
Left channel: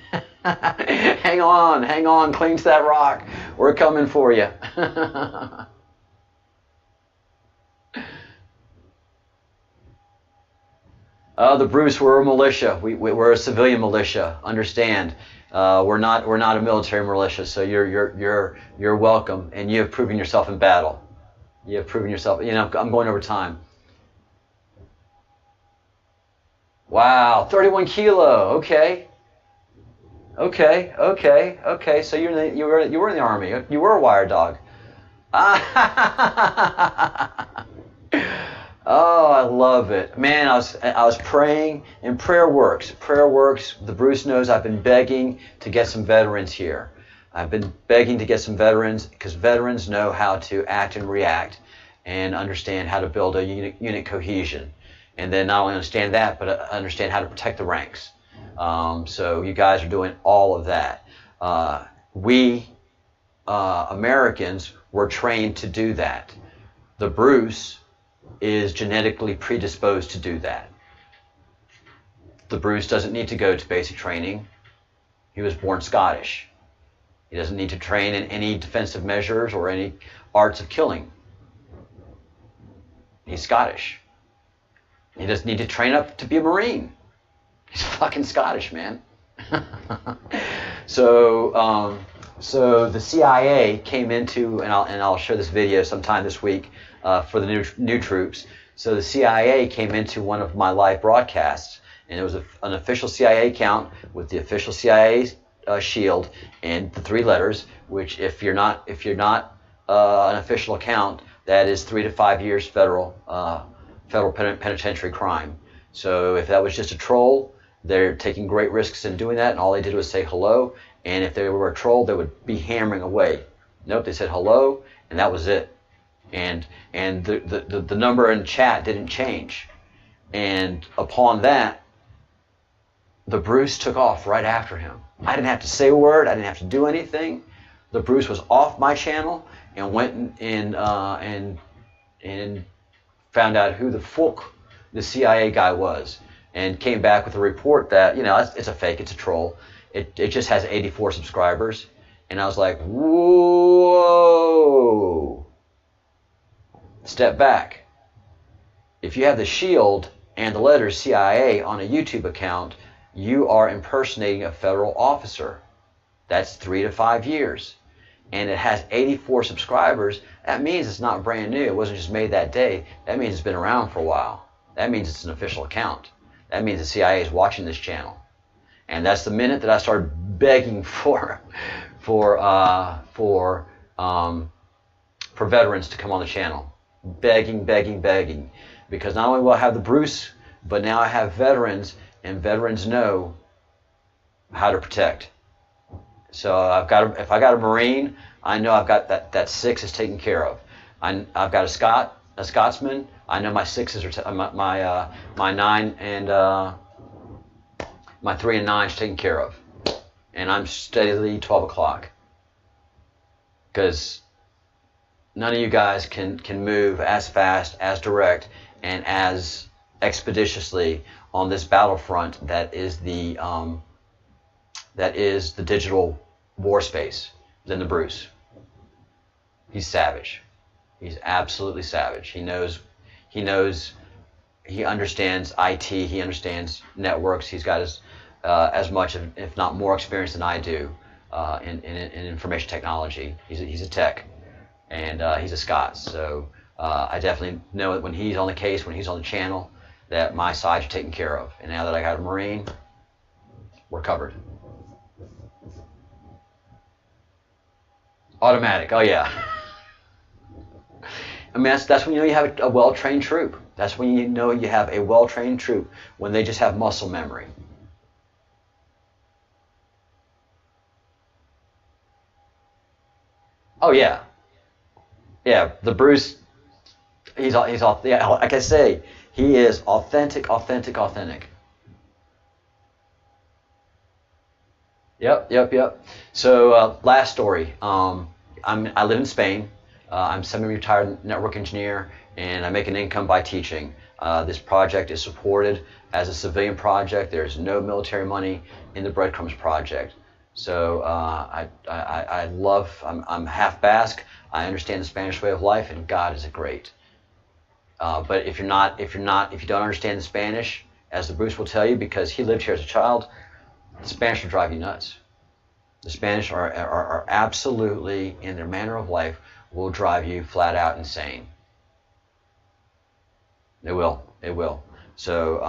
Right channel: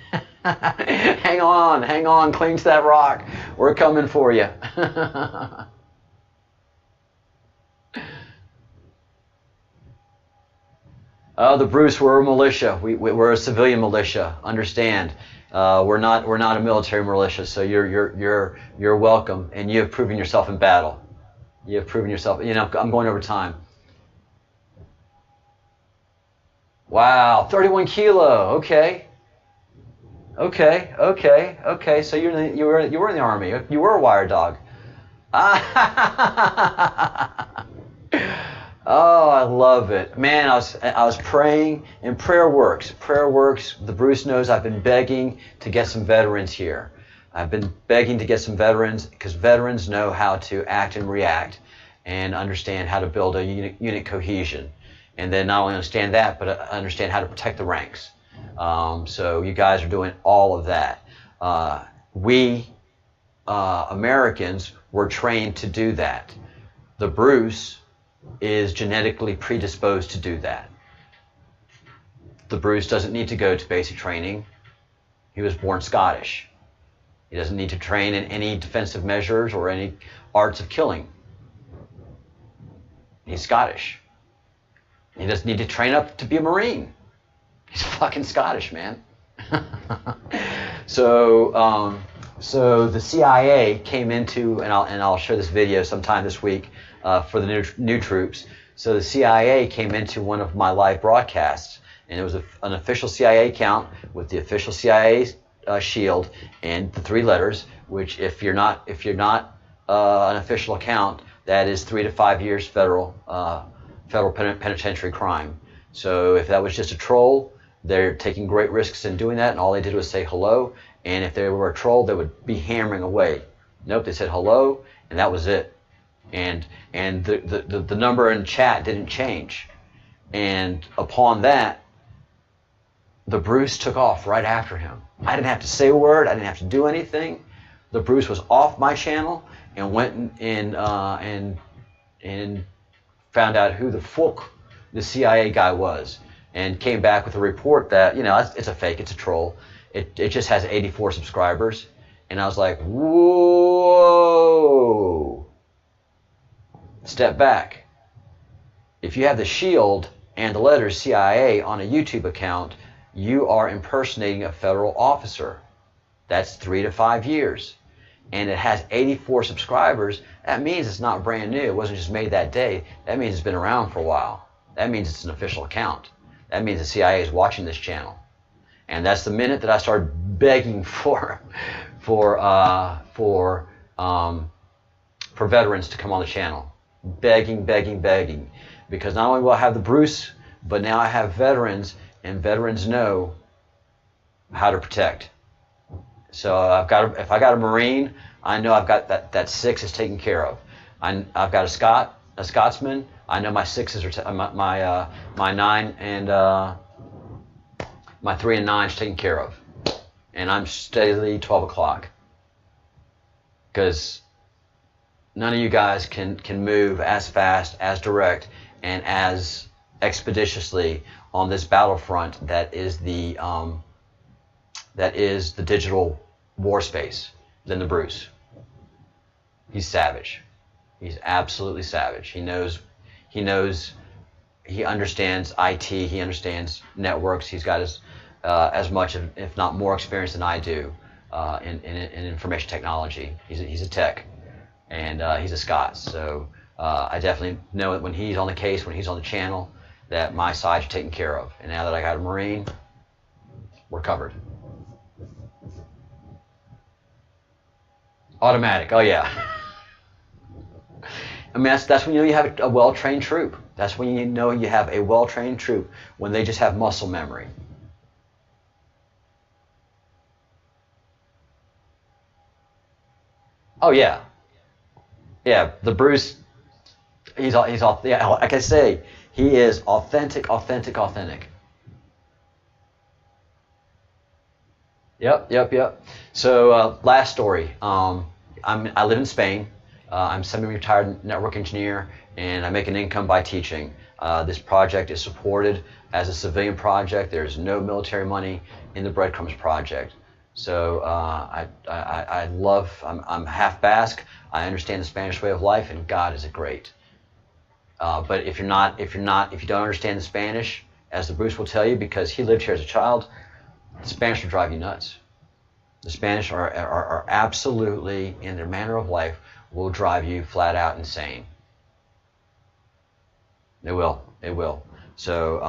Hang on. Cling to that rock. We're coming for you. The Bruce, we're a militia. We're a civilian militia. Understand? We're not a military militia. So you're welcome, and you have proven yourself in battle. You have proven yourself. You know, I'm going over time. Wow, 31 kilo. Okay. So you were in the Army. You were a wire dog. Oh, I love it, man. I was praying, and prayer works. Prayer works. The Bruce knows I've been begging to get some veterans here. I've been begging to get some veterans because veterans know how to act and react, and understand how to build a unit cohesion. And then not only understand that, but understand how to protect the ranks. So you guys are doing all of that. We Americans were trained to do that. The Bruce is genetically predisposed to do that. The Bruce doesn't need to go to basic training. He was born Scottish. He doesn't need to train in any defensive measures or any arts of killing. He's Scottish. He doesn't need to train up to be a Marine. He's fucking Scottish, man. So the CIA came into, and I'll show this video sometime this week for the new troops. So the CIA came into one of my live broadcasts, and it was an official CIA account with the official CIA shield and the 3 letters. Which, if you're not an official account, that is 3 to 5 years federal penitentiary crime. So if that was just a troll, they're taking great risks in doing that, and all they did was say hello. And if they were a troll, they would be hammering away. Nope, they said hello, and that was it. And the number in chat didn't change. And upon that, the Bruce took off right after him. I didn't have to say a word. I didn't have to do anything. The Bruce was off my channel and went and found out who the fuck the CIA guy was, and came back with a report that, you know, it's a fake, it's a troll. It just has 84 subscribers. And I was like, whoa. Step back. If you have the shield and the letters CIA on a YouTube account, you are impersonating a federal officer. That's 3 to 5 years. And it has 84 subscribers. That means it's not brand new. It wasn't just made that day. That means it's been around for a while. That means it's an official account. That means the CIA is watching this channel. And that's the minute that I started begging for veterans to come on the channel. Begging. Because not only will I have the Bruce, but now I have veterans, and veterans know how to protect. So if I got a Marine, I know I've got that 6 is taken care of. I've got a Scotsman. I know my 6s are my 9 and my 3 and 9 is taken care of, and I'm steadily 12 o'clock. Because none of you guys can move as fast, as direct, and as expeditiously on this battlefront that is the digital war space than the Bruce. He's savage. He's absolutely savage. He understands IT. He understands networks. He's got as much, if not more, experience than I do in information technology. He's a tech, and he's a Scot. So I definitely know that when he's on the case, when he's on the channel, that my sides are taken care of. And now that I got a Marine, we're covered. Automatic. Oh yeah. I mean, that's when you know you have a well-trained troop. That's when you know you have a well-trained troop, when they just have muscle memory. Oh yeah, yeah. The Bruce, he's yeah. Like I say, he is authentic. Yep. So last story. I live in Spain. I'm semi-retired network engineer, and I make an income by teaching. This project is supported as a civilian project. There's no military money in the Breadcrumbs project. So I'm half Basque. I understand the Spanish way of life, and God is great. But if you don't understand the Spanish, as the Bruce will tell you, because he lived here as a child, the Spanish will drive you nuts. The Spanish are absolutely, in their manner of life, will drive you flat out insane. They will. So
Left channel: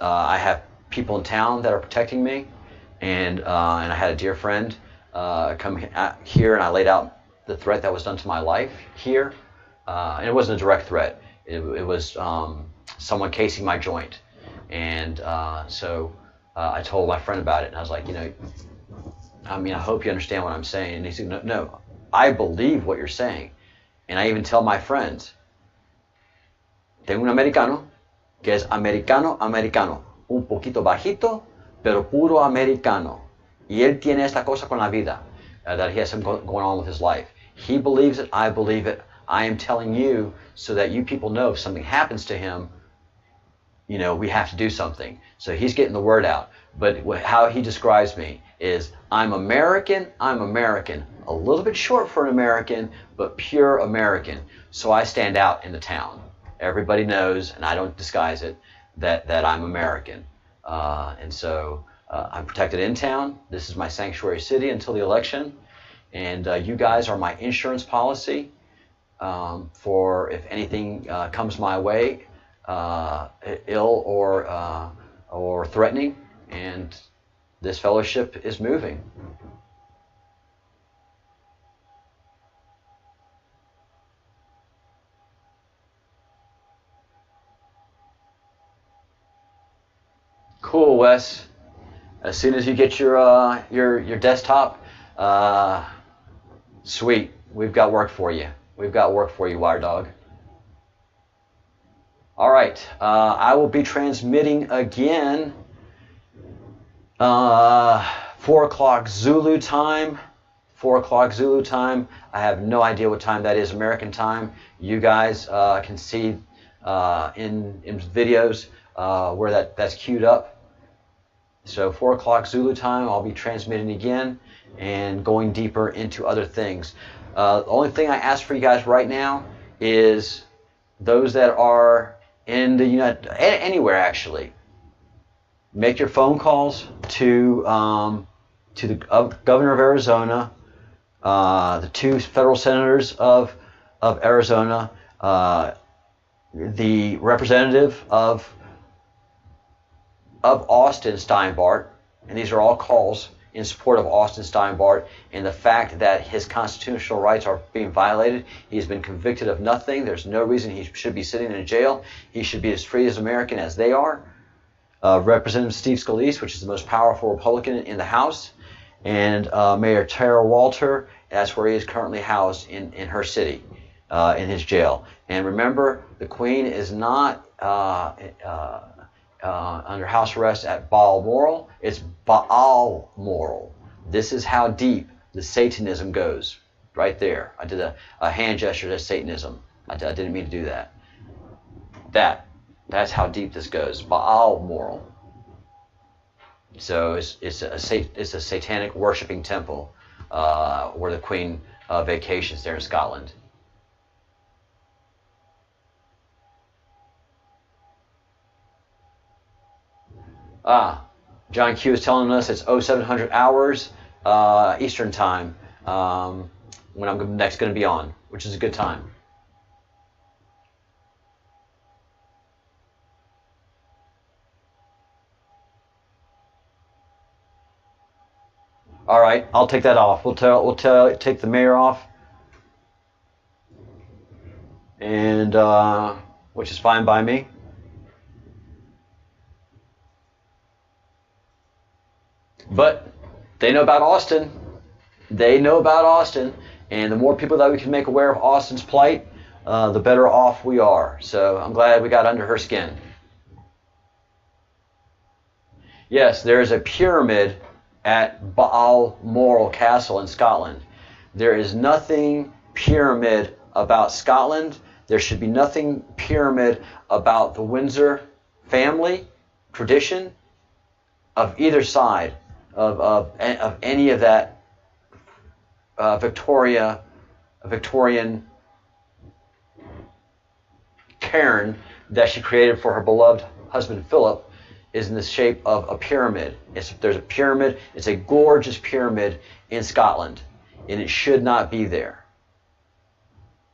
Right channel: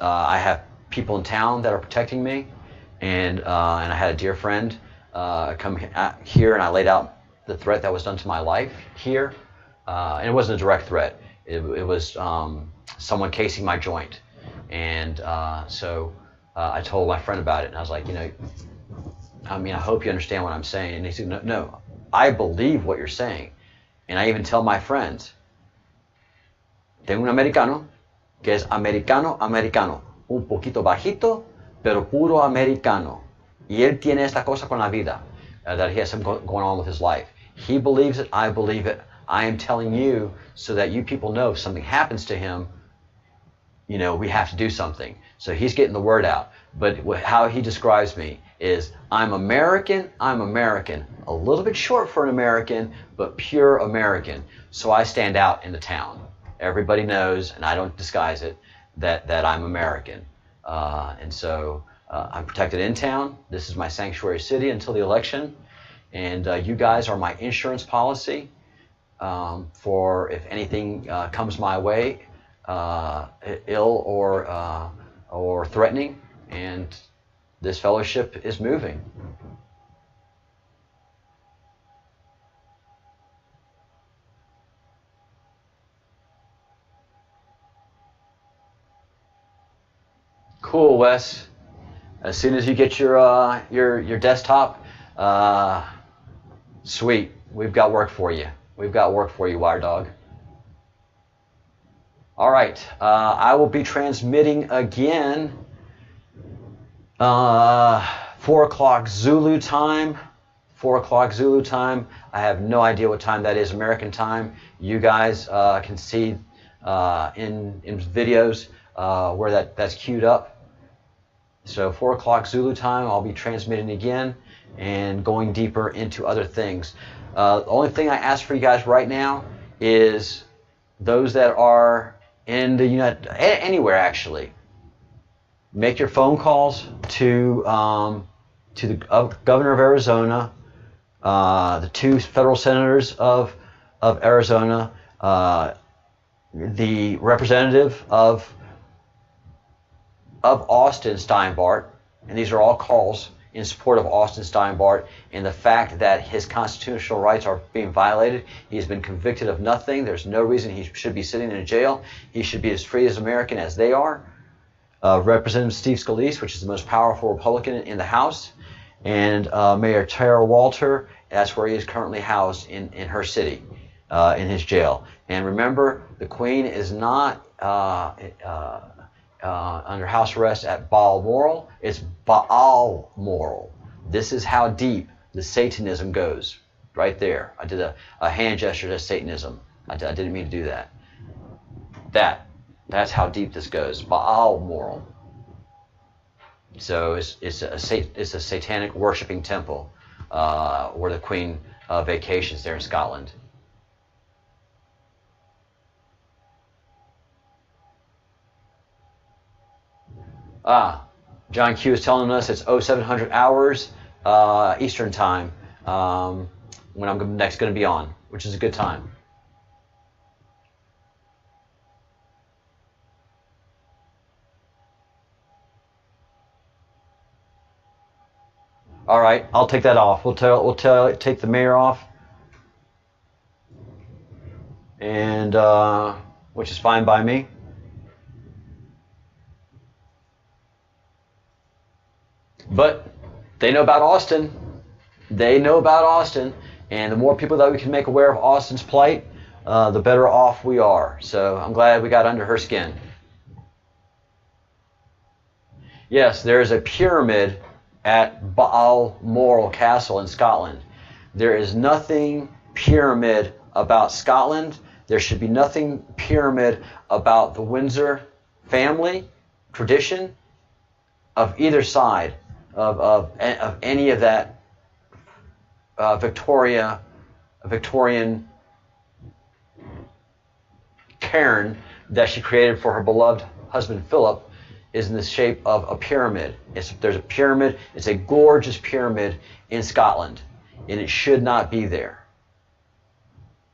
I have people in town that are protecting me, and I had a dear friend come here, and I laid out the threat that was done to my life here, and it wasn't a direct threat. It was someone casing my joint, and so I told my friend about it, and I was like, I hope you understand what I'm saying. And he said, no, I believe what you're saying. And I even tell my friends, tengo un americano que es americano, un poquito bajito, pero puro americano. Y él tiene esta cosa con la vida, that he has something going on with his life. He believes it, I believe it. I am telling you so that you people know if something happens to him, you know, we have to do something. So he's getting the word out. But how he describes me is, I'm American, a little bit short for an American, but pure American. So I stand out in the town. Everybody knows, and I don't disguise it, that I'm American. And so I'm protected in town. This is my sanctuary city until the election. And you guys are my insurance policy for if anything comes my way, ill or threatening. And this fellowship is moving. Cool, Wes. As soon as you get your desktop, sweet. We've got work for you. We've got work for you, Wire Dog. All right. I will be transmitting again 4 o'clock Zulu time. 4 o'clock Zulu time. I have no idea what time that is American time. You guys can see in videos where that's queued up. So 4 o'clock Zulu time, I'll be transmitting again and going deeper into other things. The only thing I ask for you guys right now is those that are in the anywhere actually, make your phone calls to the governor of Arizona, the 2 federal senators of Arizona, the representative of Austin Steinbart, and these are all calls in support of Austin Steinbart and the fact that his constitutional rights are being violated. He's been convicted of nothing. There's no reason he should be sitting in a jail. He should be as free as American as they are. Representative Steve Scalise, which is the most powerful Republican in the House, and Mayor Tara Walter, that's where he is currently housed in her city, in his jail. And remember, the Queen is not under house arrest at Balmoral. It's Balmoral. This is how deep the Satanism goes, right there. I did a hand gesture to Satanism. I didn't mean to do that. That's how deep this goes. Balmoral. So it's a satanic worshiping temple where the Queen vacations there in Scotland. John Q is telling us it's 0700 hours Eastern time when I'm next going to be on, which is a good time. All right, I'll take that off. We'll take the mayor off, and which is fine by me. But they know about Austin. They know about Austin, and the more people that we can make aware of Austin's plight, the better off we are. So I'm glad we got under her skin. Yes, there is a pyramid at Balmoral Castle in Scotland. There is nothing pyramid about Scotland. There should be nothing pyramid about the Windsor family tradition of either side of any of that Victorian cairn that she created for her beloved husband Philip is in the shape of a pyramid. There's a pyramid. It's a gorgeous pyramid in Scotland, and it should not be there.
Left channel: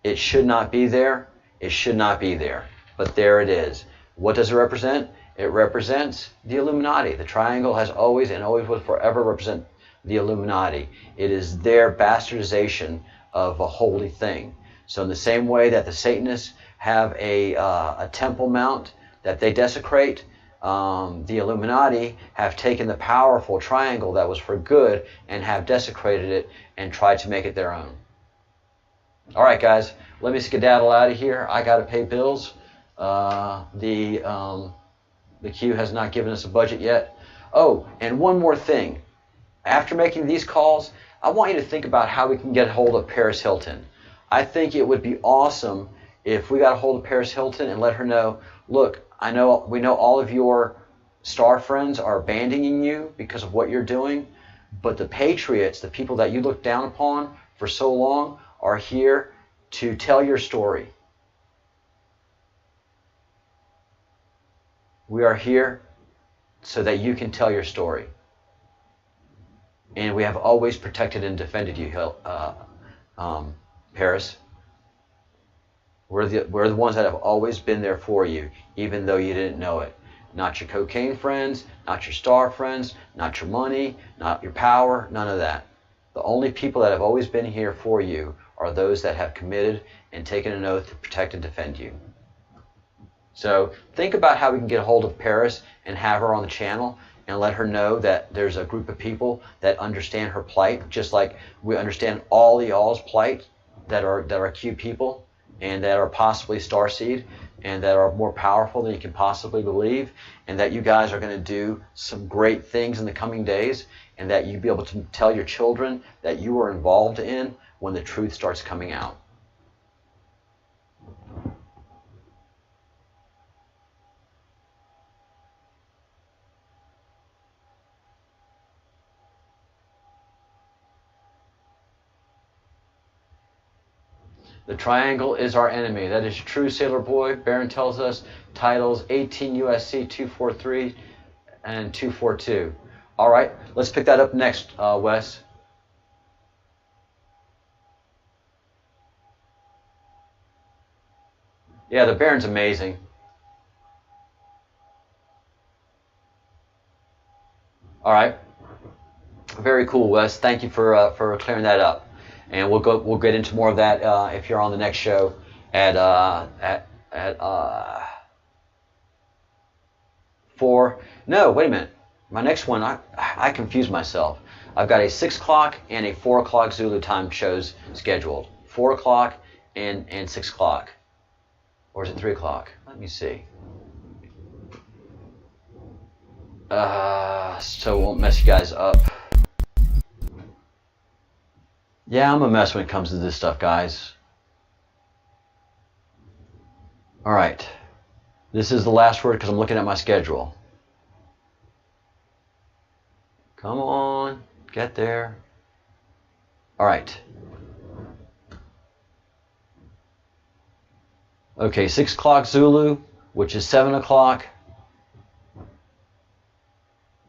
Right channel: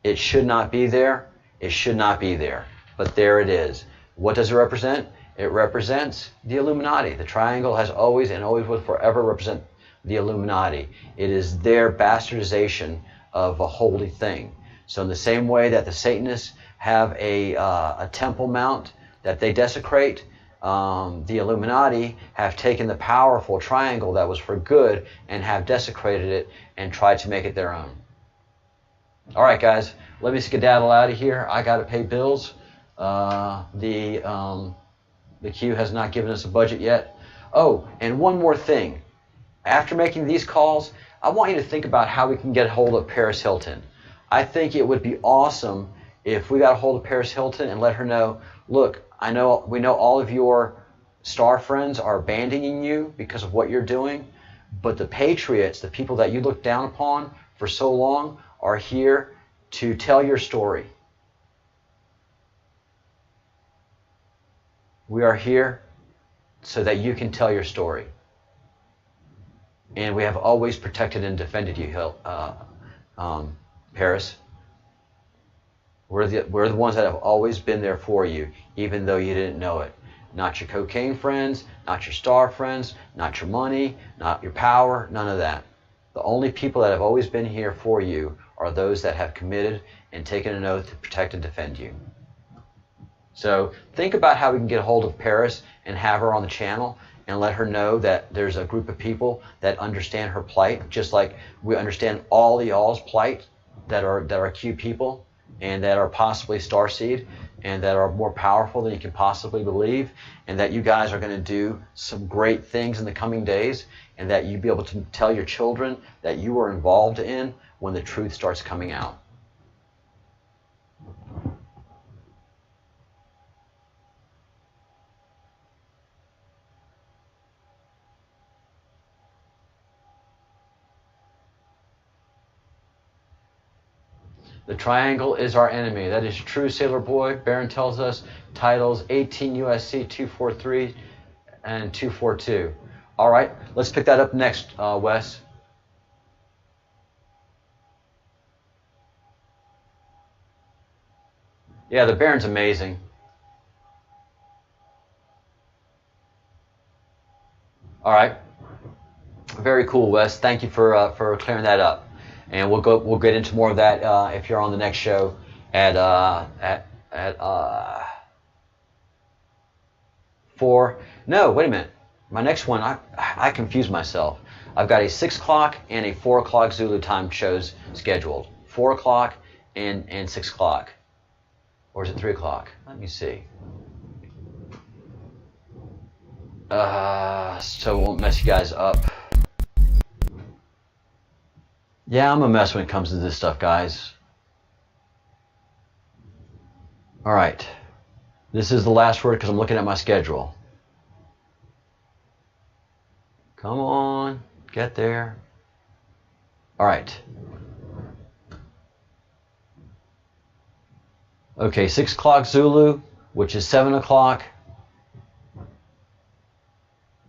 It should not be there. It should not be there. But there it is. What does it represent? It represents the Illuminati. The triangle has always and always will forever represent the Illuminati. It is their bastardization of a holy thing. So in the same way that the Satanists have a Temple Mount that they desecrate, the Illuminati have taken the powerful triangle that was for good and have desecrated it and tried to make it their own. All right, guys, let me skedaddle out of here. I got to pay bills. The Q has not given us a budget yet. Oh, and one more thing. After making these calls, I want you to think about how we can get a hold of Paris Hilton. I think it would be awesome if we got a hold of Paris Hilton and let her know, look, we know all of your star friends are abandoning you because of what you're doing, but the patriots, the people that you looked down upon for so long, are here to tell your story. We are here so that you can tell your story. And we have always protected and defended you, Paris. We're the ones that have always been there for you, even though you didn't know it. Not your cocaine friends, not your star friends, not your money, not your power, none of that. The only people that have always been here for you are those that have committed and taken an oath to protect and defend you. So think about how we can get a hold of Paris and have her on the channel and let her know that there's a group of people that understand her plight, just like we understand all y'all's plight that are Q people and that are possibly starseed and that are more powerful than you can possibly believe, and that you guys are going to do some great things in the coming days, and that you'll be able to tell your children that you were involved in when the truth starts coming out. The triangle is our enemy. That is true, Sailor Boy. Baron tells us titles 18 USC 243 and 242. All right, let's pick that up next, Wes. Yeah, the Baron's amazing. All right, very cool, Wes. Thank you for clearing that up. And we'll get into more of that if you're on the next show at 4. No, wait a minute. My next one, I confused myself. I've got a 6 o'clock and a 4 o'clock Zulu time shows scheduled. 4 o'clock and 6 o'clock. Or is it 3 o'clock? Let me see. So it won't mess you guys up. Yeah, I'm a mess when it comes to this stuff, guys. All right. This is the last word because I'm looking at my schedule. Come on. Get there. All right. Okay, 6 o'clock Zulu, which is 7 o'clock.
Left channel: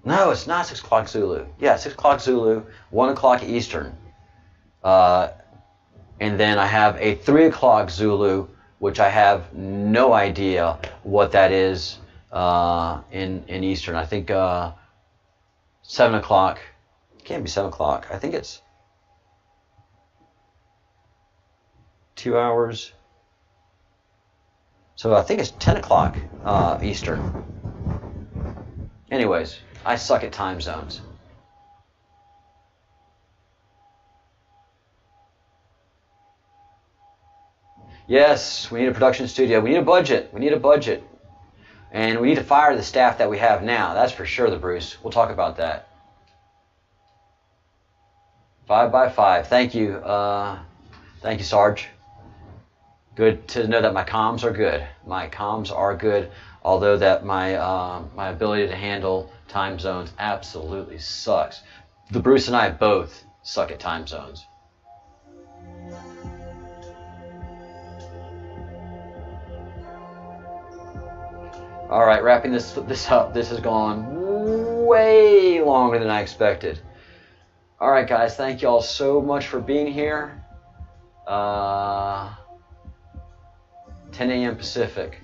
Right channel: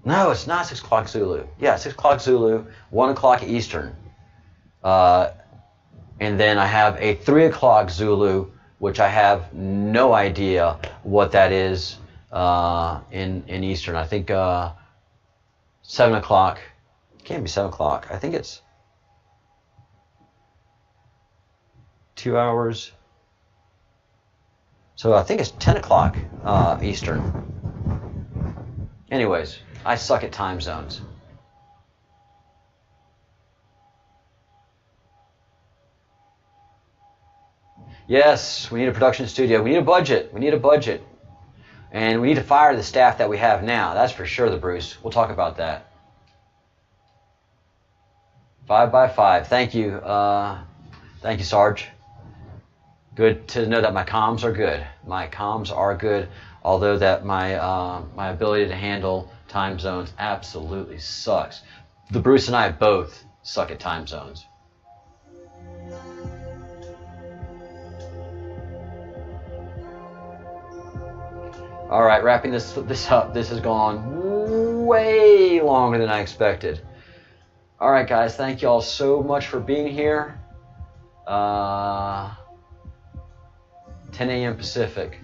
No, it's not 6 o'clock Zulu. Yeah, 6 o'clock Zulu, 1 o'clock Eastern. And then I have a 3 o'clock Zulu, which I have no idea what that is in Eastern. I think 7 o'clock. It can't be 7 o'clock. I think it's 2 hours. So I think it's 10 o'clock Eastern. Anyways, I suck at time zones. Yes, we need a production studio. We need a budget. We need a budget. And we need to fire the staff that we have now. That's for sure, the Bruce. We'll talk about that. 5 by 5. Thank you. Thank you, Sarge. Good to know that my comms are good. My comms are good, although that my ability to handle time zones absolutely sucks. The Bruce and I both suck at time zones. All right, wrapping this up. This has gone way longer than I expected. All right, guys, thank you all so much for being here. 10 a.m. Pacific.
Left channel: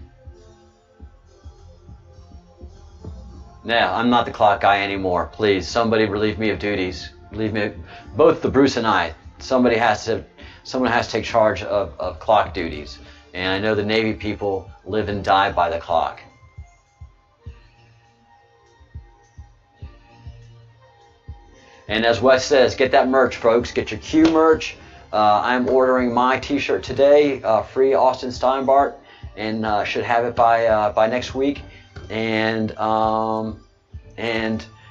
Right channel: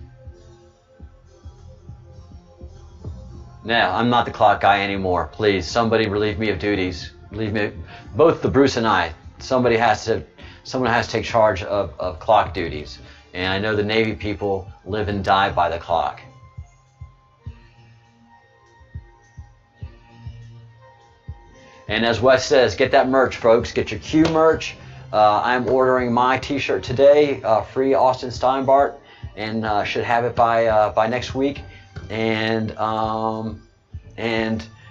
Now, I'm not the clock guy anymore. Please, somebody relieve me of duties. Relieve me, both the Bruce and I. Someone has to take charge of clock duties. And I know the Navy people live and die by the clock. And as Wes says, get that merch, folks. Get your Q merch. I'm ordering my T-shirt today, free Austin Steinbart, and should have it by next week. and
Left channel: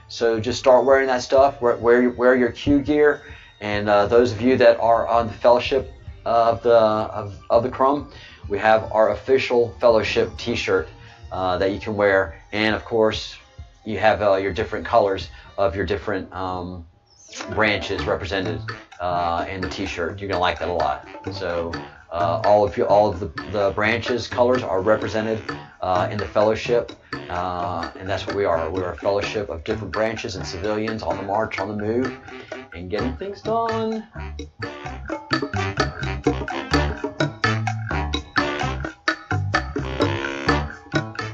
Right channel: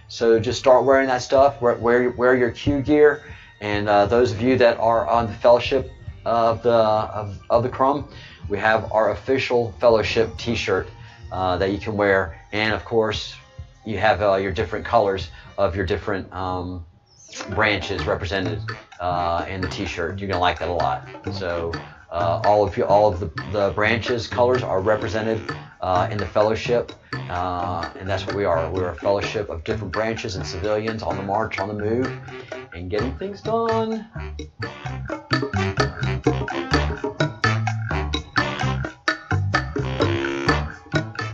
so just start wearing that stuff. Wear your Q gear. And those of you that are on the fellowship of the Crumb, we have our official fellowship T-shirt that you can wear, and of course you have your different colors of your different branches represented in the T-shirt. You're gonna like that a lot. So all of the branches colors are represented in the fellowship, and that's what we are. We're a fellowship of different branches and civilians on the march, on the move, and getting things done.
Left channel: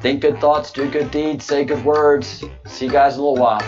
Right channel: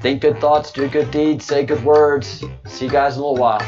Think good thoughts, do good deeds, say good words. See you guys in a little while.